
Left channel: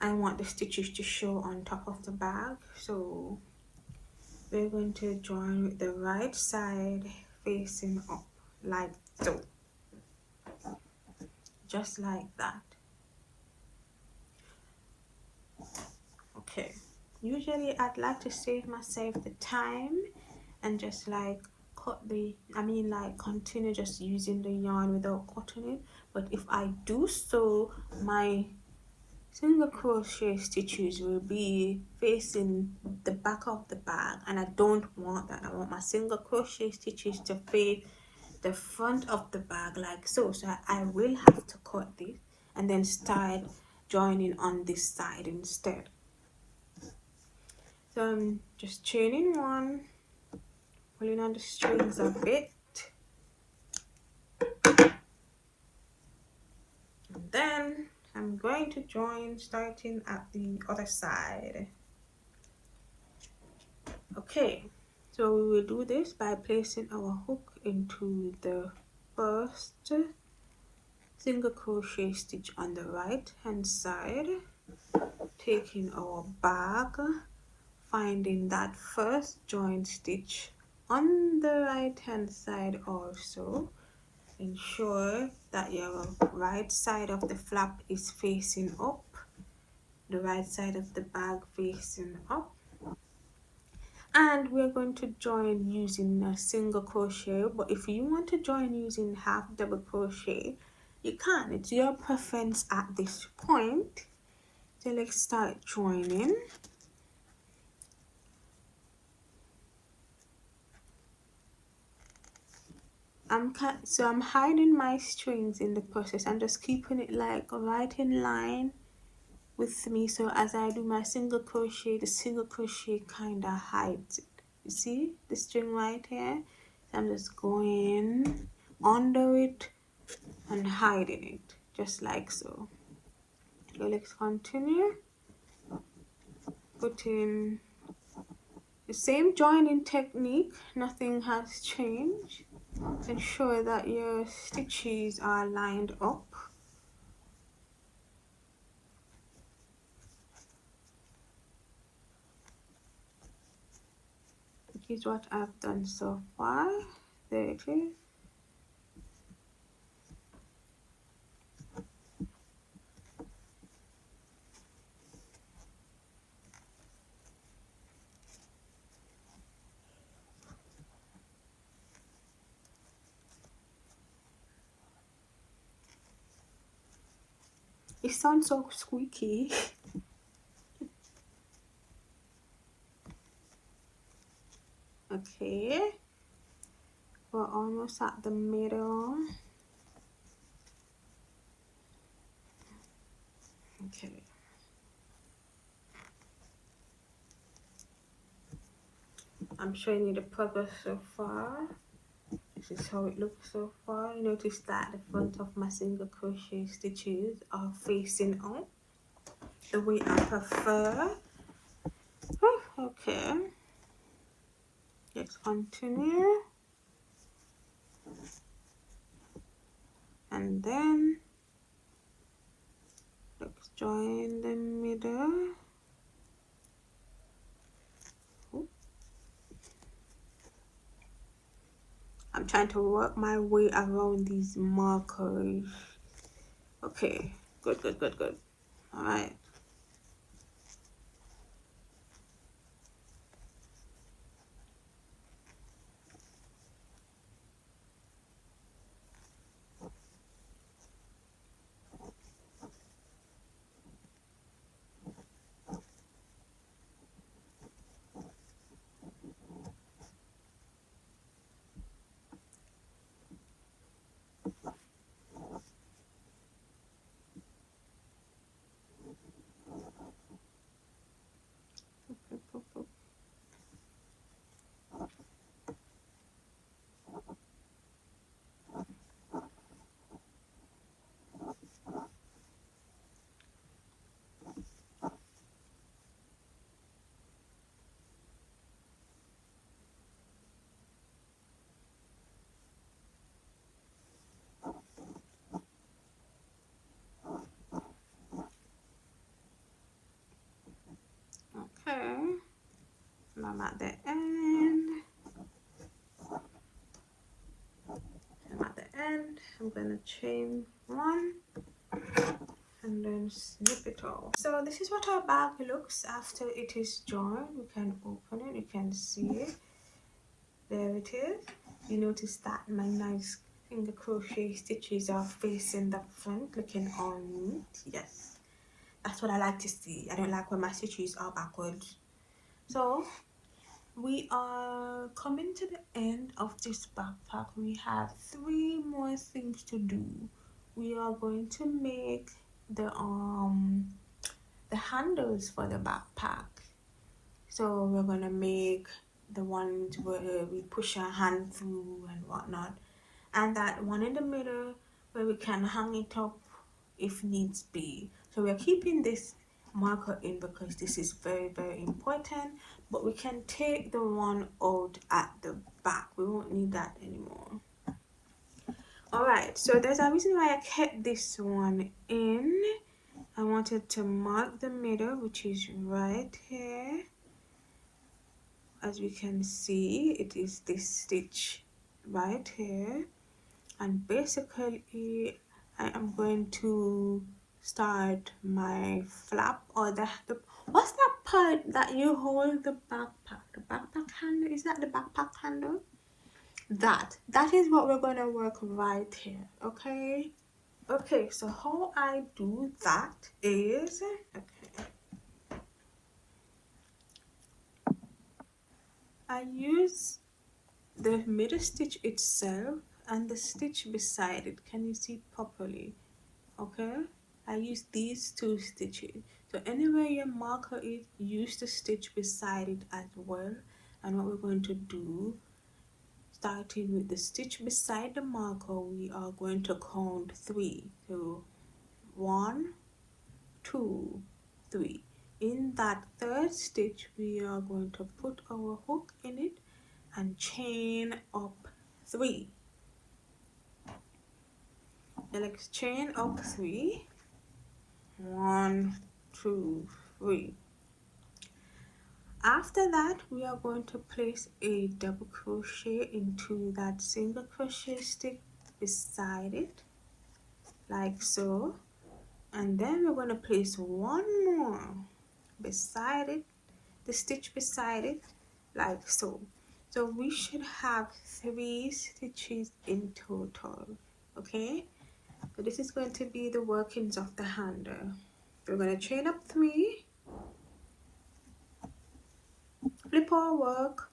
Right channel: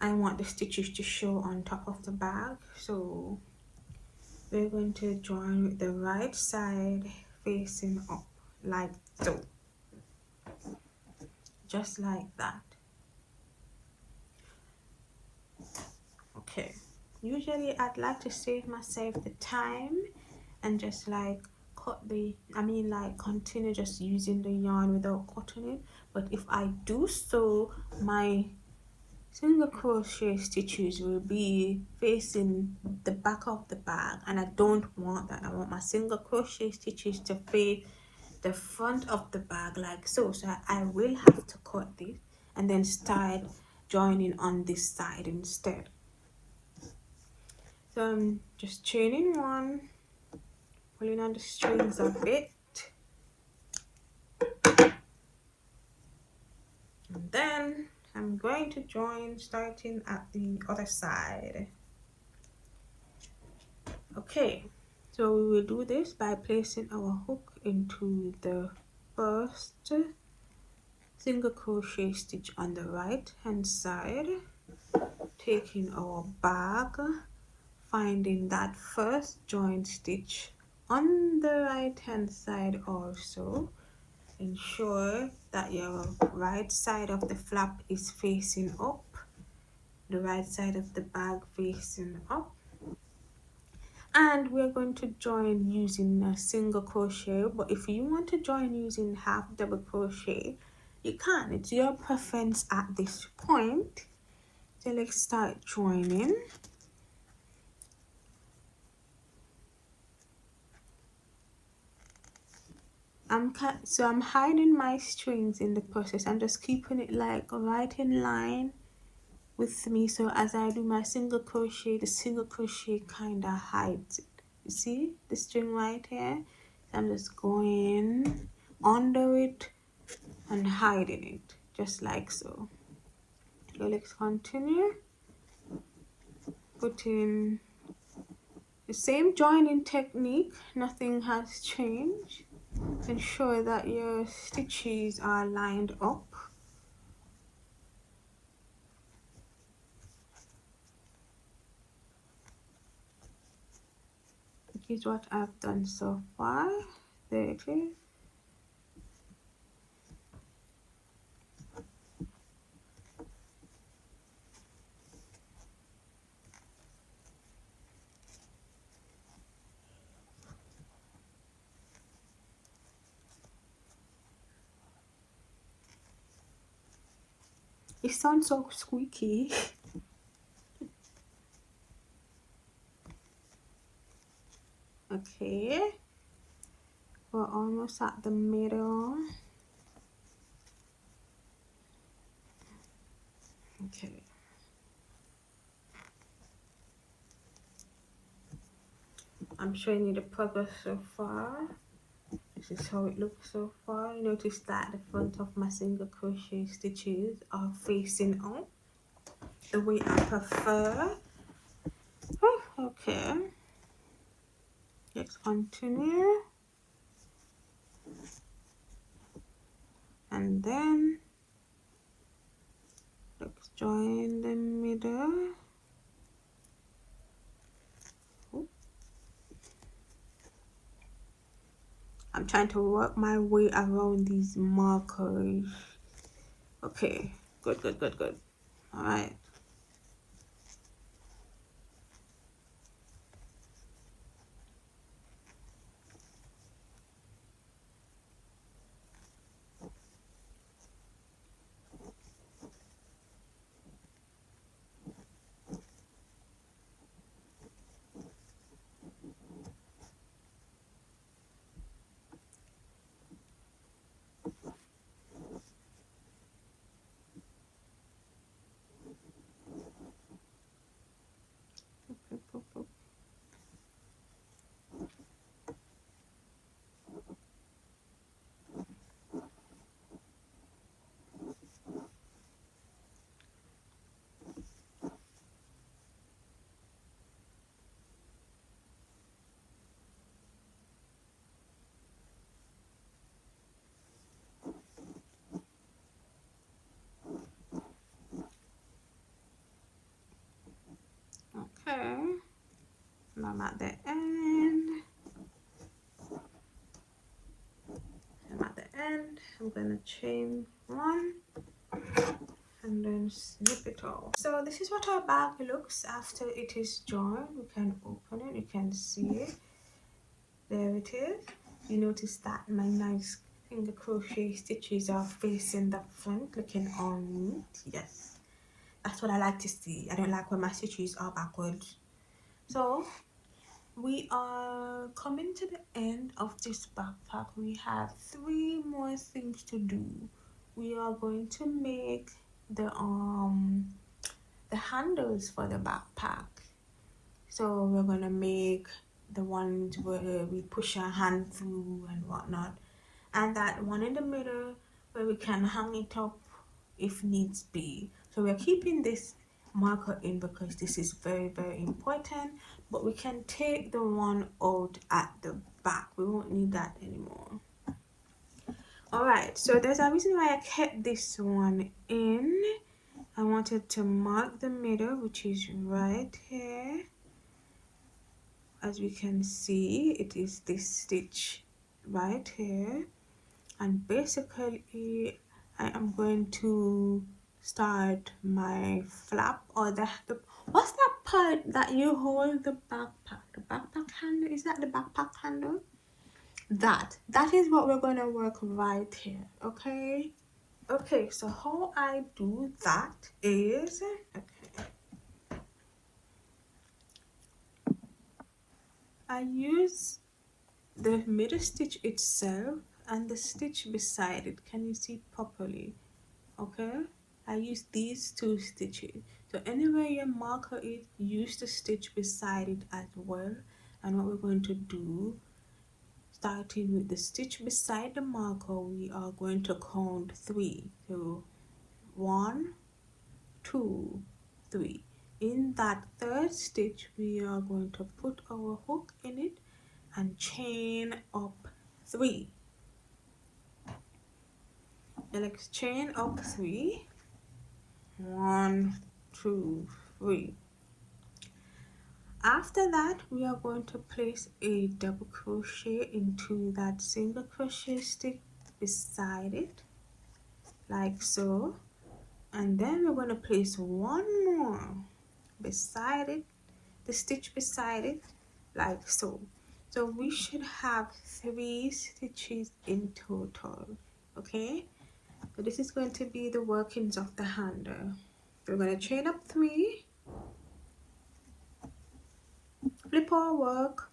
I want the stitches to show on top of the bag, so we're going to join with the right side facing up like so, just like that. Okay, usually I'd like to save myself the time and just like cut the, like continue just using the yarn without cutting it, but if I do so, my single crochet stitches will be facing the back of the bag, and I don't want that. I want my single crochet stitches to face the front of the bag like so. So I will have to cut this and then start joining on this side instead. So I'm just chaining one, pulling on the strings a bit, and then I'm going to join starting at the other side. Okay, so we will do this by placing our hook into the first single crochet stitch on the right hand side, taking our bag, finding that first join stitch on the right hand side. Also ensure that your right side of the flap is facing up, the right side of the bag facing up, and we're going to join using a single crochet. But if you want to join using half double crochet, you can. It's your preference at this point. So let's start joining. I'm hiding my strings in the process. I'm just keeping it like right in line with me, so as I do my single crochet, the single crochet kind of hides it. You see the string right here? I'm just going under it and hiding it, just like so. So let's continue putting the same joining technique. Nothing has changed. Ensure that your stitches are lined up. Here's what I've done so far. There it is. It sounds so squeaky. Okay, we're almost at the middle. Okay. I'm showing you the progress so far. This is how it looks so far. Notice that the front of my single crochet stitches are facing up the way I prefer. Oh, okay, let's continue, and then let's join the middle. I'm trying to work my way around these markers. Okay, good. All right. I'm at the end. I'm gonna chain one and then snip it off. So this is what our bag looks after it is joined. You can open it, you can see it. There it is. You notice that my nice finger crochet stitches are facing the front, looking all neat. Yes, that's what I like to see. I don't like when my stitches are backwards. So we are coming to the end of this backpack. We have 3 more things to do. We are going to make the handles for the backpack. So we're gonna make the ones where we push our hand through and whatnot, and that one in the middle where we can hang it up if needs be. So we're keeping this marker in because this is very, very important, but we can take the one out at the back. We won't need that anymore. Alright, so there's a reason why I kept this one in. I wanted to mark the middle, which is right here. As we can see, it is this stitch right here, and basically I am going to start my flap, or the what's that part that you hold the backpack? The backpack handle? Is that the backpack handle? That is what we're going to work right here. Okay, so how I do that is, I use the middle stitch itself and the stitch beside it. Can you see properly? Okay, I use these 2 stitches. So anywhere your marker is, use the stitch beside it as well. And what we're going to do, starting with the stitch beside the marker, we are going to count 3. So 1, 2, 3. In that 3rd stitch, we are going to put our hook in it and chain up 3. And chain up 3. 1, 2, 3. After that, we are going to place a double crochet into that single crochet stick beside it, like so. And then we're going to place one more beside it, the stitch beside it, like so. So we should have 3 stitches in total. Okay, so this is going to be the workings of the handle. We're going to chain up 3, flip our work,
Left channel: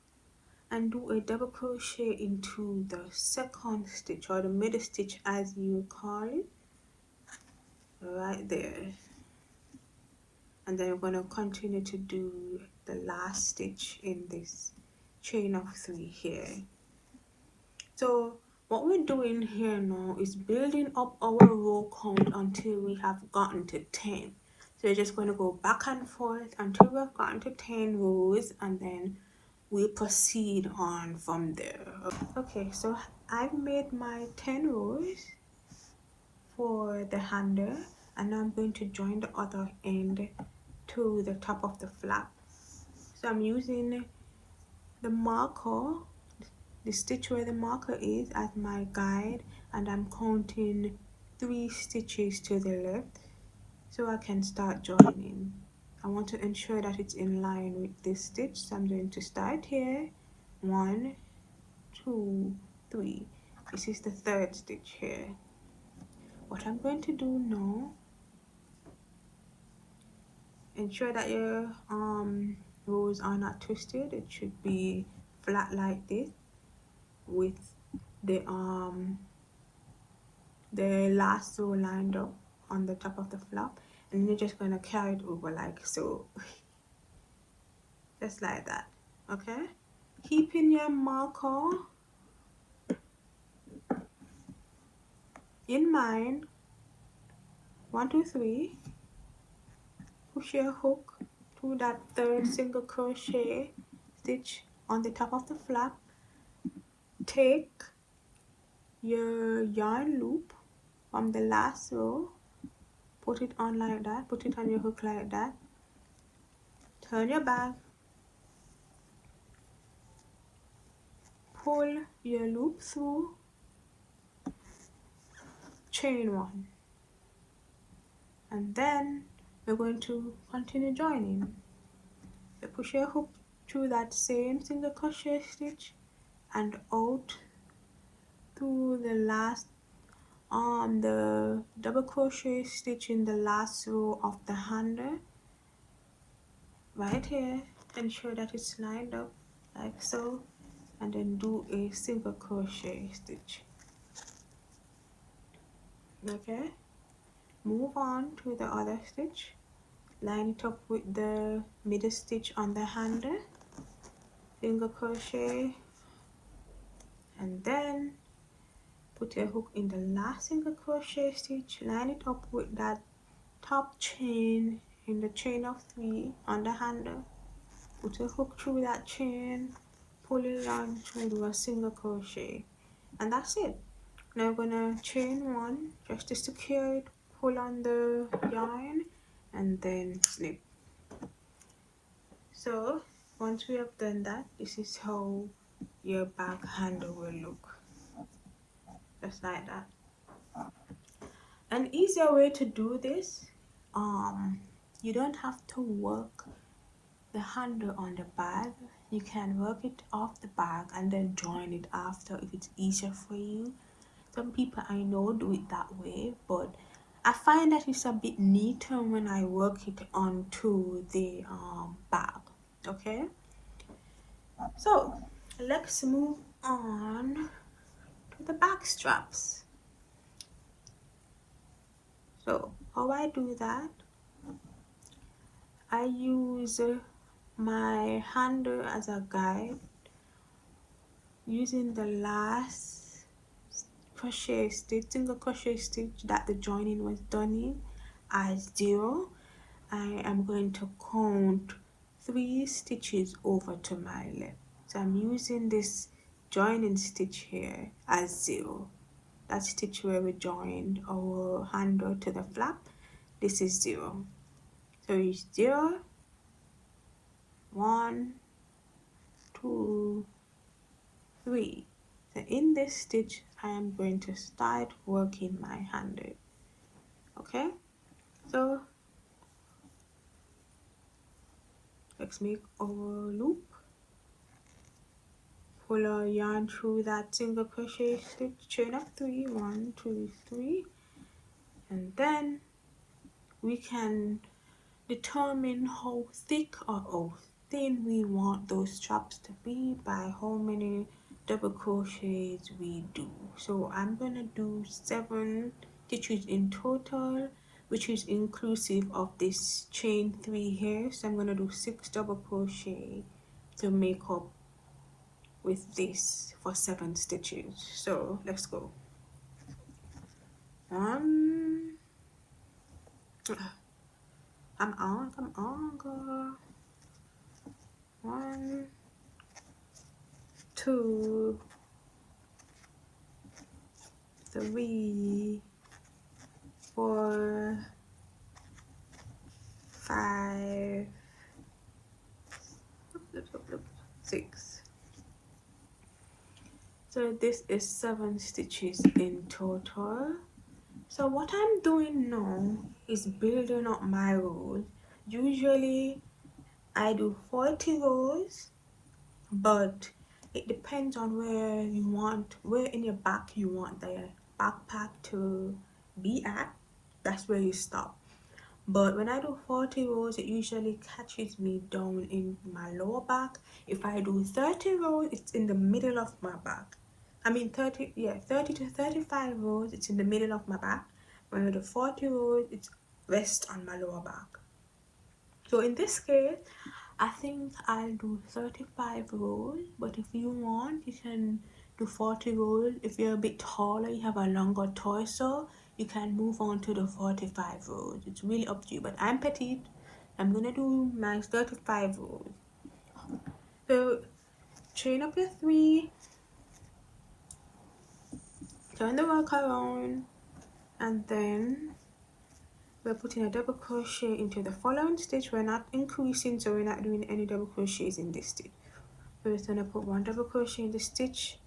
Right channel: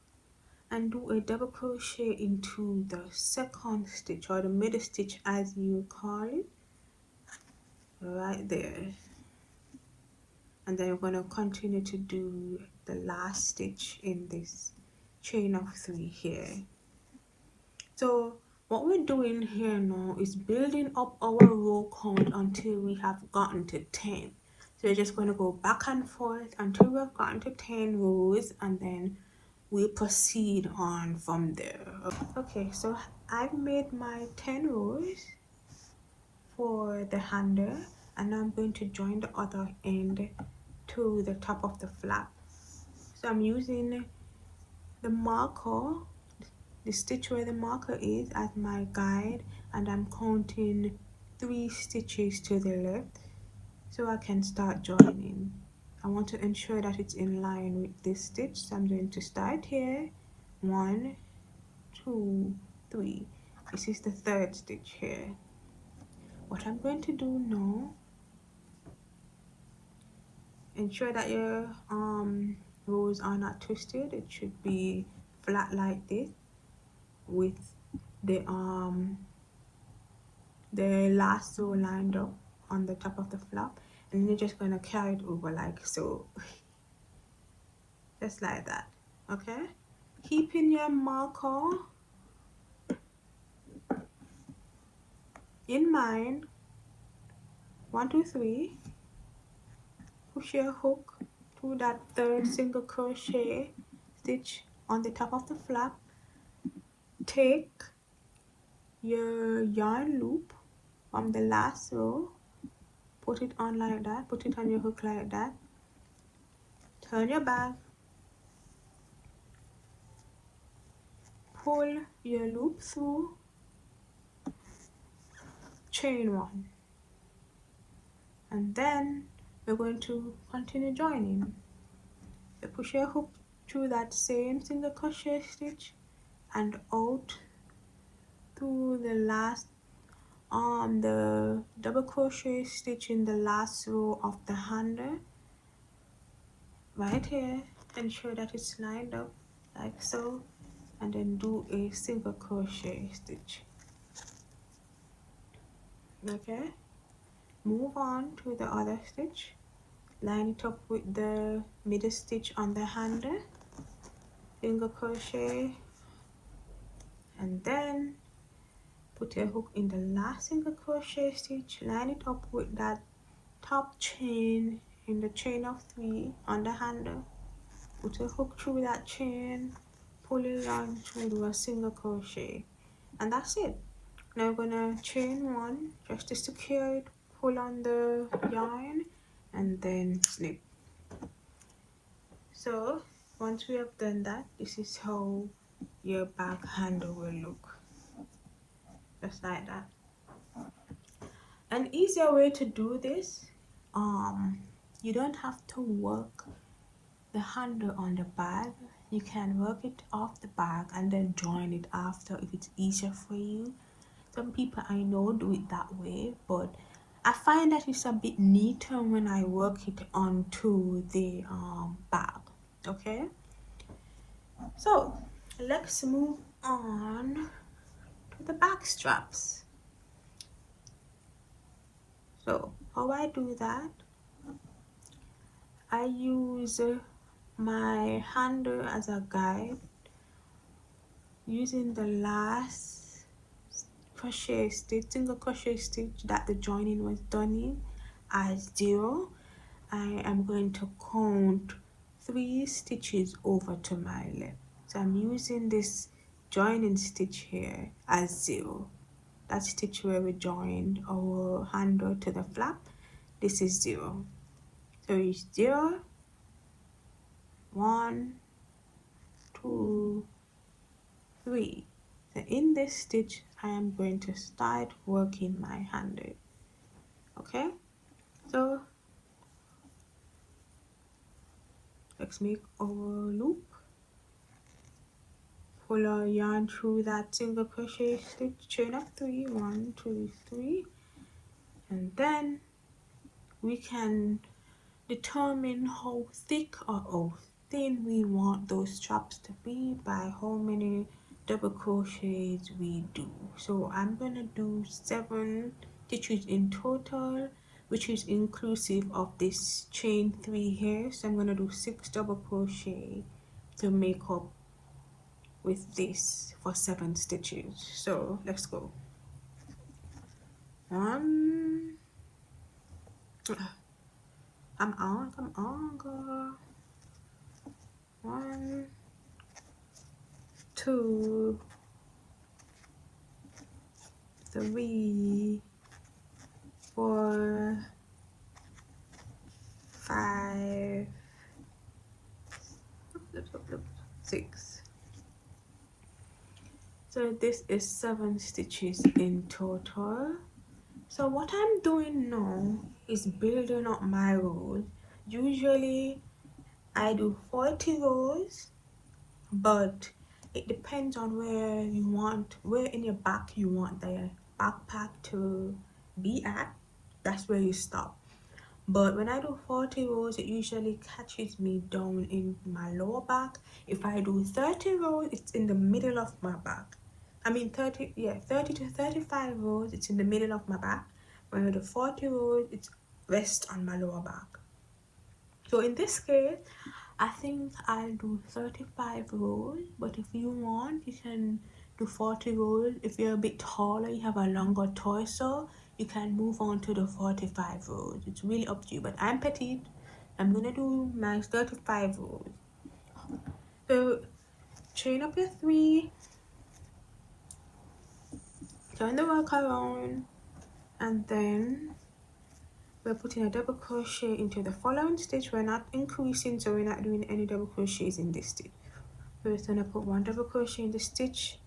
and do a double crochet into the 2nd stitch, or the middle stitch as you call it, right there. And then we're going to continue to do the last stitch in this chain of 3 here. So what we're doing here now is building up our row count until we have gotten to 10. So you're just going to go back and forth until we've gotten to 10 rows, and then we proceed on from there. Okay, so I've made my 10 rows for the handle, and I'm going to join the other end to the top of the flap. So I'm using the marker, the stitch where the marker is, as my guide, and I'm counting 3 stitches to the left so I can start joining. I want to ensure that it's in line with this stitch, so I'm going to start here. 1, 2, 3. This is the 3rd stitch here. What I'm going to do now, ensure that your rows are not twisted. It should be flat like this, with the lasso lined up on the top of the flap, and you're just going to carry it over like so. Just like that. Okay, keeping your marker in mind. 1, 2, 3. Push your hook through that 3rd single crochet stitch on the top of the flap. Take your yarn loop from the lasso, put it on like that, put it on your hook like that, turn your back, pull your loop through, chain 1, and then we're going to continue joining. So push your hook through that same single crochet stitch and out through the last the double crochet stitch in the last row of the handle right here. Ensure that it's lined up like so, and then do a single crochet stitch. Okay, move on to the other stitch, line it up with the middle stitch on the handle, single crochet, and then put your hook in the last single crochet stitch, line it up with that top chain in the chain of 3 on the handle, put a hook through that chain, pull it on, try to do a single crochet, and that's it. Now I'm gonna chain 1 just to secure it, pull on the yarn, and then snip. So once we have done that, this is how your back handle will look, just like that. An easier way to do this, you don't have to work the handle on the bag. You can work it off the bag and then join it after if it's easier for you. Some people I know do it that way, but I find that it's a bit neater when I work it onto the bag. Okay, so let's move on to the back straps. So how I do that, I use my handle as a guide, using the last crochet stitch, single crochet stitch that the joining was done in as 0. I am going to count 3 stitches over to my left. So I'm using this joining stitch here as 0. That stitch where we joined our handle to the flap, this is 0. So it's 0, 1, 2, 3. So in this stitch I am going to start working my handle. Okay, so let's make our loop, pull our yarn through that single crochet stitch, chain of 3, 1, 2, 3, and then we can determine how thick or how thin we want those straps to be by how many double crochets we do. So I'm going to do 7 stitches in total, which is inclusive of this chain 3 here. So I'm going to do 6 double crochet to make up with this for 7 stitches. So let's go. 1, come on, girl. 1, 2, 3, 4, 5, 6. So this is 7 stitches in total. So what I'm doing now is building up my rows. Usually I do 40 rows, but it depends on where in your back you want the backpack to be at. That's where you stop. But when I do 40 rows, it usually catches me down in my lower back. If I do 30 rows, it's in the middle of my back. I mean 30 to 35 rows, it's in the middle of my back. When I do 40 rows, it's rest on my lower back. So in this case, I think I'll do 35 rows, but if you want, you can do 40 rows. If you're a bit taller, you have a longer torso, you can move on to the 45 rows. It's really up to you, but I'm petite. I'm gonna do my 35 rows. So chain up your 3, turn the work around, and then we're putting a double crochet into the following stitch. We're not increasing, so we're not doing any double crochets in this stitch. We're just gonna put 1 double crochet in the stitch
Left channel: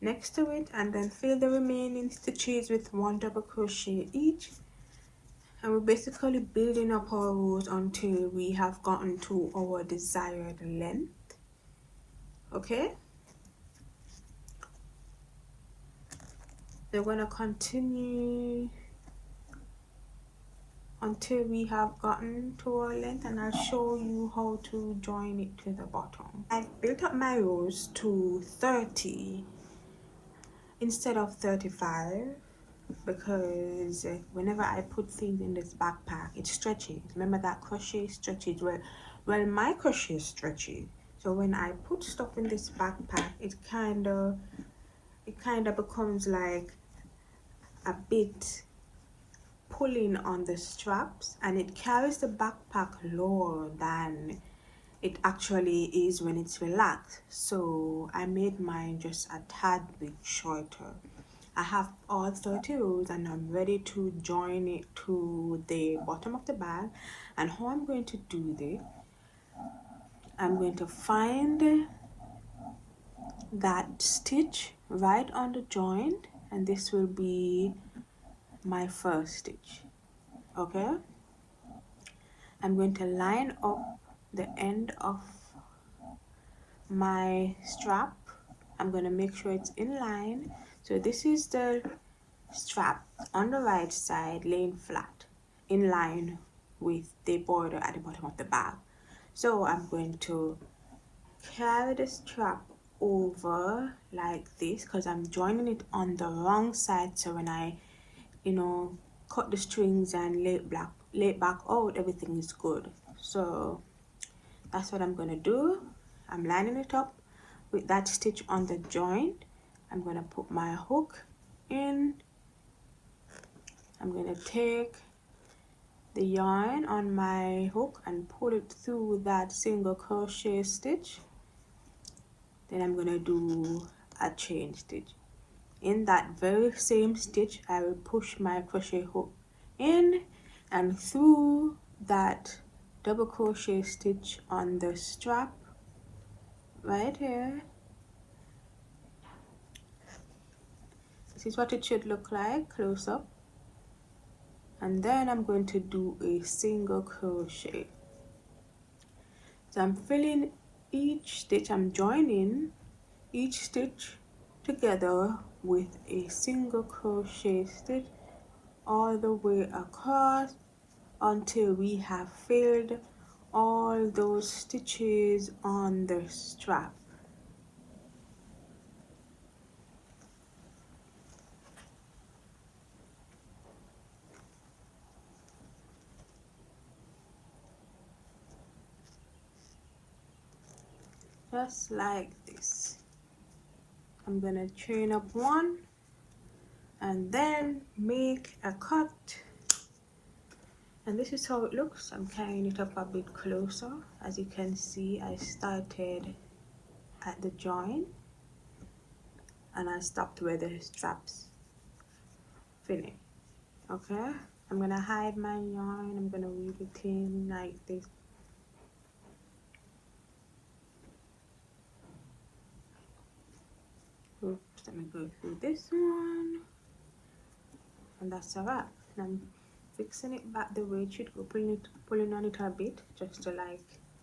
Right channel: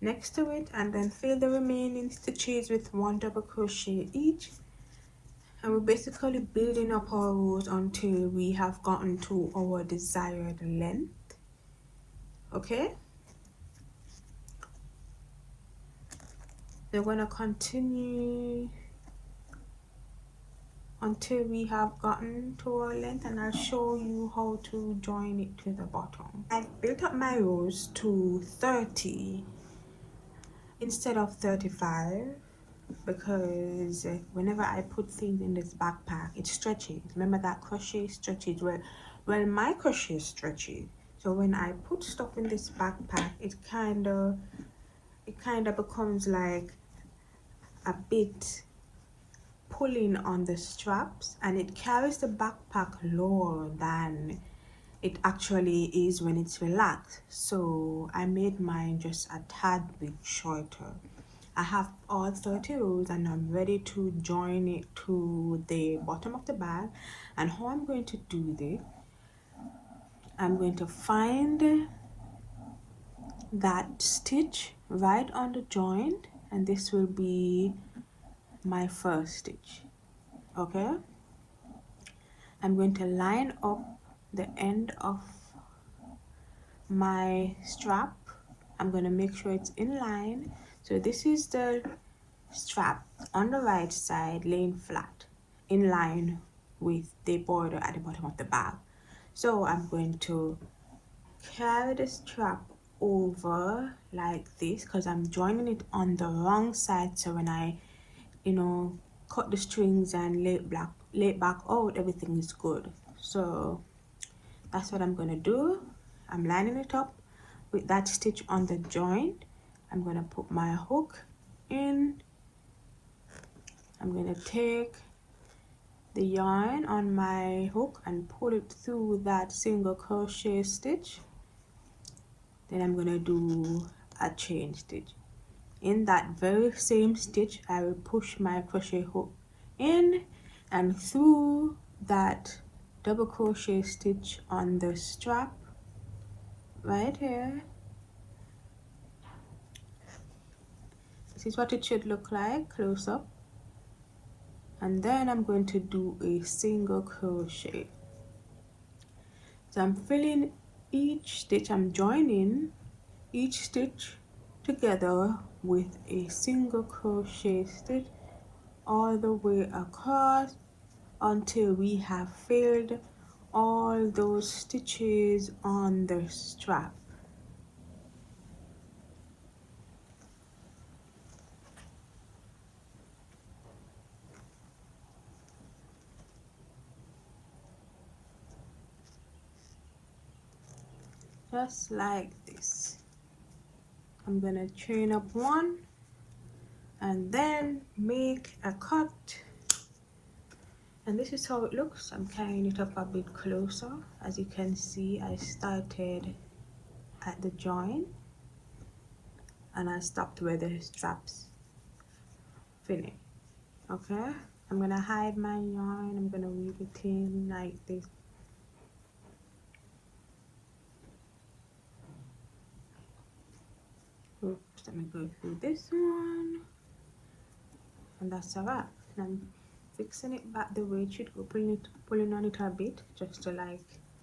next to it, and then fill the remaining stitches with 1 double crochet each, and we're basically building up our rows until we have gotten to our desired length. Okay, We're going to continue until we have gotten to our length, and I'll show you how to join it to the bottom. I built up my rows to 30 instead of 35 because whenever I put things in this backpack, it stretches. Remember that crochet stretches? Well, my crochet stretches. So when I put stuff in this backpack, it kind of becomes like a bit pulling on the straps, and it carries the backpack lower than it actually is when it's relaxed. So I made mine just a tad bit shorter. I have all 30 rows and I'm ready to join it to the bottom of the bag. And how I'm going to do this, I'm going to find that stitch right on the joint, and this will be my first stitch. Okay, I'm going to line up the end of my strap. I'm going to make sure it's in line. So this is the strap on the right side, laying flat in line with the border at the bottom of the bag. So I'm going to carry the strap over like this because I'm joining it on the wrong side. So when I cut the strings and lay it back out, everything is good. So that's what I'm going to do. I'm lining it up with that stitch on the joint. I'm going to put my hook in. I'm going to take the yarn on my hook and pull it through that single crochet stitch. Then I'm going to do a chain stitch. In that very same stitch, I will push my crochet hook in and through that double crochet stitch on the strap right here. This is what it should look like close up. And then I'm going to do a single crochet. So I'm filling each stitch, I'm joining each stitch together with a single crochet stitch all the way across until we have filled all those stitches on the strap. Just like this. I'm gonna chain up one and then make a cut, and this is how it looks. I'm carrying it up a bit closer. As you can see, I started at the joint and I stopped where the straps finish. Okay, I'm gonna hide my yarn. I'm gonna weave it in like this. Oops, let me go through this one, and that's a wrap. I'm fixing it back the way it should go, pulling on it a bit just to like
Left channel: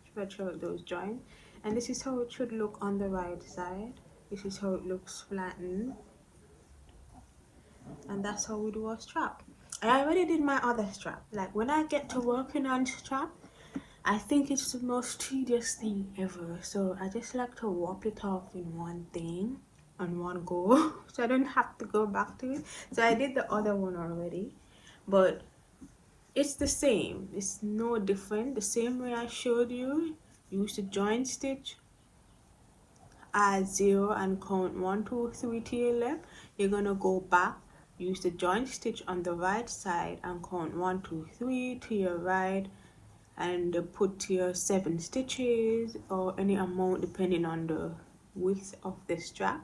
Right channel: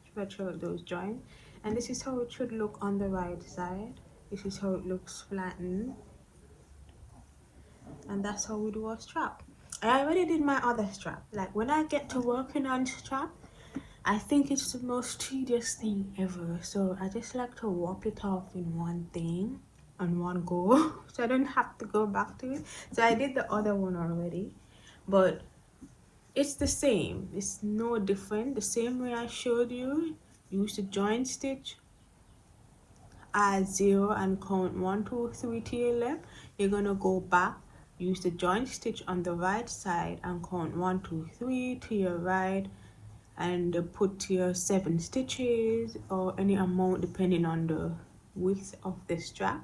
stretch out those joints. And this is how it should look on the right side. This is how it looks flattened, and that's how we do our strap. I already did my other strap. Like when I get to working on strap, I think it's the most tedious thing ever. So I just like to warp it off in one thing on one go, so I don't have to go back to it. So I did the other one already, but it's the same. It's no different. The same way I showed you. Use the joint stitch, add 0 and count 1, 2, 3 to your left. You're gonna go back, use the joint stitch on the right side and count 1, 2, 3 to your right, and put your 7 stitches or any amount depending on the width of the strap,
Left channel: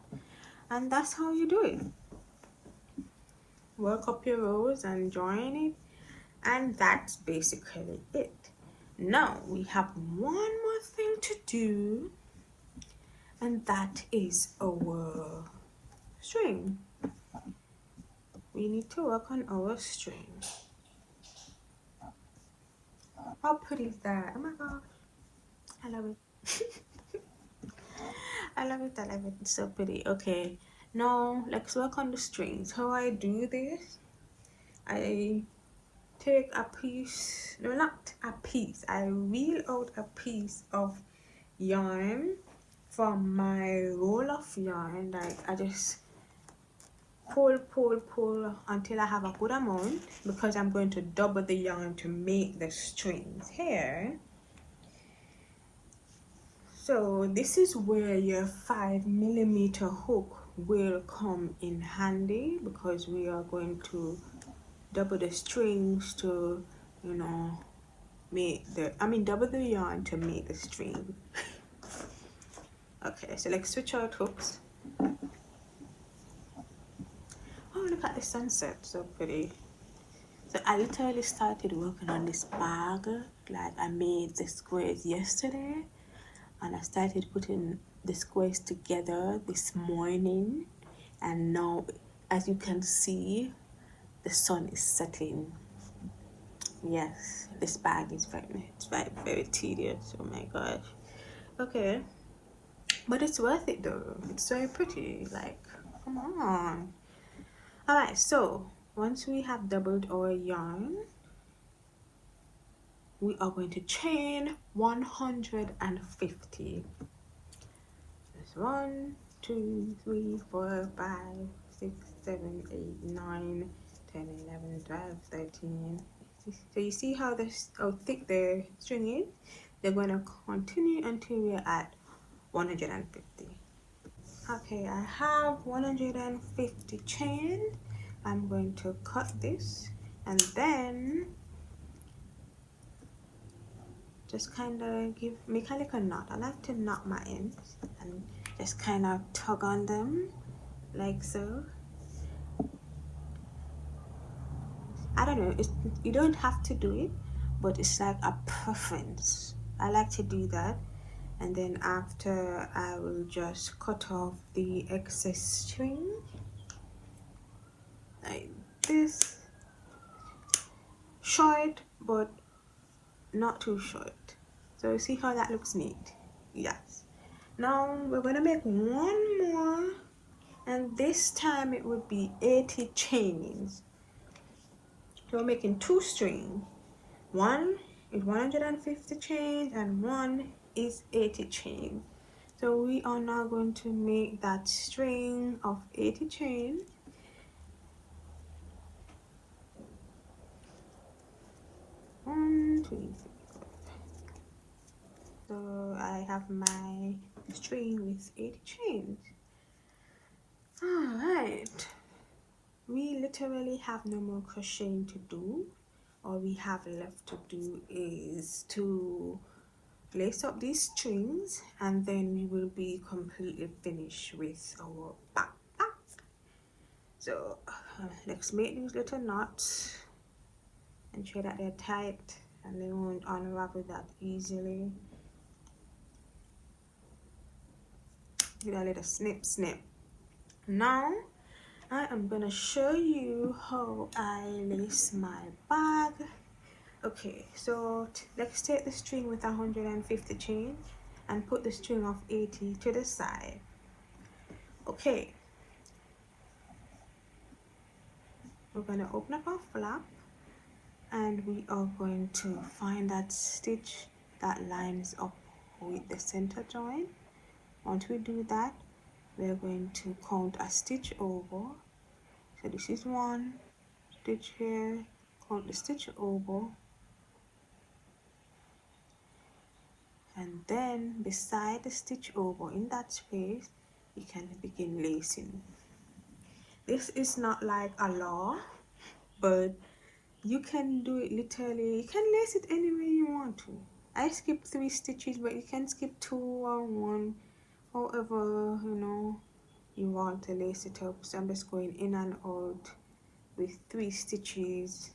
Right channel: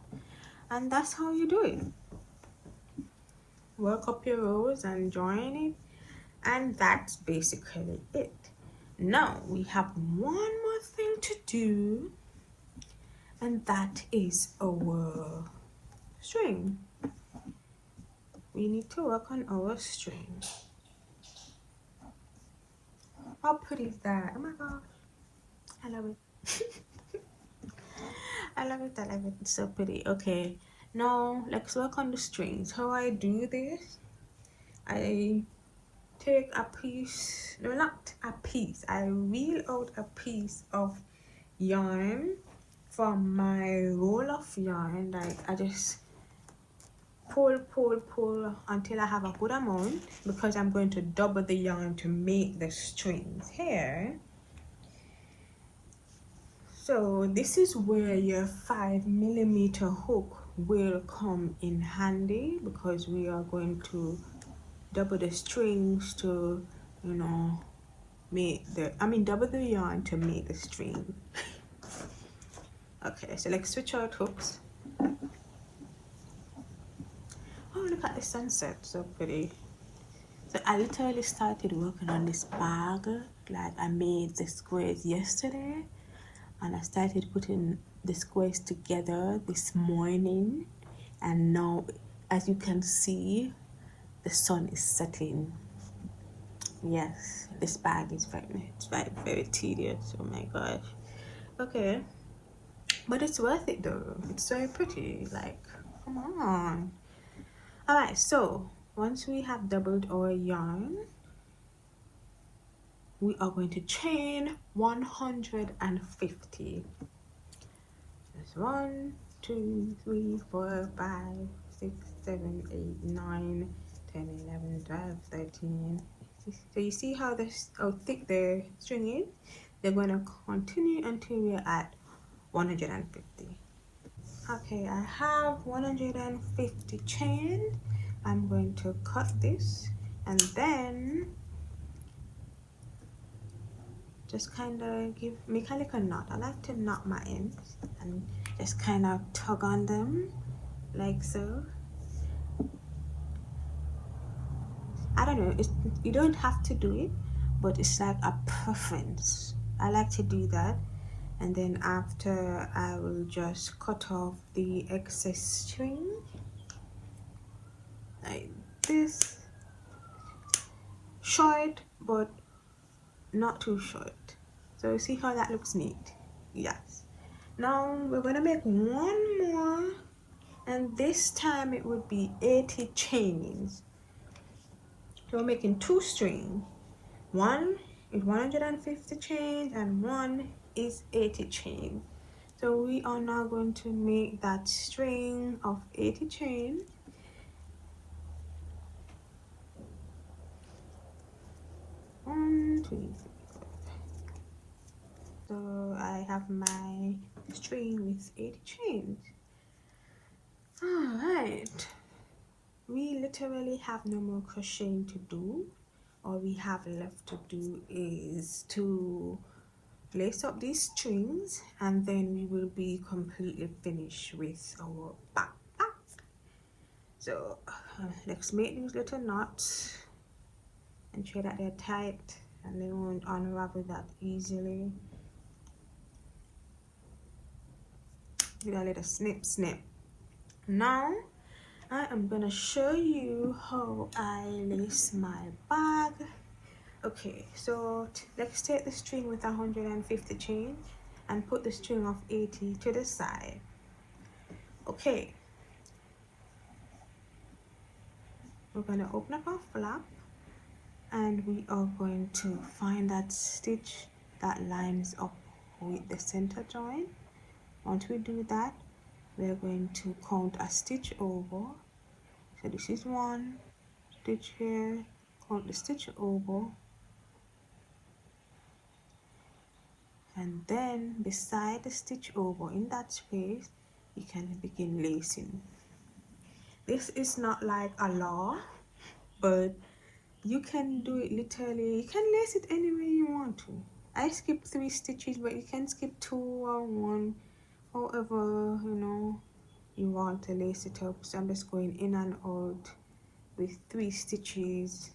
and that's how you do it. Work up your rows and join it, and that's basically it. Now we have one more thing to do, and that is our string. We need to work on our string. How pretty is that? Oh my gosh, I love it. I love it. It's so pretty. Okay, Now let's work on the strings. How I do this, I take a piece, no, not a piece, I reel out a piece of yarn from my roll of yarn. Like I just pull until I have a good amount, because I'm going to double the yarn to make the strings here. So this is where your 5mm hook will come in handy, because we are going to double the strings to, you know, make the, double the yarn to make the string. Okay, so let's switch out hooks. Oh, look at the sunset, so pretty. So I literally started working on this bag, like I made the squares yesterday, and I started putting the squares together this morning, and now, as you can see, the sun is setting. Yes, this bag is very tedious. Oh my gosh. Okay, but it's worth it though. It's so pretty. Like, come on. All right, so once we have doubled our yarn, we are going to chain 150. That's 1, 2, 3, 4, 5, 6, 7, 8, 9, 10, 11, 12, 13. So you see how thick the string is? They're going to continue until we're at 150. Okay, I have 150 chained. I'm going to cut this and then just kind of make a little knot. I like to knot my ends and just kind of tug on them like so. I don't know, you don't have to do it, but it's like a preference. I like to do that, and then after I will just cut off the excess string like this. Short, but not too short. So you see how that looks neat? Yes. Now we're gonna make one more, and this time it would be 80 chains. So we're making 2 strings. One is 150 chains and one is 80 chains. So we are now going to make that string of 80 chains. So I have my string with 80 chains. Alright, we literally have no more crocheting to do. All we have left to do is to lace up these strings, and then we will be completely finished with our backpack. So let's make these little knots, ensure that they're tight and they won't unravel that easily. Do a little snip. Now I am gonna show you how I lace my bag. Okay, so let's take the string with 150 chains and put the string of 80 to the side. Okay, we're gonna open up our flap and we are going to find that stitch that lines up with the center join. Once we do that, we're going to count a stitch over. So this is 1 stitch here, count the stitch over, and then beside the stitch over in that space you can begin lacing. This is not like a law, but you can do it literally. You can lace it any way you want to. I skipped 3 stitches, but you can skip 2 or 1, however you know you want to lace it up. So I'm just going in and out with 3 stitches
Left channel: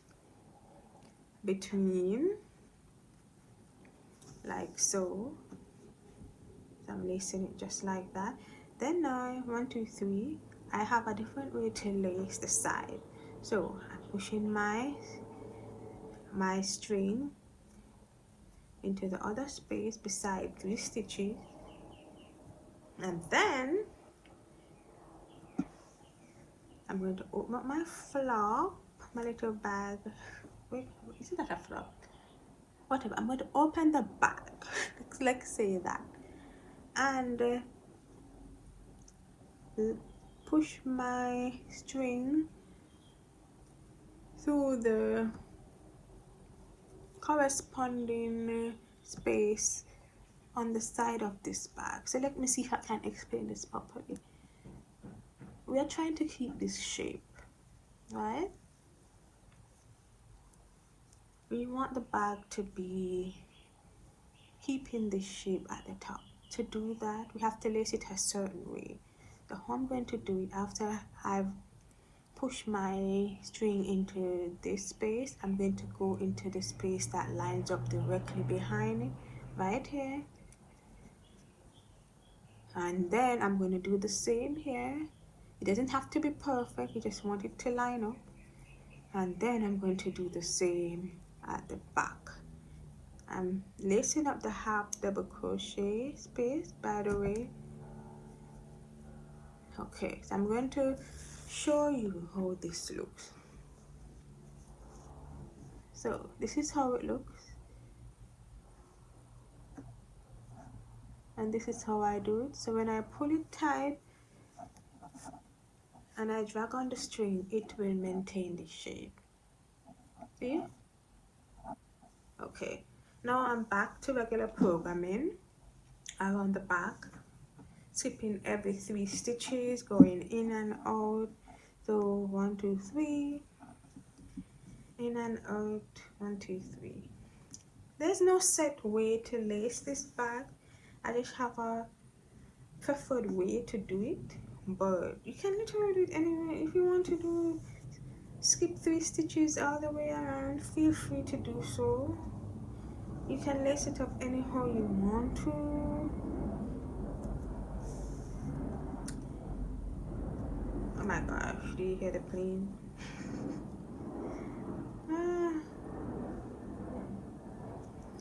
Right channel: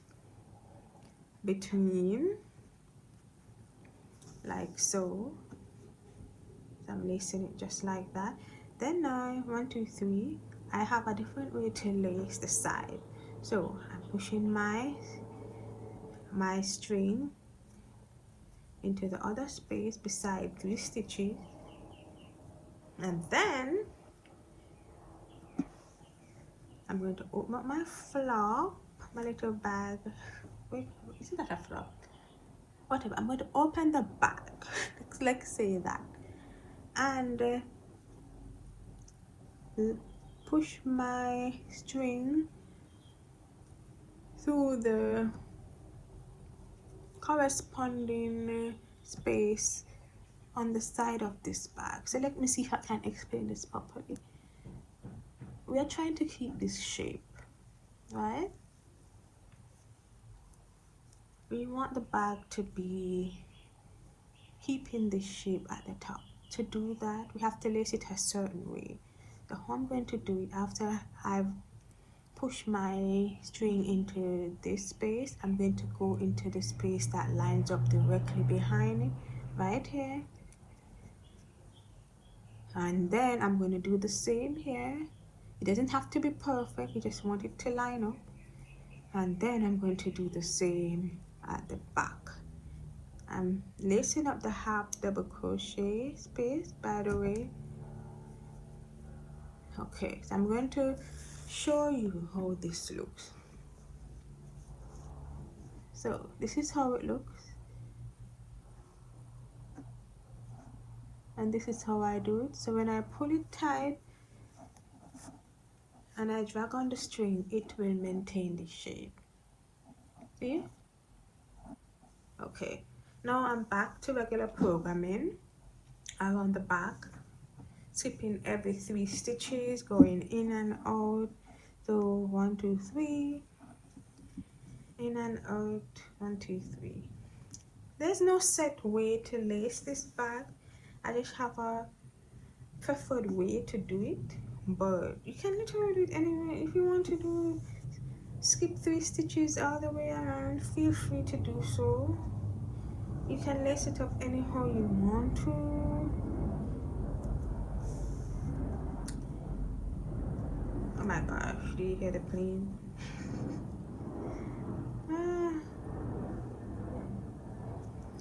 between, like so. I'm lacing it just like that. Then now 1, 2, 3, I have a different way to lace the side. So I'm pushing my string into the other space beside 3 stitches, and then I'm going to open my flap, my little bag. Wait, isn't that a flap? Whatever. I'm going to open the bag. Let's say that, and push my string through the corresponding space on the side of this bag. So let me see if I can explain this properly. We are trying to keep this shape, right? We want the bag to be keeping this shape at the top. To do that, we have to lace it a certain way. So how I'm going to do it, after I've pushed my string into this space, I'm going to go into the space that lines up directly behind it, right here. And then I'm going to do the same here. It doesn't have to be perfect, you just want it to line up. And then I'm going to do the same at the back. I'm lacing up the half double crochet space, by the way. Okay, so I'm going to show you how this looks. So this is how it looks, and this is how I do it. So when I pull it tight and I drag on the string, it will maintain the shape. See? Okay, now I'm back to regular programming around the back, skipping every 3 stitches, going in and out. So 1 2 3, in and out, 1 2 3. There's no set way to lace this bag. I just have a preferred way to do it, but you can literally do it anyway. If you want to do skip 3 stitches all the way around, feel free to do so. You can lace it up anyhow you want to. Oh my gosh, do you hear the plane?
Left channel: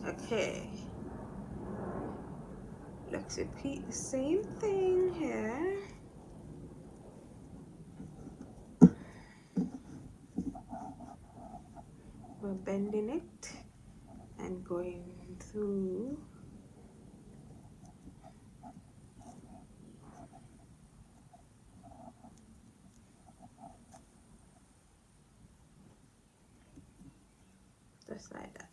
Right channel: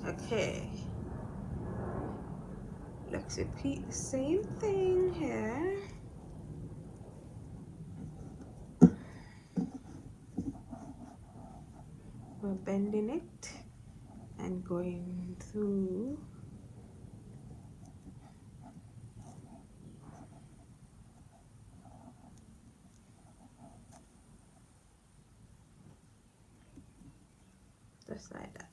Okay, let's repeat the same thing here. We're bending it and going through. Just like that.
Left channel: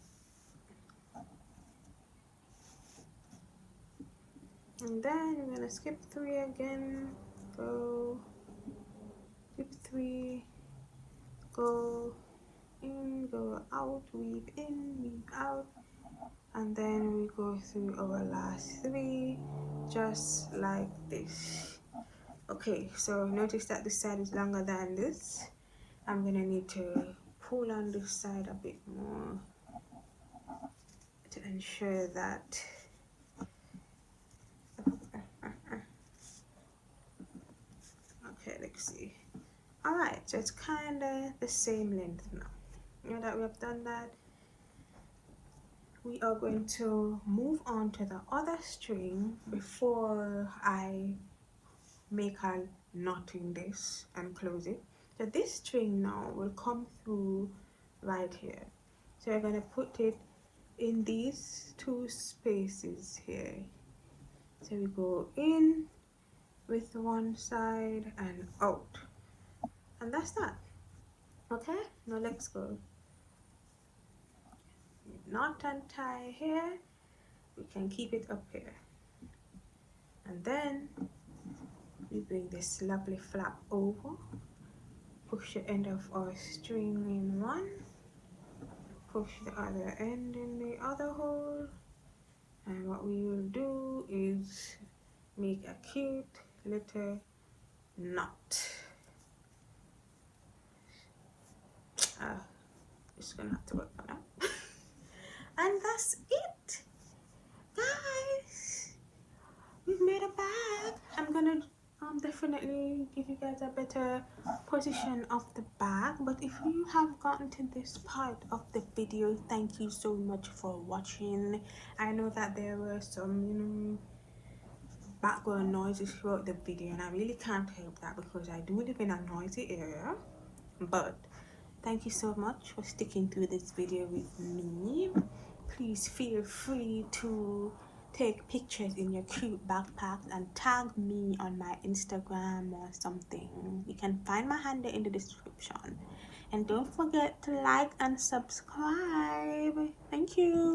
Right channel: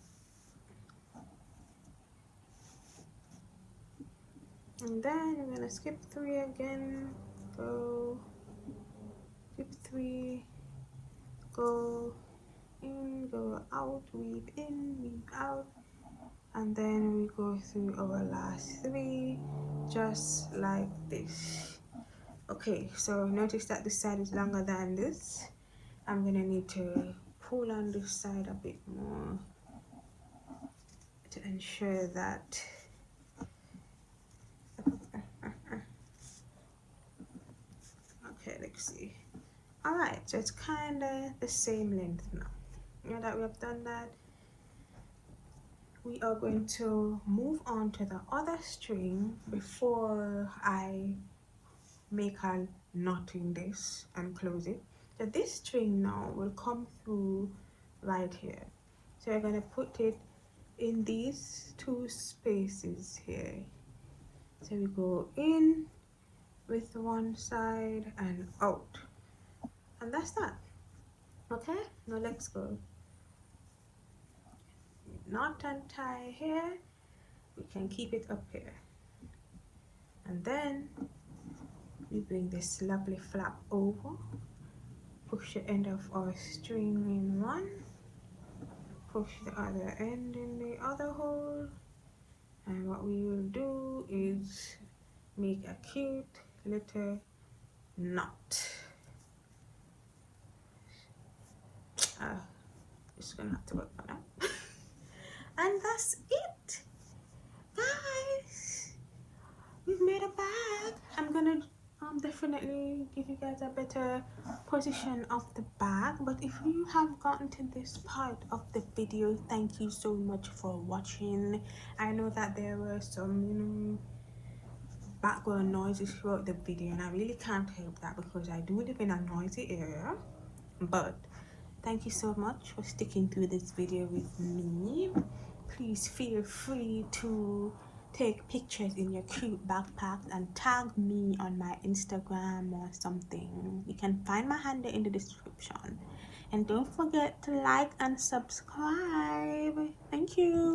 And then I'm gonna skip 3 again, go, skip 3, go in, go out, weave in, weave out, and then we go through our last 3, just like this. Okay, so notice that this side is longer than this. I'm gonna need to pull on this side a bit more to ensure that okay, let's see. Alright, so it's kind of the same length now. Now that we've done that, we are going to move on to the other string before I make a knot in this and close it. So this string now will come through right here. So we're going to put it in these 2 spaces here. So we go in with one side and out, and that's that. Okay, now let's go. Knot and tie here, we can keep it up here, and then we bring this lovely flap over, push the end of our string in one, push the other end in the other hole, and what we will do is make a cute little knot. Just gonna have to work on that. And that's it, guys. We've made a bag. I'm gonna definitely give you guys a better position of the bag, but if you have gotten to this part of the video, thank you so much for watching. I know that there were some background noises throughout the video, and I really can't help that because I do live in a noisy area. But thank you so much for sticking through this video with me. Please feel free to take pictures in your cute backpack and tag me on my Instagram or something. You can find my handle in the description. And don't forget to like and subscribe. Thank you.